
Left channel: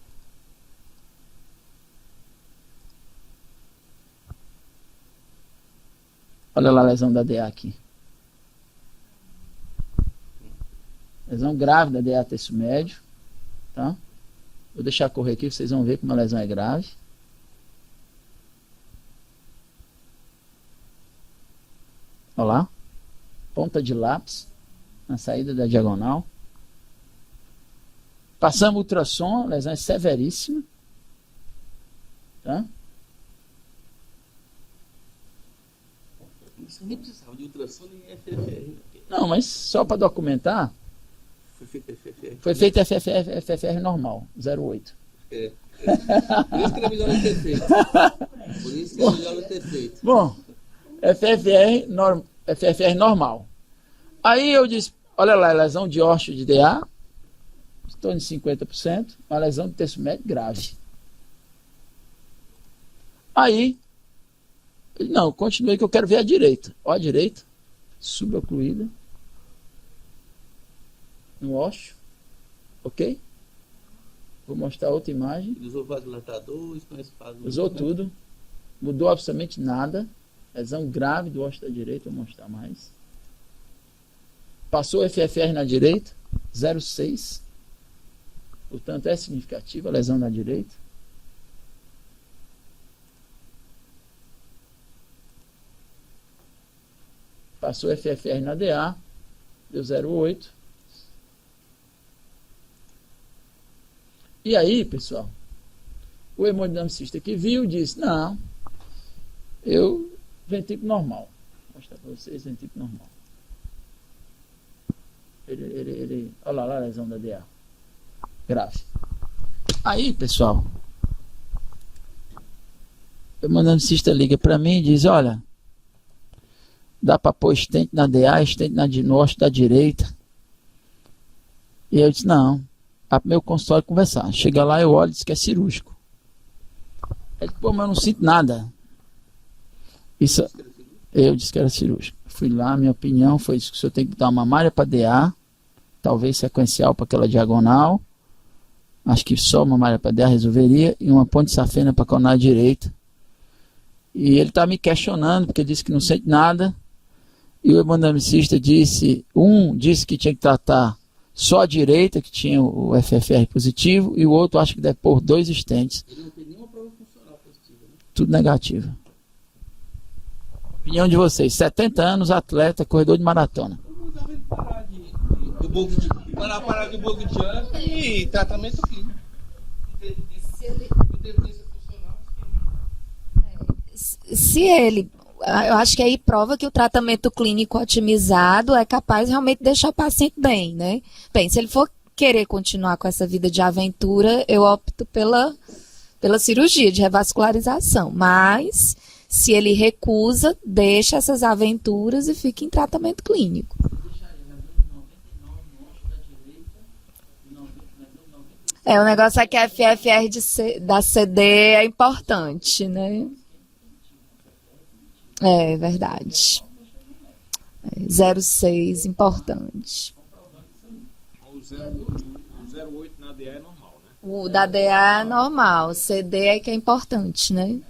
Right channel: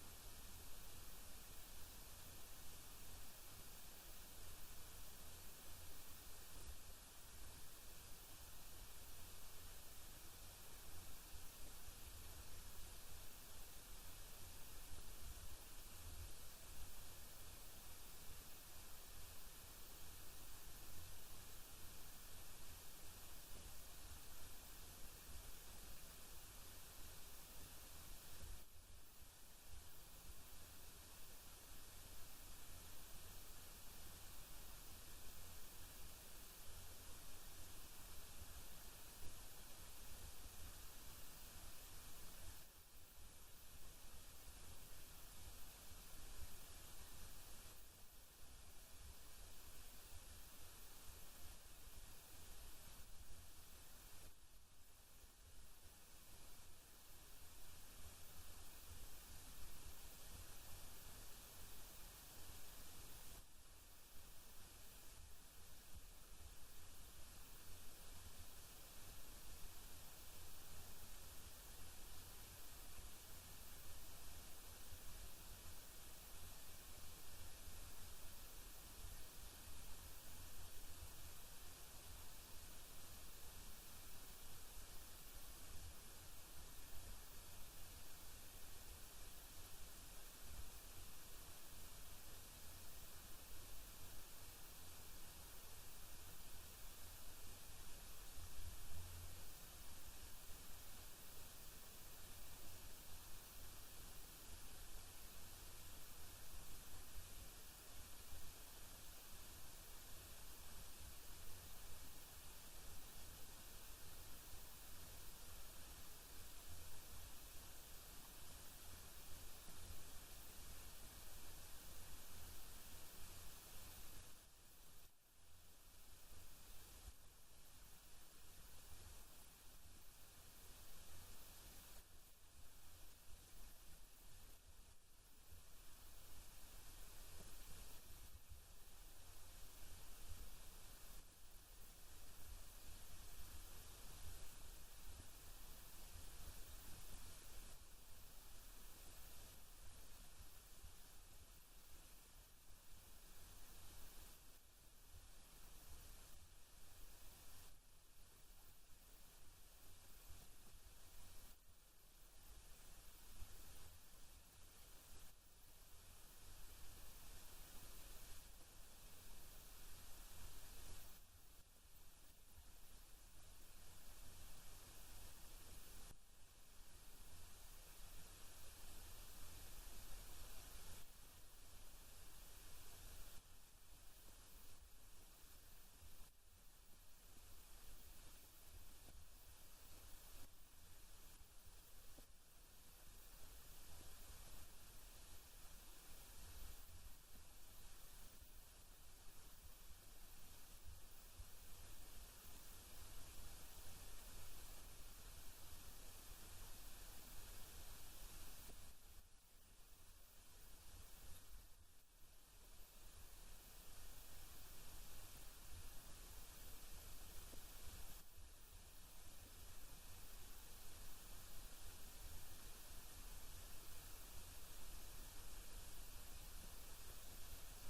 Olha lá a lesão da DA aqui. Lesão grave da DA terço médio. Tá? Vou deixar correr aqui, vocês vão ver como a lesão é grave. Olha lá. Ponta de lápis na saída da diagonal. Passamos o ultrassom, a lesão é severíssima. Tá? Isso nem precisava de ultrassom nem FFR. Não, mas só para documentar, Foi feito FFR. foi feito FFR normal, 0,8. É. Por isso que era melhor não ter feito. Por isso que era melhor não ter feito. Bom, FFR normal. Aí eu disse, olha lá, lesão de ósseo de DA, estou em 50%, uma lesão de terço médio grave. Aí, não, continuei que eu quero ver a direita. Ó a direita, subocluída, no ósseo, ok? Vou mostrar outra imagem. Ele usou vasodilatador, isso não é espasmo. Usou tudo, mudou absolutamente nada. Lesão grave do ósseo da direita, vou mostrar mais. Passou o FFR na direita, 0,6. Portanto, é significativa a lesão na direita. Passou o FFR na DA, deu 0,8. E aí, pessoal, o hemodinamicista que viu disse, não, ventrículo normal. Vou mostrar para vocês, ventrículo normal. Olha lá a lesão da DA. Grave. Aí, pessoal, o hemodinamicista liga para mim e diz, olha, dá para pôr estente na DA, estente no ósseo da direita. E eu disse, não, vai pro meu consultório conversar. Chega lá, eu olho e diz que é cirúrgico. Ele disse, pô, mas eu não sinto nada. Isso, eu disse que era cirúrgico. Fui lá, minha opinião foi isso, que o senhor tem que dar uma malha para DA, talvez sequencial para aquela diagonal. Acho que só uma malha para DA resolveria, e uma ponte de safena para a coronária direita. E ele está me questionando, porque ele disse que não sente nada. E o hemodinamicista disse que tinha que tratar só a direita, que tinha o FFR positivo, e o outro acho que deve pôr 2 estentes. Ele não tem nenhuma prova funcional positiva, né? Tudo negativo. Opinião de vocês, 70 anos, atleta, corredor de maratona. Eu mandava ele parar de boca de ano e tratamento clínico. Se ele, eu acho que aí prova que o tratamento clínico otimizado é capaz de realmente deixar o paciente bem, né? Bem, se ele for querer continuar com essa vida de aventura, eu opto pela cirurgia de revascularização, mas se ele recusa, deixa essas aventuras e fica em tratamento clínico. O negócio é que a FFR da CD é importante, né? É verdade. 0,6, importante. O 0,8 na DA é normal, né? O da DA é normal, CD é que é importante, né? Eu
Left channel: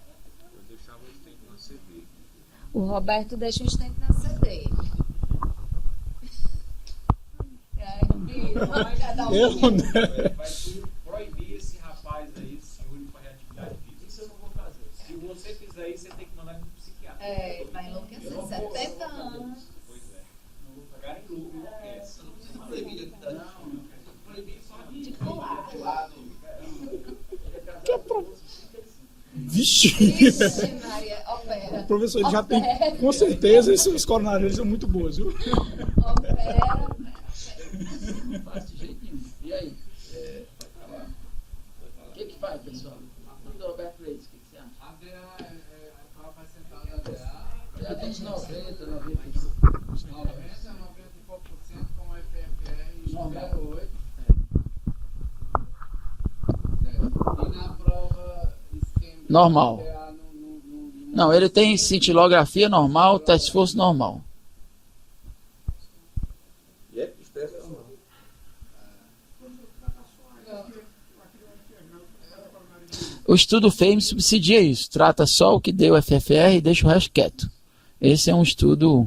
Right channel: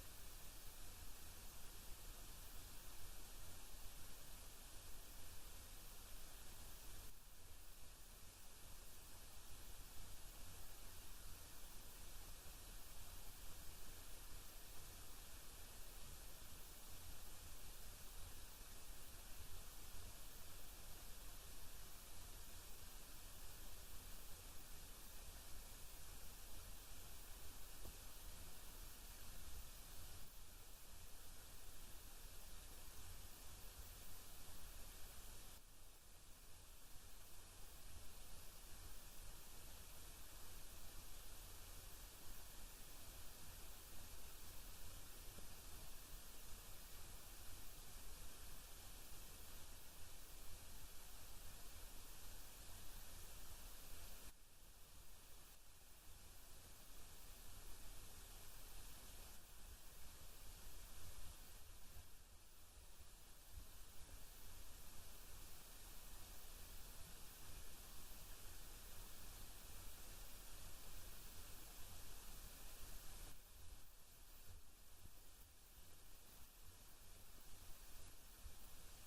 deixava o estente na CD. O Roberto deixa o estente na CD. Eu, né? Vai proibir esse rapaz aí, cirúrgico para reatividade física. Isso eu não vou fazer. Se você fizer isso, você tem que mandar ele para o psiquiatra. Vai enlouquecer, 70 anos. Pois é. Não vou pegar em lucro, enlouquece. Proibir só de colar. Vixe! Vixe, Maria, opera. Professor, ele já tem, com certeza, esses coronários são muito boas, viu? Opera. Não faz de jeito nenhum. E aí? O que faz, pessoal? Do Roberto Leite, o que você acha? A DA é a prova central da DA. Já tem de 90, 95. 90 e pouco por cento com FFR Normal. 0,8. E na prova isquêmica Normal. da DA Não, ele tem cintilografia normal, teste de esforço normal. O estudo FAME subsidia isso, trata só o que deu FFR e deixa o resto quieto. Esse é um estudo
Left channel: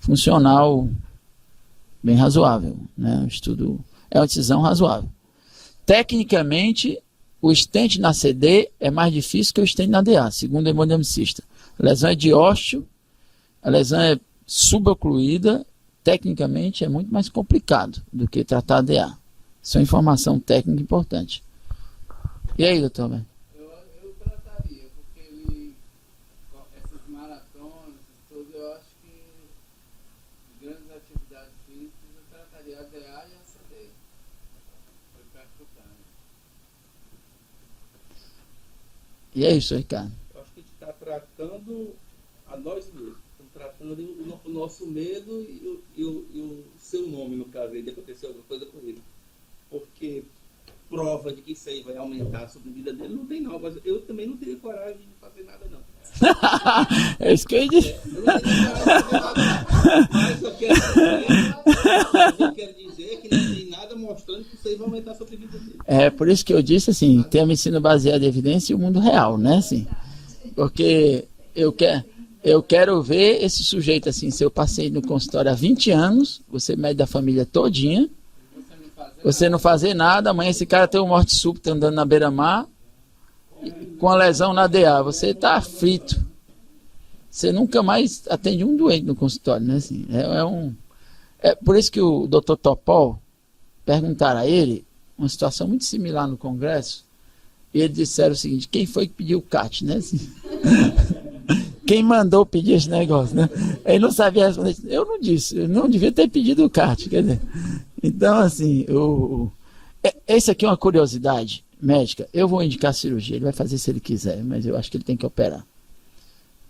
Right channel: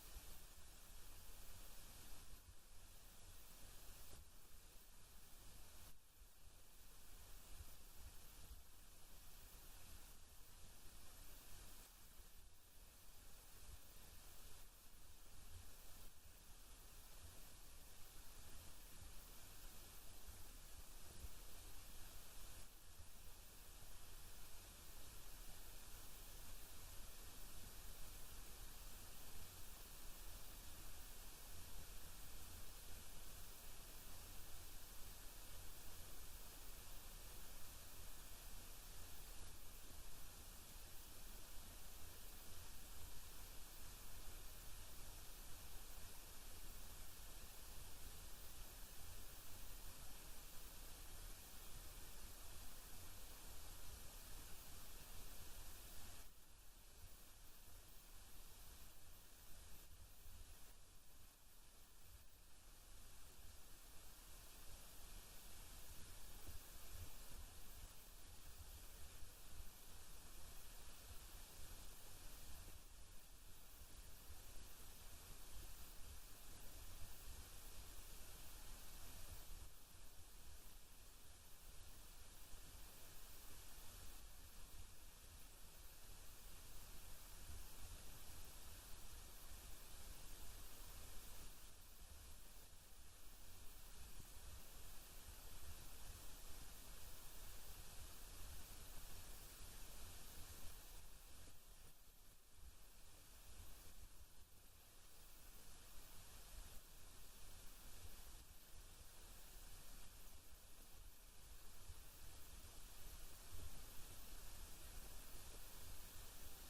funcional bem razoável, né? Um estudo, é uma decisão razoável. Tecnicamente, o stent na CD é mais difícil que o stent na DA, segundo o hemodinamicista. A lesão é de ósteo, a lesão é subocluída, tecnicamente é muito mais complicado do que tratar a DA. Isso é uma informação técnica importante. E aí, doutor Alberto? Eu trataria, porque ele, essas maratonas, tudo, eu acho que grandes atividades físicas, eu trataria a DA e a CD. Foi percutâneo. E é isso, Ricardo. Eu acho que a gente está tratando a nós mesmos. Estamos tratando o nosso medo e o seu nome, no caso, aí, de acontecer alguma coisa com ele. Porque prova de que isso aí vai aumentar a sobrevida dele não tem, não. Mas eu também não teria coragem de fazer nada, não. É isso que eu ia dizer. Eu não teria coragem de fazer nada, não. Mas eu quero dizer que não tem nada mostrando que isso aí vai aumentar a sobrevida dele. É por isso que eu disse assim, tem a medicina baseada em evidência e o mundo real, né? Assim, porque eu quero ver esse sujeito assim, seu paciente no consultório há 20 anos, você mede da família todinha, você não fazer nada, amanhã esse cara tem uma morte súbita andando na beira-mar, com a lesão na DA, você está aflito. Você nunca mais atende um doente no consultório, né? Assim, é por isso que o Dr. Topol perguntaram a ele uma situação muito similar no Congresso, e eles disseram o seguinte: quem foi que pediu o CAT, né? Assim, quem mandou pedir esse negócio, né? Ele não sabia responder. Eu não disse, eu não devia ter pedido o CAT, quer dizer. Então, assim, esse aqui é uma curiosidade médica. Eu vou indicar cirurgia, ele vai fazer se ele quiser, mas eu acho que ele tem que operar.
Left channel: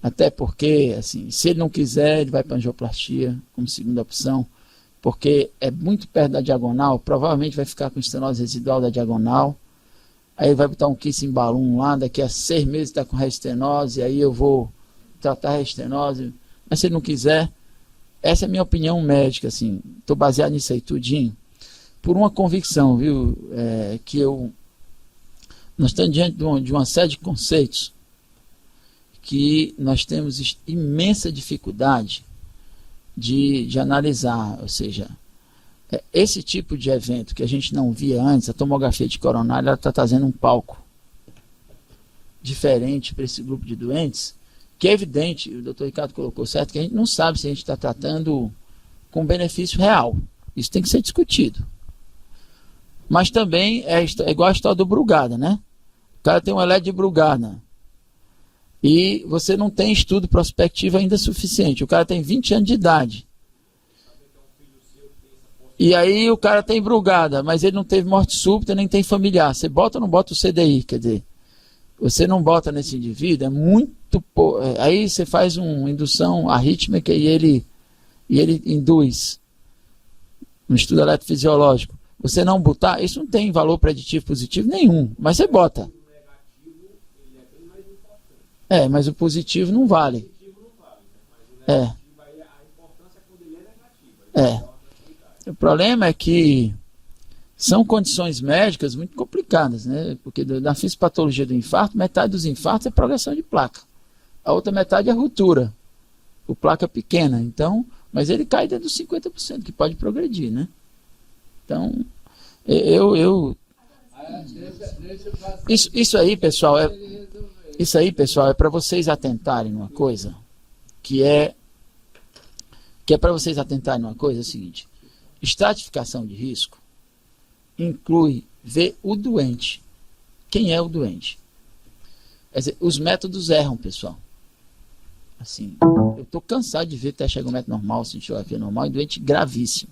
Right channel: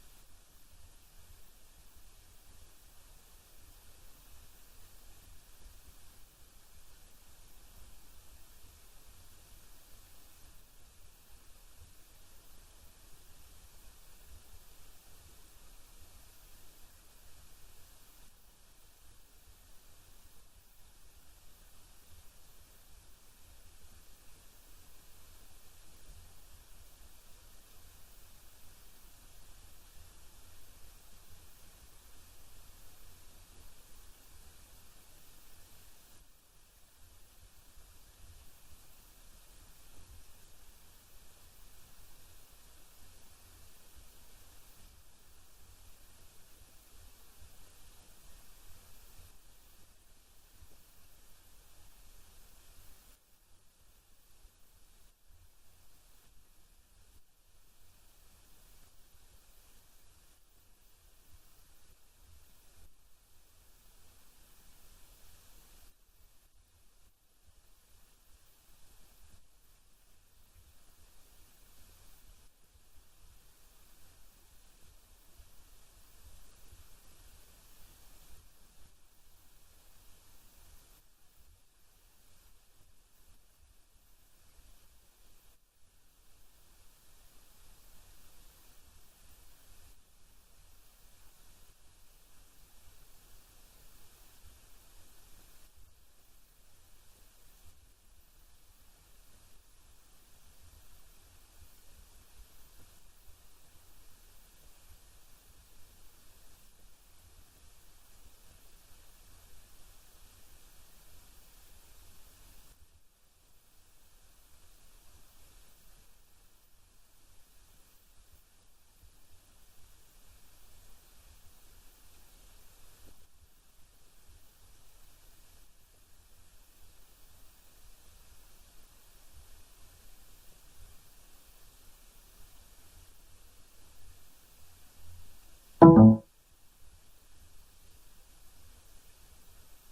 Até porque, assim, se ele não quiser, ele vai para angioplastia como segunda opção, porque é muito perto da diagonal, provavelmente vai ficar com estenose residual da diagonal, aí ele vai botar um kissing balloon lá, daqui a 6 meses está com restenose, aí eu vou tratar a restenose, mas se ele não quiser, essa é a minha opinião médica, assim, estou baseado nisso aí tudinho, por uma convicção, viu, nós estamos diante de uma série de conceitos que nós temos imensa dificuldade de analisar, ou seja, esse tipo de evento que a gente não via antes, a tomografia de coronária, ela está trazendo um palco diferente para esse grupo de doentes, que é evidente, o doutor Ricardo colocou certo, que a gente não sabe se a gente está tratando com benefício real. Isso tem que ser discutido. Mas também é igual a história do Brugada, né? O cara tem um eletro de Brugada e você não tem estudo prospectivo ainda suficiente. O cara tem 20 anos de idade. E aí o cara tem Brugada, mas ele não teve morte súbita, nem tem familiar. Você bota ou não bota o CDI? Quer dizer, você não bota nesse indivíduo, é muito pouco. Aí você faz uma indução arrítmica e ele induz no estudo eletrofisiológico. Você não botar, isso não tem valor preditivo positivo nenhum, mas você bota. Mas o positivo não vale. O problema é que são condições médicas muito complicadas, né? Porque na fisiopatologia do infarto, metade dos infartos é progressão de placa. A outra metade é ruptura. O placa pequena, então, mas ele cai dentro dos 50%, que pode progredir, né? Então, isso aí, pessoal, é para vocês atentarem numa coisa, que é para vocês atentarem numa coisa, é o seguinte: estratificação de risco inclui ver o doente. Quem é o doente? Quer dizer, os métodos erram, pessoal. Assim, eu estou cansado de ver teste ergométrico normal, cintilografia normal em doente gravíssimo.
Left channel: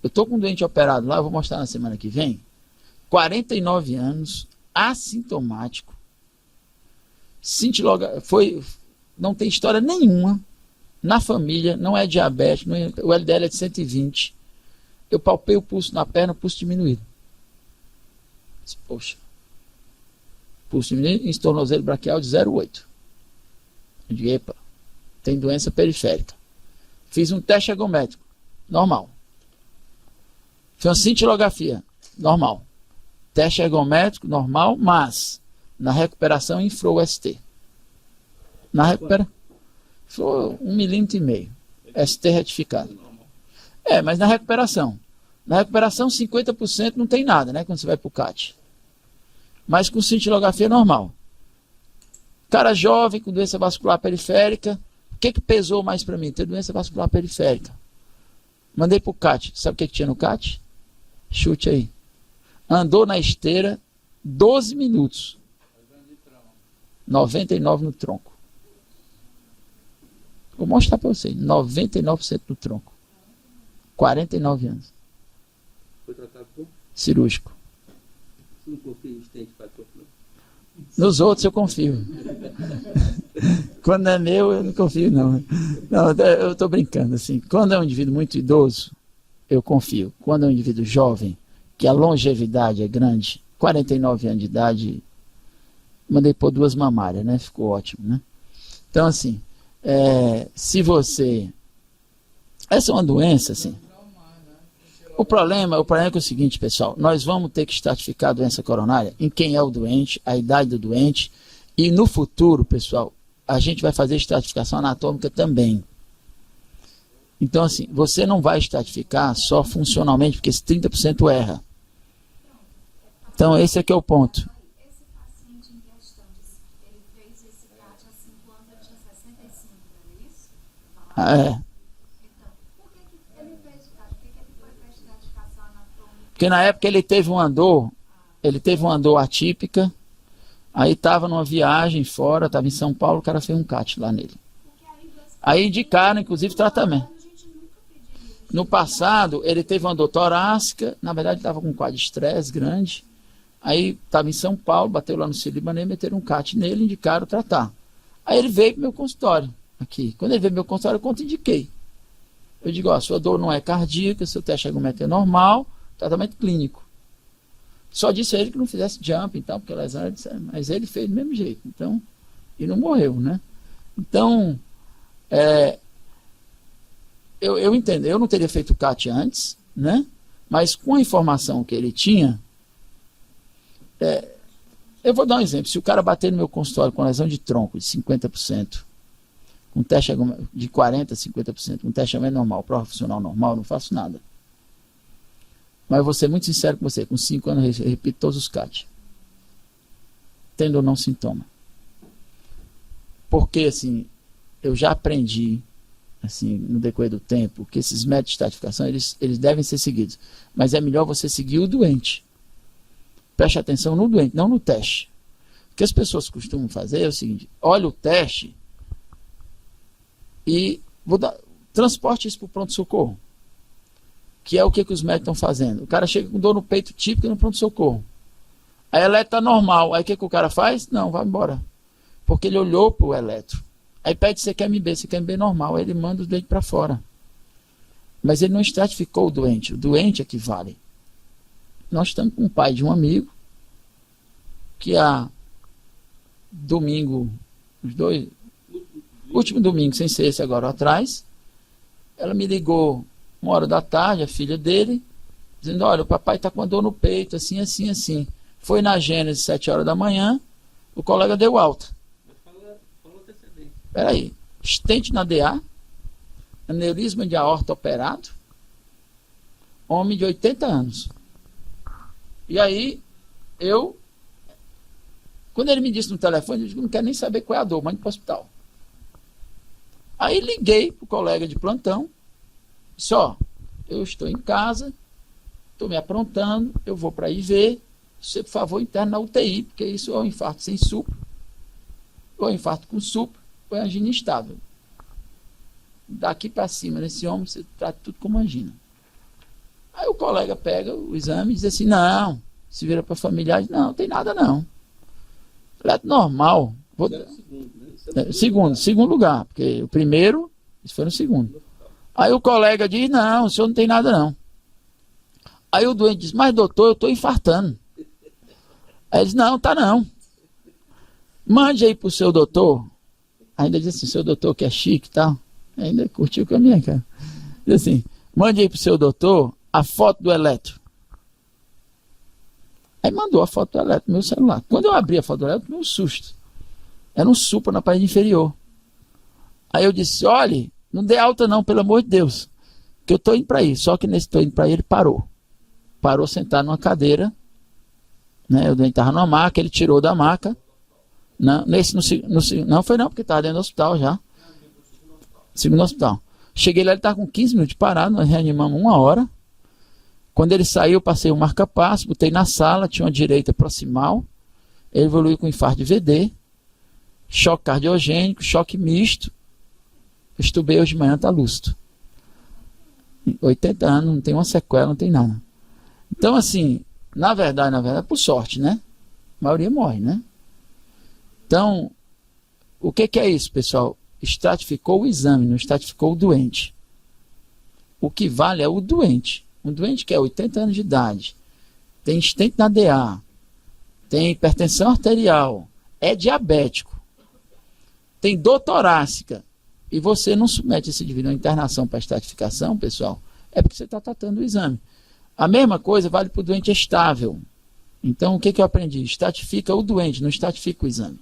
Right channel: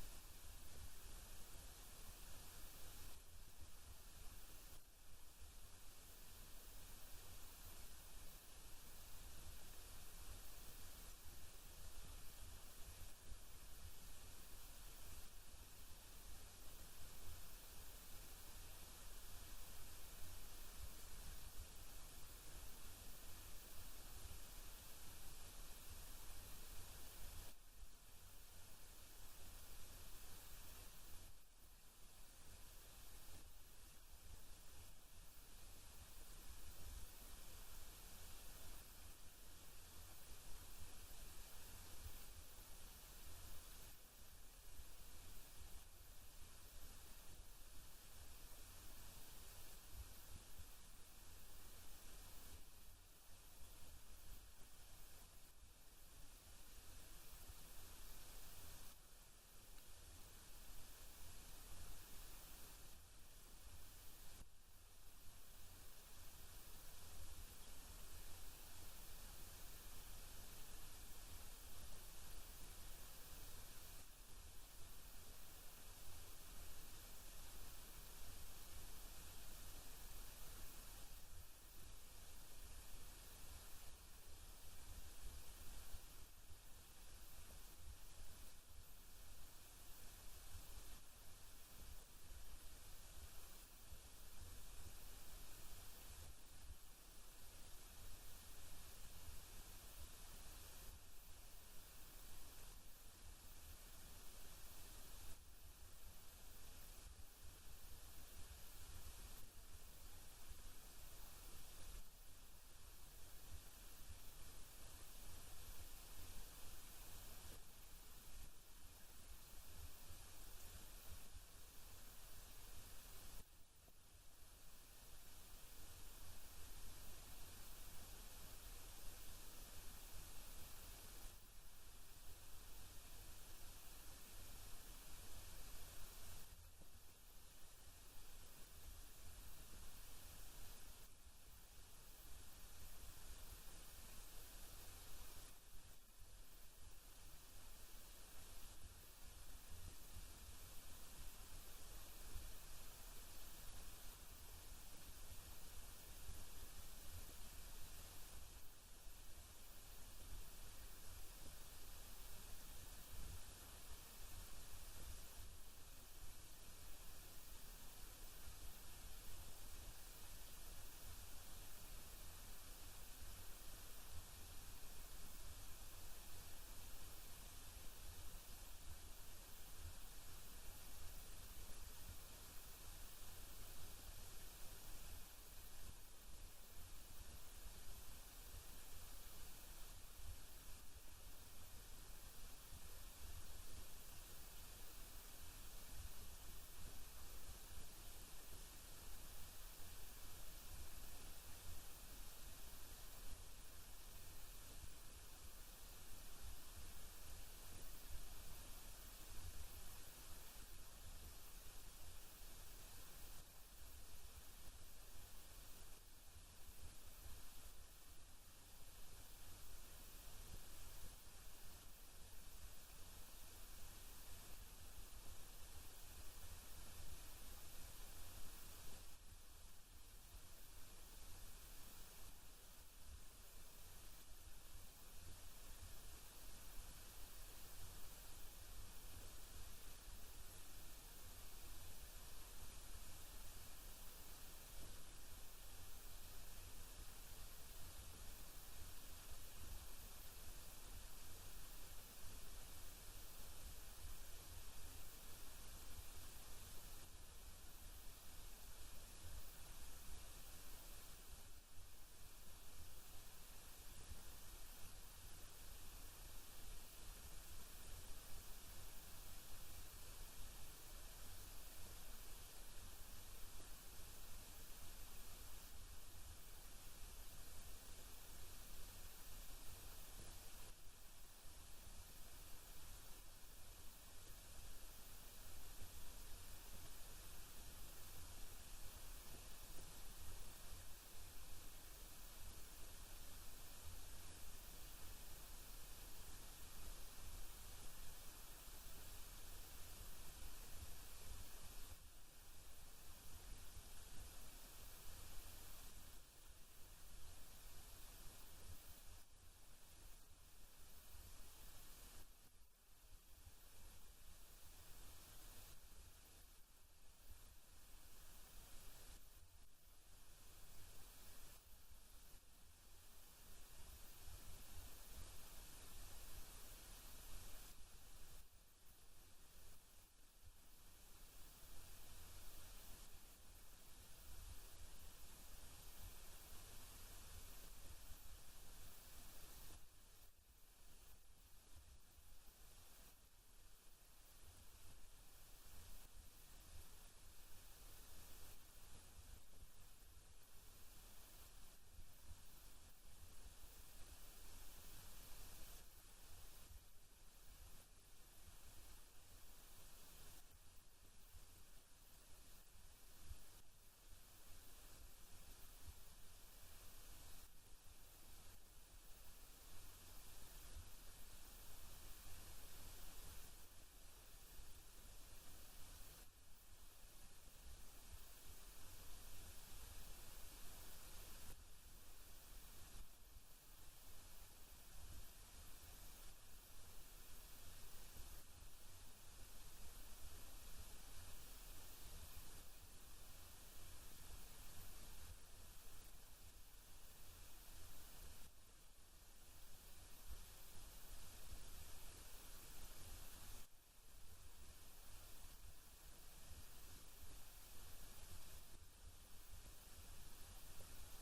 Eu estou com um doente operado lá, eu vou mostrar na semana que vem, 49 anos, assintomático, não tem história nenhuma na família, não é diabético, o LDL é de 120. Eu palpei o pulso na perna, o pulso diminuído. Poxa. Pulso diminuído, em tornozelo braquial de 0,8. Eu digo, epa, tem doença periférica. Fiz um teste ergométrico, normal. Fiz uma cintilografia, normal. Teste ergométrico, normal, mas Na recuperação, inflou o ST. Na recuperação, foi 1,5 milímetro. ST retificado. Mas na recuperação. Na recuperação, 50% não tem nada, né? Quando você vai para o CAT. Mas com cintilografia normal. Cara jovem, com doença vascular periférica. O que pesou mais para mim? Ter doença vascular periférica. Mandei para o CAT. Sabe o que tinha no CAT? Chute aí. Andou na esteira 12 minutos. 99 no tronco. Vou mostrar para vocês. 99% no tronco. 49 anos. Foi tratado com? Cirúrgico. Você não confia nos dentes para corpo, não? Nos outros eu confio. Quando é meu, eu não confio, não. Não, eu estou brincando, assim. Quando é um indivíduo muito idoso, eu confio. Quando é um indivíduo jovem, que a longevidade é grande, 49 anos de idade, mandei pôr 2 mamárias, né? Ficou ótimo, né? Então, assim, se você... Essa é uma doença, assim. O problema é que é o seguinte, pessoal. Nós vamos ter que estratificar a doença coronária em quem é o doente, a idade do doente. E no futuro, pessoal, a gente vai fazer estratificação anatômica também. Então, assim, você não vai estratificar só funcionalmente, porque esse 30% erra. Então, esse aqui é o ponto. Esse paciente em questão, ele fez esse CAT há 5 anos, ele tinha 65, não é isso? Então, por que ele fez o CAT? Por que ele foi para a estratificação anatômica? Porque na época ele teve uma dor atípica, aí estava numa viagem fora, estava em São Paulo, o cara fez um CAT lá nele. Aí indicaram, inclusive, tratamento. No passado, ele teve uma dor torácica, na verdade estava com um quadro de estresse grande, aí estava em São Paulo, bateu lá no Sírio-Libanês, meteram um CAT nele, indicaram tratar. Aí ele veio para o meu consultório, aqui. Quando ele veio para o meu consultório, eu contraindiquei. Eu digo, ó, sua dor não é cardíaca, seu teste de argumento é normal, tratamento clínico. Só disse a ele que não fizesse jump, então, porque lesão, mas ele fez do mesmo jeito, então, e não morreu, né? Então, eu entendo, eu não teria feito o CAT antes, né? Mas com a informação que ele tinha, eu vou dar um exemplo. Se o cara bater no meu consultório com lesão de tronco de 50%, com teste de 40%, 50%, com teste normal, prova funcional normal, eu não faço nada. Mas eu vou ser muito sincero com você, com 5 anos eu repito todos os CAT. Tendo ou não sintoma. Porque, assim, eu já aprendi, assim, no decorrer do tempo, que esses métodos de estratificação, eles devem ser seguidos. Mas é melhor você seguir o doente. Preste atenção no doente, não no teste. O que as pessoas costumam fazer é o seguinte, olha o teste e transporte isso para o pronto-socorro. Que é o que os médicos estão fazendo. O cara chega com dor no peito típica no pronto-socorro. A eletro está normal. Aí o que o cara faz? Não, vai embora. Porque ele olhou para o eletro. Aí pede se quer MB, se quer MB normal. Aí ele manda o doente para fora. Mas ele não estratificou o doente. O doente é que vale. Nós estamos com o pai de um amigo que último domingo, sem ser esse agora atrás, ela me ligou 1h da tarde, a filha dele, dizendo, olha, o papai está com uma dor no peito, assim, assim, assim. Foi na Gênese, 7 horas da manhã, o colega deu alta. Espera aí, estente na DA, aneurisma de aorta operado, homem de 80 anos. E aí, quando ele me disse no telefone, eu disse, não quero nem saber qual é a dor, mande para o hospital. Aí liguei para o colega de plantão, disse, ó, eu estou em casa, estou me aprontando, eu vou para ir ver, você, por favor, interne na UTI, porque isso é um infarto sem supro, ou é um infarto com supro, ou é angina instável. Daqui para cima, nesse homem, você trata tudo como angina. Aí o colega pega o exame e diz assim, não, se vira para familiar, diz, não tem nada não. Falei, normal. Segundo lugar, porque o primeiro, isso foi no segundo. Aí o colega diz, não, o senhor não tem nada não. Aí o doente diz, mas doutor, eu estou infartando. Aí ele diz, não, tá não. Mande aí pro seu doutor. Ainda diz assim, seu doutor que é chique e tal. Ainda curtiu com a minha cara. Diz assim, mande aí pro seu doutor a foto do eletro. Aí mandou a foto do eletro no meu celular. Quando eu abri a foto do eletro, tomei um susto. Era um supra na parede inferior. Aí eu disse, olha, não dê alta não, pelo amor de Deus, que eu estou indo para aí. Só que nesse estou indo para aí, ele parou. Parou sentado numa cadeira, né? O doente estava numa maca, ele tirou da maca. Não, não foi não, porque estava dentro do hospital já. Segundo hospital. Cheguei lá, ele estava com 15 minutos parado, nós reanimamos 1 hora. Quando ele saiu, passei o marca-passo, botei na sala, tinha uma direita proximal. Ele evoluiu com infarto de VD, choque cardiogênico, choque misto. Estubei hoje de manhã, está lúcido. 80 anos, não tem uma sequela, não tem nada. Então, assim, na verdade, por sorte, né? A maioria morre, né? Então, o que é isso, pessoal? Estratificou o exame, não estratificou o doente. O que vale é o doente. Um doente que é 80 anos de idade, tem stent na DA, tem hipertensão arterial, é diabético, tem dor torácica, e você não submete esse indivíduo a internação para estratificação, pessoal, é porque você está tratando o exame. A mesma coisa vale para o doente estável. Então, o que eu aprendi? Estratifica o doente, não estratifica o exame.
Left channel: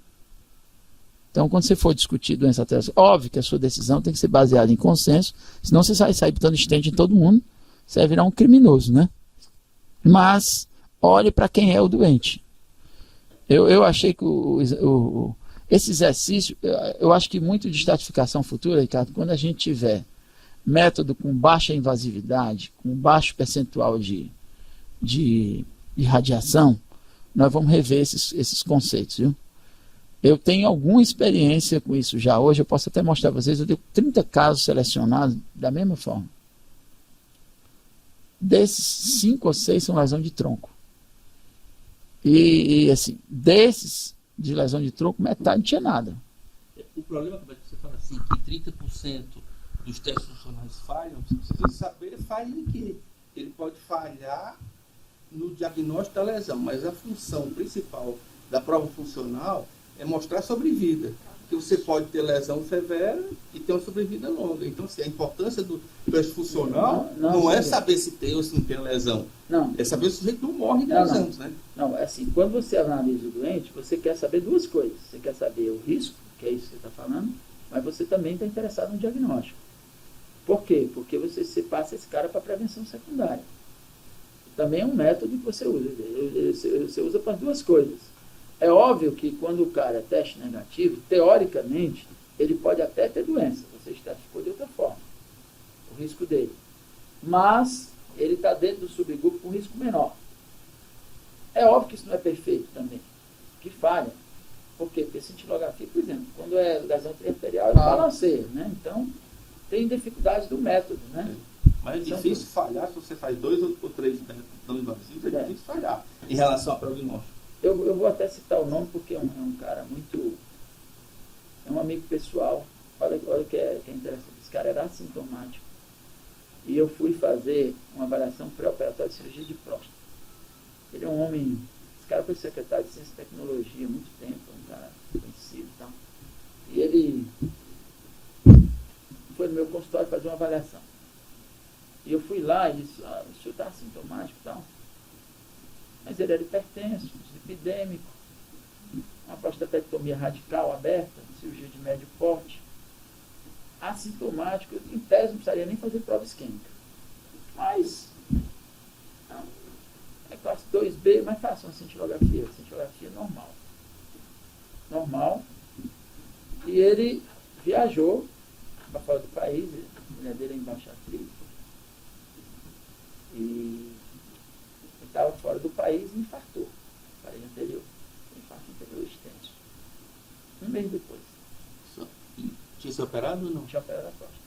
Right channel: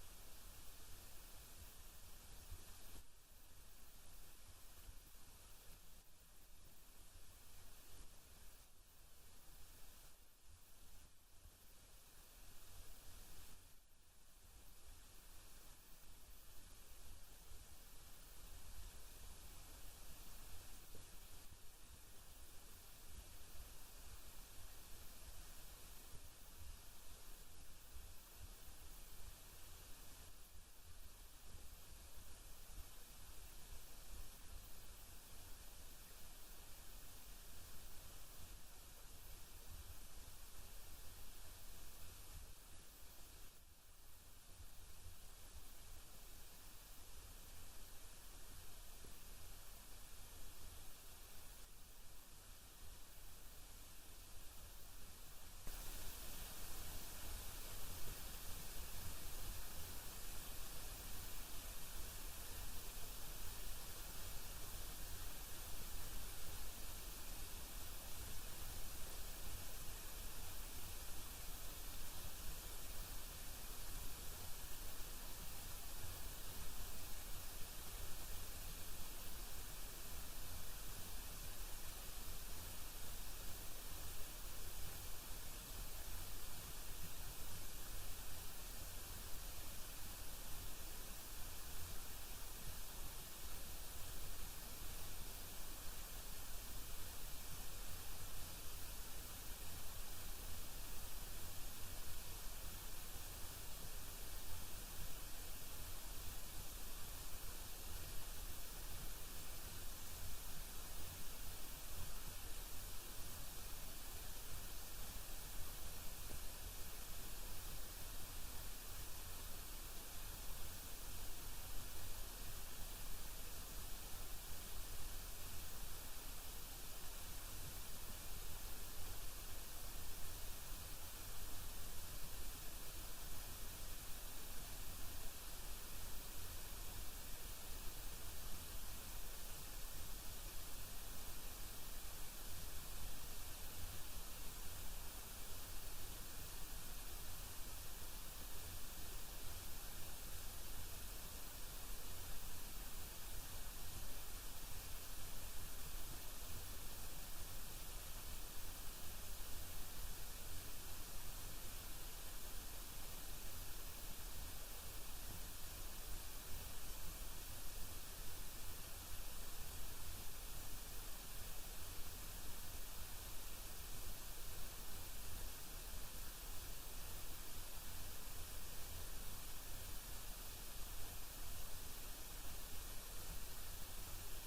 Então, quando você for discutir doença arterial, óbvio que a sua decisão tem que ser baseada em consenso, senão você vai sair botando stent em todo mundo, você vai virar um criminoso, né? Mas, olhe para quem é o doente. Eu achei que esse exercício, eu acho que muito de estratificação futura, Ricardo, quando a gente tiver método com baixa invasividade, com baixo percentual de radiação, nós vamos rever esses conceitos, viu? Eu tenho alguma experiência com isso já hoje, eu posso até mostrar para vocês, eu tenho 30 casos selecionados da mesma forma. Desses, 5 ou 6 são lesão de tronco. E assim, desses de lesão de tronco, metade não tinha nada. O problema é que você fala assim, que 30% dos testes funcionais falham, você precisa saber falha em quê? Ele pode falhar no diagnóstico da lesão, mas a função principal da prova funcional é mostrar sobrevida. Porque você pode ter lesão severa e ter uma sobrevida longa. Então, assim, a importância do teste funcional não é saber se tem ou se não tem lesão. Não. É saber se o sujeito não morre de lesão, né? Não, é assim, quando você analisa o doente, você quer saber duas coisas. Você quer saber o risco, que é isso que você está falando, mas você também está interessado no diagnóstico. Por quê? Porque você passa esse cara para prevenção secundária. Também é um método que você usa. Você usa para duas coisas. É óbvio que quando o cara é teste negativo, teoricamente, ele pode até ter doença. Você estratificou de outra forma. O risco dele. Mas ele está dentro do subgrupo com risco menor. É óbvio que isso não é perfeito também. Que falha. Por quê? Porque cintilografia, por exemplo, quando é lesão arterial, ele balanceia, né? Então, tem dificuldades do método, né? Mas é difícil falhar se você faz 2 ou 3 dando invasivo, é difícil falhar em relação ao prognóstico. Eu vou até citar o nome porque é um cara muito... É um amigo pessoal. Olha o que é interessante. Esse cara era assintomático. E eu fui fazer uma avaliação pré-operatória de cirurgia de próstata. Ele é um homem... Esse cara foi secretário de Ciência e Tecnologia há muito tempo. Um cara conhecido e tal. E ele foi no meu consultório fazer uma avaliação. E eu fui lá e disse, o senhor está assintomático e tal. Mas ele era hipertenso, epidêmico, uma prostatectomia radical aberta, cirurgia de médio porte, assintomático, em tese não precisaria nem fazer prova isquêmica. Mas, não, é classe 2B, mas faça uma cintilografia normal. Normal. E ele viajou para fora do país, a mulher dele é embaixatriz, e estava fora do país e infartou. Falei anterior. Infarto anterior extenso. 1 mês depois. Tinha sido operado ou não? Tinha operado a próstata.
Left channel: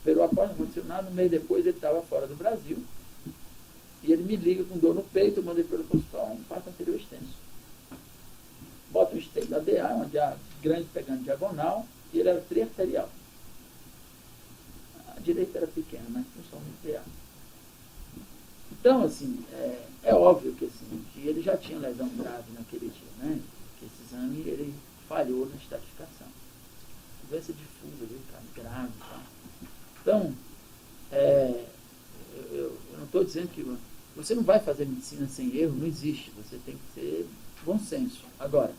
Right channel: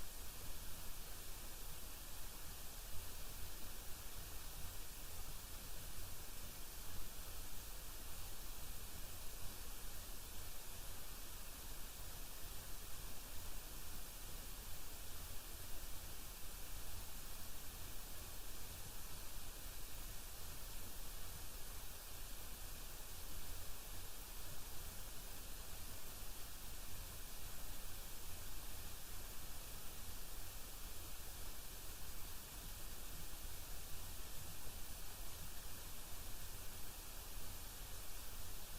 Operou a próstata, não aconteceu nada. 1 mês depois ele estava fora do Brasil. E ele me liga com dor no peito. Eu mandei pelo consultório um infarto anterior extenso. Bota um stent da DA, uma DA grande pegando diagonal. E ele era triarterial. A direita era pequena, mas principalmente DA. Então, assim, é óbvio que, assim, que ele já tinha lesão grave naquele dia, né? Que esse exame, ele falhou na estratificação. Doença difusa, viu, cara? Grave e tal. Então, eu não estou dizendo que Você não vai fazer medicina sem erro, não existe. Você tem que ter bom senso. Agora,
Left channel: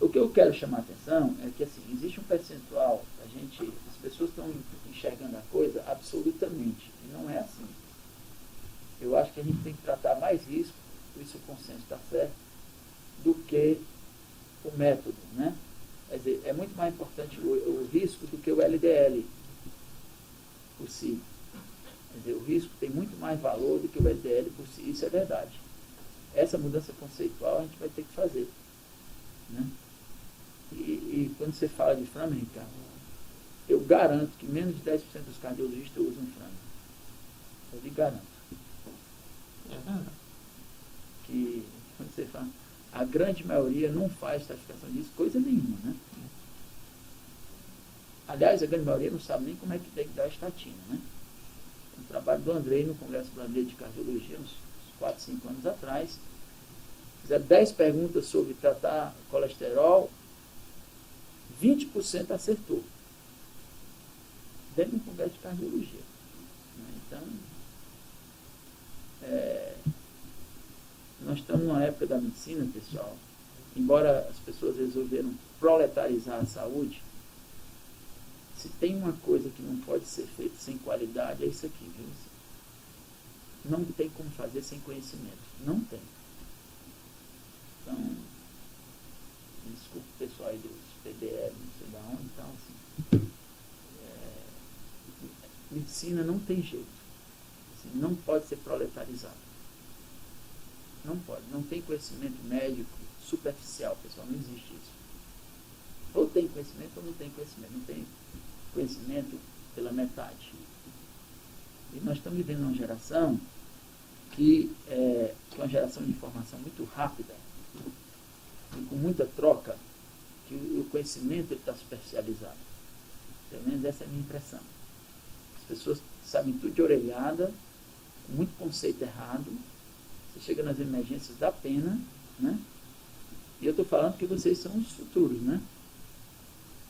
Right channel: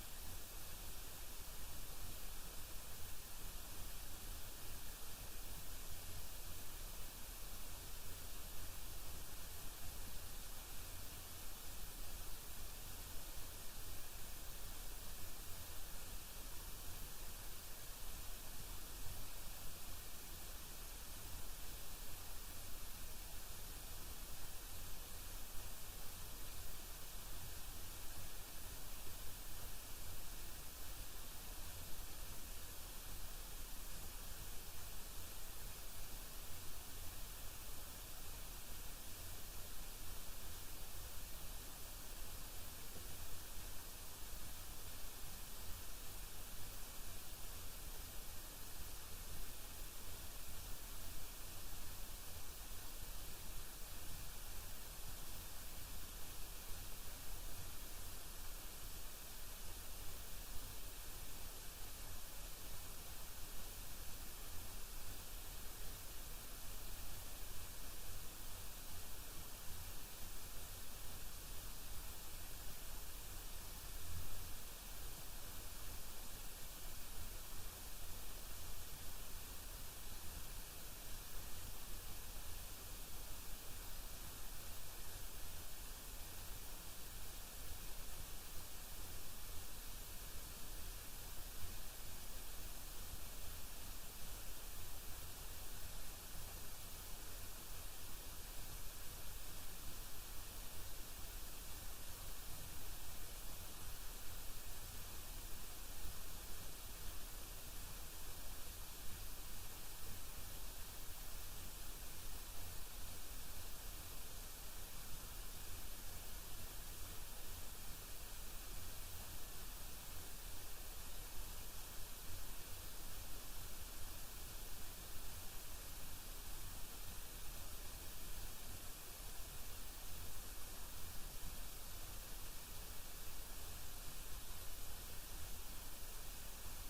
o que eu quero chamar a atenção é que assim, existe um percentual, as pessoas estão enxergando a coisa absolutamente, e não é assim. Eu acho que a gente tem que tratar mais risco, por isso o consenso está certo, do que o método, né? Quer dizer, é muito mais importante o risco do que o LDL por si. Quer dizer, o risco tem muito mais valor do que o LDL por si, isso é verdade. Essa mudança conceitual a gente vai ter que fazer, né? E quando você fala de Framingham, Ricardo, eu garanto que menos de 10% dos cardiologistas usam Framingham. Eu lhe garanto. Que quando você fala, a grande maioria não faz classificação disso, coisa nenhuma, né? Aliás, a grande maioria não sabe nem como é que tem que dar a estatina, né? O trabalho do Andrei no Congresso Brasileiro de Cardiologia, uns 4, 5 anos atrás, fizeram 10 perguntas sobre tratar colesterol, 20% acertou. Dentro de um congresso de cardiologia. Então, nós estamos numa época da medicina, pessoal, embora as pessoas resolveram proletarizar a saúde, se tem uma coisa que não pode ser feita sem qualidade, é isso aqui, viu? Não tem como fazer sem conhecimento. Não tem. Então, desculpa o pessoal aí dos PBL, não sei de onde, então, assim, medicina não tem jeito. Assim, não pode ser proletarizado. Não pode. Não tem conhecimento médico superficial, pessoal. Não existe isso. Ou tem conhecimento ou não tem conhecimento. Não tem conhecimento pela metade. E nós estamos vivendo uma geração que é uma geração de informação muito rápida e com muita troca, que o conhecimento está superficializado. Pelo menos essa é a minha impressão. As pessoas sabem tudo de orelhada, com muito conceito errado. Você chega nas emergências, dá pena, né? E eu estou falando que vocês são os futuros, né?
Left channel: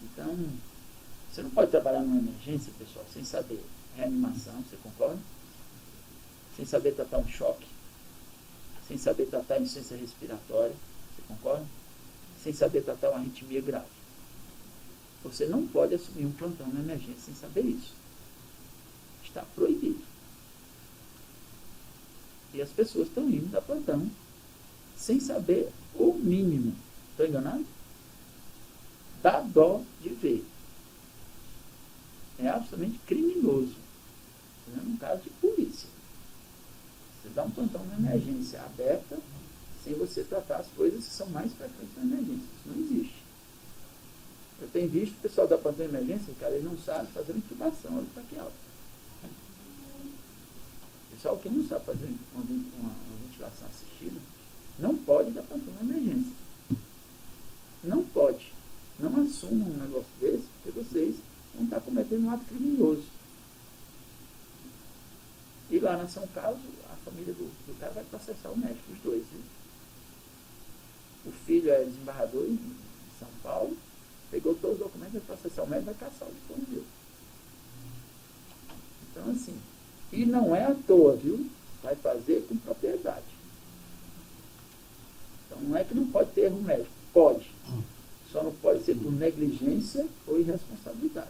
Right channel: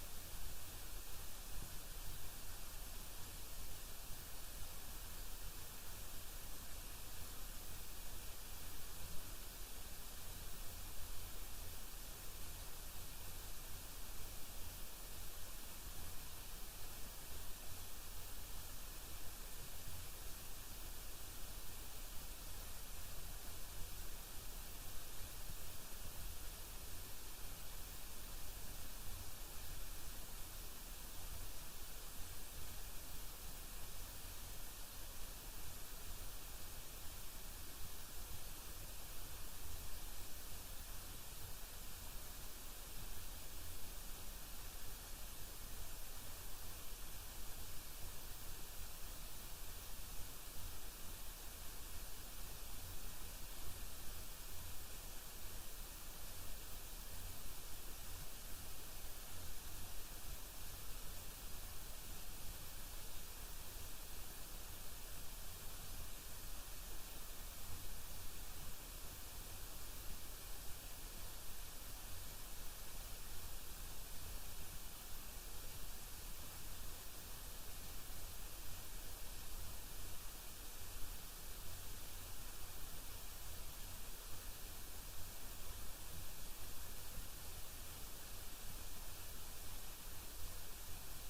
Então, você não pode trabalhar numa emergência, pessoal, sem saber reanimação, você concorda? Sem saber tratar um choque, sem saber tratar insuficiência respiratória, você concorda? Sem saber tratar uma arritmia grave. Você não pode assumir um plantão na emergência sem saber isso. Está proibido. E as pessoas estão indo a plantão sem saber o mínimo. Estou enganado? Dá dó de ver. É absolutamente criminoso. É um caso de polícia. Você dá um plantão na emergência aberta sem você tratar as coisas que são mais frequentes na emergência. Isso não existe. Eu tenho visto o pessoal da plantão de emergência, cara, ele não sabe fazer intubação, olha para que alto. O pessoal que não sabe fazer uma ventilação assistida não pode dar plantão na emergência. Não pode. Não assumam um negócio desse, porque vocês vão estar cometendo um ato criminoso. E lá na São Carlos, a família do cara vai processar o médico, os dois. Viu? O filho é desembargador em São Paulo, pegou todos os documentos, vai processar o médico e vai caçar o diploma dele. Então, assim, e não é à toa, viu? Vai fazer com propriedade. Então, não é que não pode ter erro médico. Pode. Só não pode ser por negligência ou irresponsabilidade.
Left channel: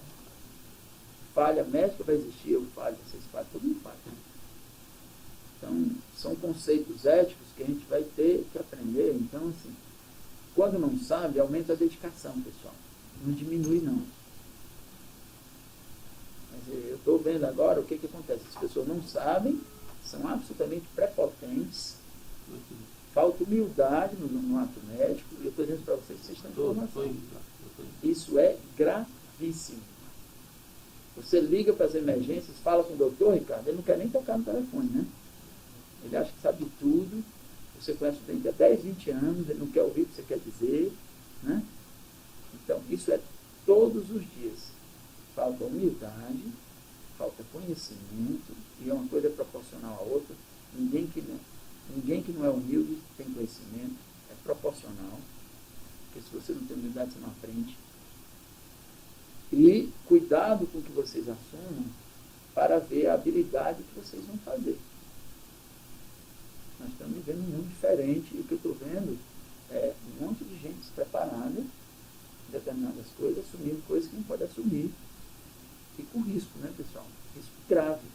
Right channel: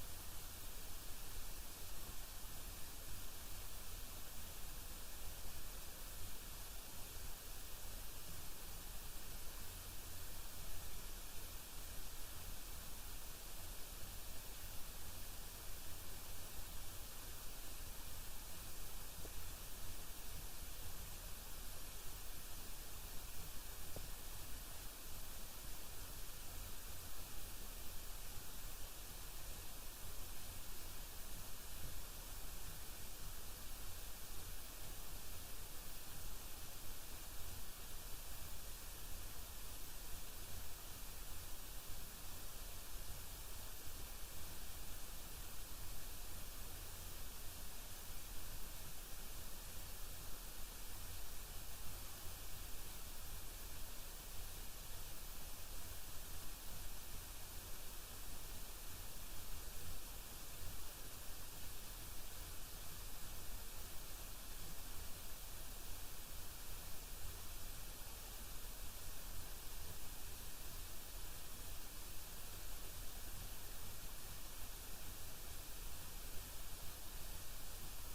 Falha médica vai existir, ou falha, vocês falham, todo mundo falha. Então, são conceitos éticos que a gente vai ter que aprender. Então, assim, quando não sabe, aumenta a dedicação, pessoal. Não diminui, não. Quer dizer, eu estou vendo agora o que acontece. As pessoas não sabem, são absolutamente prepotentes, falta humildade no ato médico, e eu estou dizendo para vocês que vocês estão em formação. Isso é gravíssimo. Você liga para as emergências, fala com o doutor, Ricardo, ele não quer nem tocar no telefone, né? Ele acha que sabe tudo, você conhece o cliente há 10, 20 anos, ele não quer ouvir o que você quer dizer, né? Então, isso é todos os dias. Falta humildade, falta conhecimento, e uma coisa é proporcional à outra. Ninguém que não é humilde tem conhecimento, é proporcional, porque se você não tem humildade, você não aprende. E cuidado com o que vocês assumam para ver a habilidade que vocês vão fazer. estamos vivendo um mundo diferente, e o que eu estou vendo é um monte de gente despreparada em determinadas coisas, assumindo coisas que não pode assumir, e com risco, né, pessoal? Risco grave.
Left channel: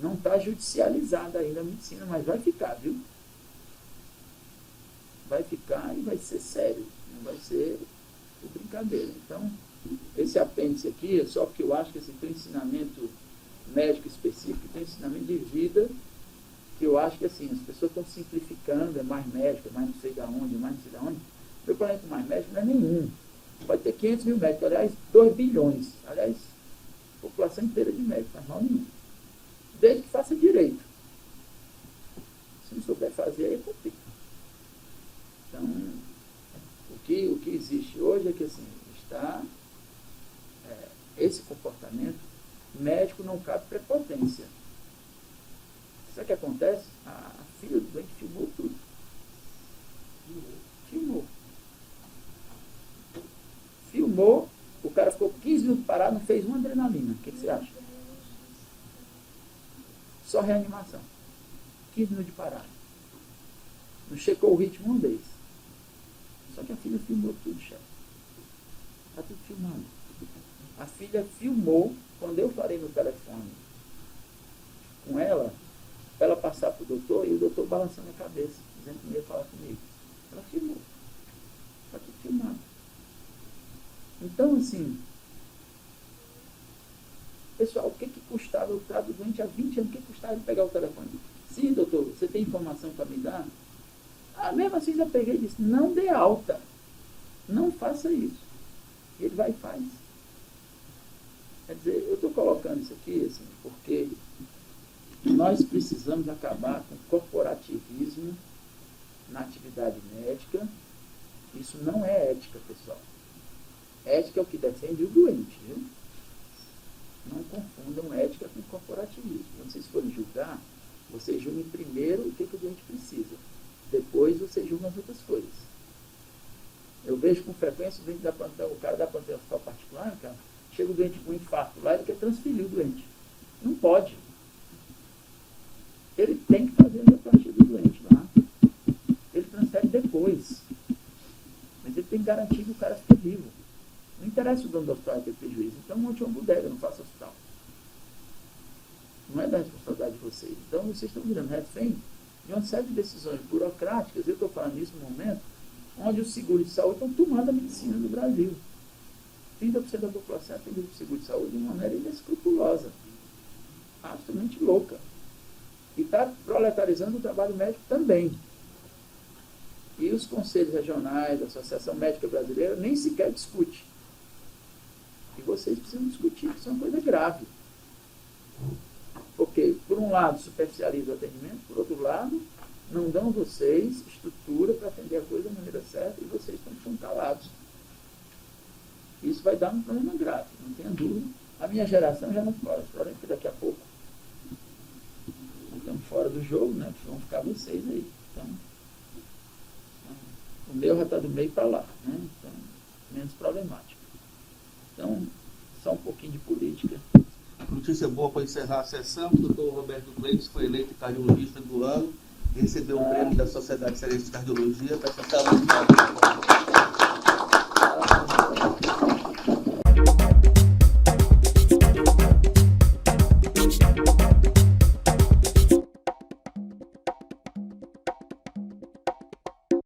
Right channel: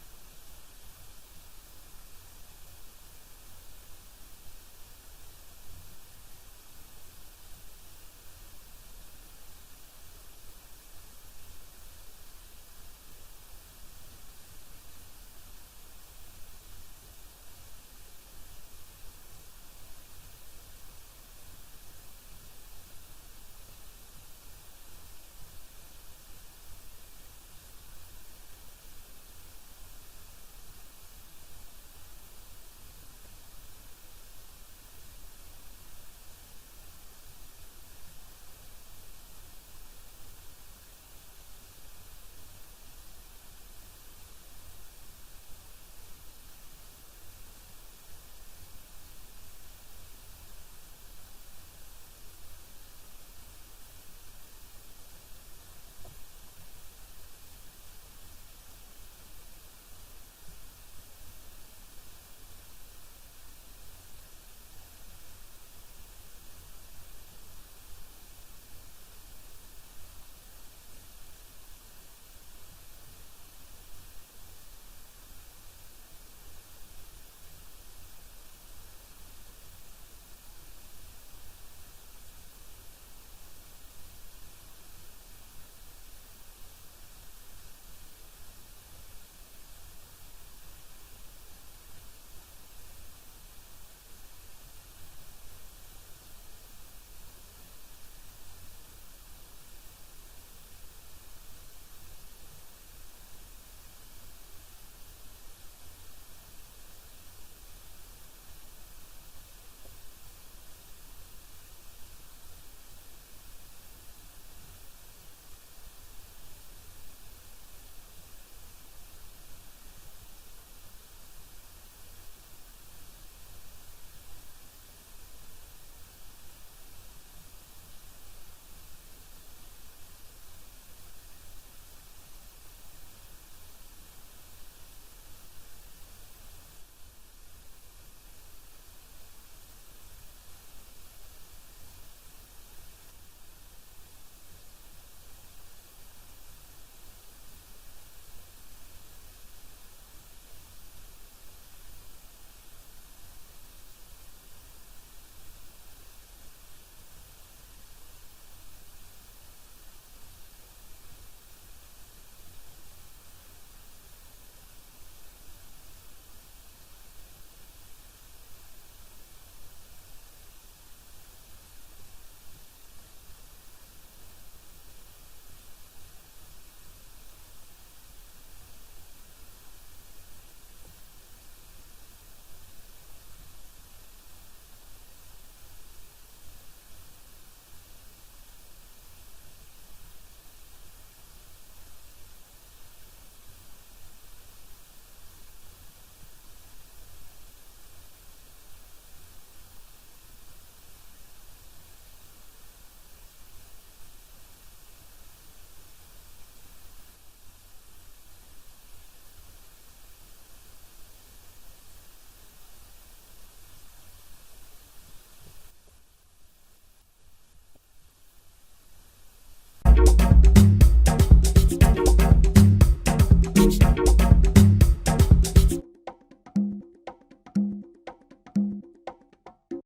Não está judicializada ainda a medicina, mas vai ficar, viu? Vai ficar e vai ser sério, não vai ser brincadeira. Então, esse apêndice aqui é só porque eu acho que esse tem ensinamento médico específico, tem ensinamento de vida, que eu acho que assim, as pessoas estão simplificando, é mais médico, é mais não sei de onde, mais não sei de onde. Meu problema com mais médico não é nenhum. Vai ter 500 mil médicos, aliás, 2 bilhões. Aliás, população inteira de médicos, não faz mal nenhum. Desde que faça direito. Se não souber fazer, aí complica. Então, o que existe hoje é que assim, está esse comportamento médico, não cabe prepotência. Sabe o que acontece? A filha do doente filmou tudo. Filmou, o cara ficou 15 minutos parado, não fez uma adrenalina. O que você acha? Só reanimação. 15 minutos de parada. Não checou o ritmo uma vez. Só que a filha filmou tudo, chefe. Está tudo filmado. A filha filmou, quando eu falei no telefone com ela passar para o doutor, e o doutor balançando a cabeça, dizendo que não ia falar comigo. Ela filmou. Está tudo filmado. Então, assim, pessoal, o que custava eu estar doente há 20 anos? O que custava ele pegar o telefone? Sim, doutor, você tem informação para me dar? Ah, mesmo assim já peguei e disse, não dê alta. Não faça isso. Ele vai e faz. Quer dizer, eu estou colocando isso aqui, assim, porque nós precisamos acabar com o corporativismo na atividade médica. Isso não é ética, pessoal. Ética é o que defende o doente, viu? Não confundam ética com corporativismo. Quando vocês forem julgar, vocês julguem primeiro o que o doente precisa. Depois vocês julgam as outras coisas. Eu vejo com frequência o doente da plantão, o cara da plantão particular, cara, chega o doente com um infarto lá, ele quer transferir o doente. Não pode. Ele tem que fazer a neoplastia do doente lá. Ele transfere depois. Mas ele tem que garantir que o cara fique vivo. Não interessa o dono do hospital ter prejuízo. Então monte uma bodega, não faça hospital. Não é da responsabilidade de vocês. Então vocês estão virando refém de uma série de decisões burocráticas. Eu estou falando isso no momento onde os seguros de saúde estão tomando a medicina do Brasil. 30% da população tem seguro de saúde de uma maneira inescrupulosa. Absolutamente louca. E está proletarizando o trabalho médico também. E os conselhos regionais, a Associação Médica Brasileira, nem sequer discute. E vocês precisam discutir, isso é uma coisa grave. Porque, por um lado, superficializa o atendimento, por outro lado, não dão vocês estrutura para atender a coisa da maneira certa e vocês estão calados. Isso vai dar um problema grave, não tenha dúvida. A minha geração já não fora, porque daqui a pouco estamos fora do jogo, né? Vão ficar vocês aí. Então, o meu já está do meio para lá, né? Então, menos problemático. Então, só um pouquinho de política. Notícia boa para encerrar a sessão. O doutor Roberto Cleiton foi eleito cardiologista do ano e recebeu o prêmio da Sociedade Cearense de Cardiologia para essa sala de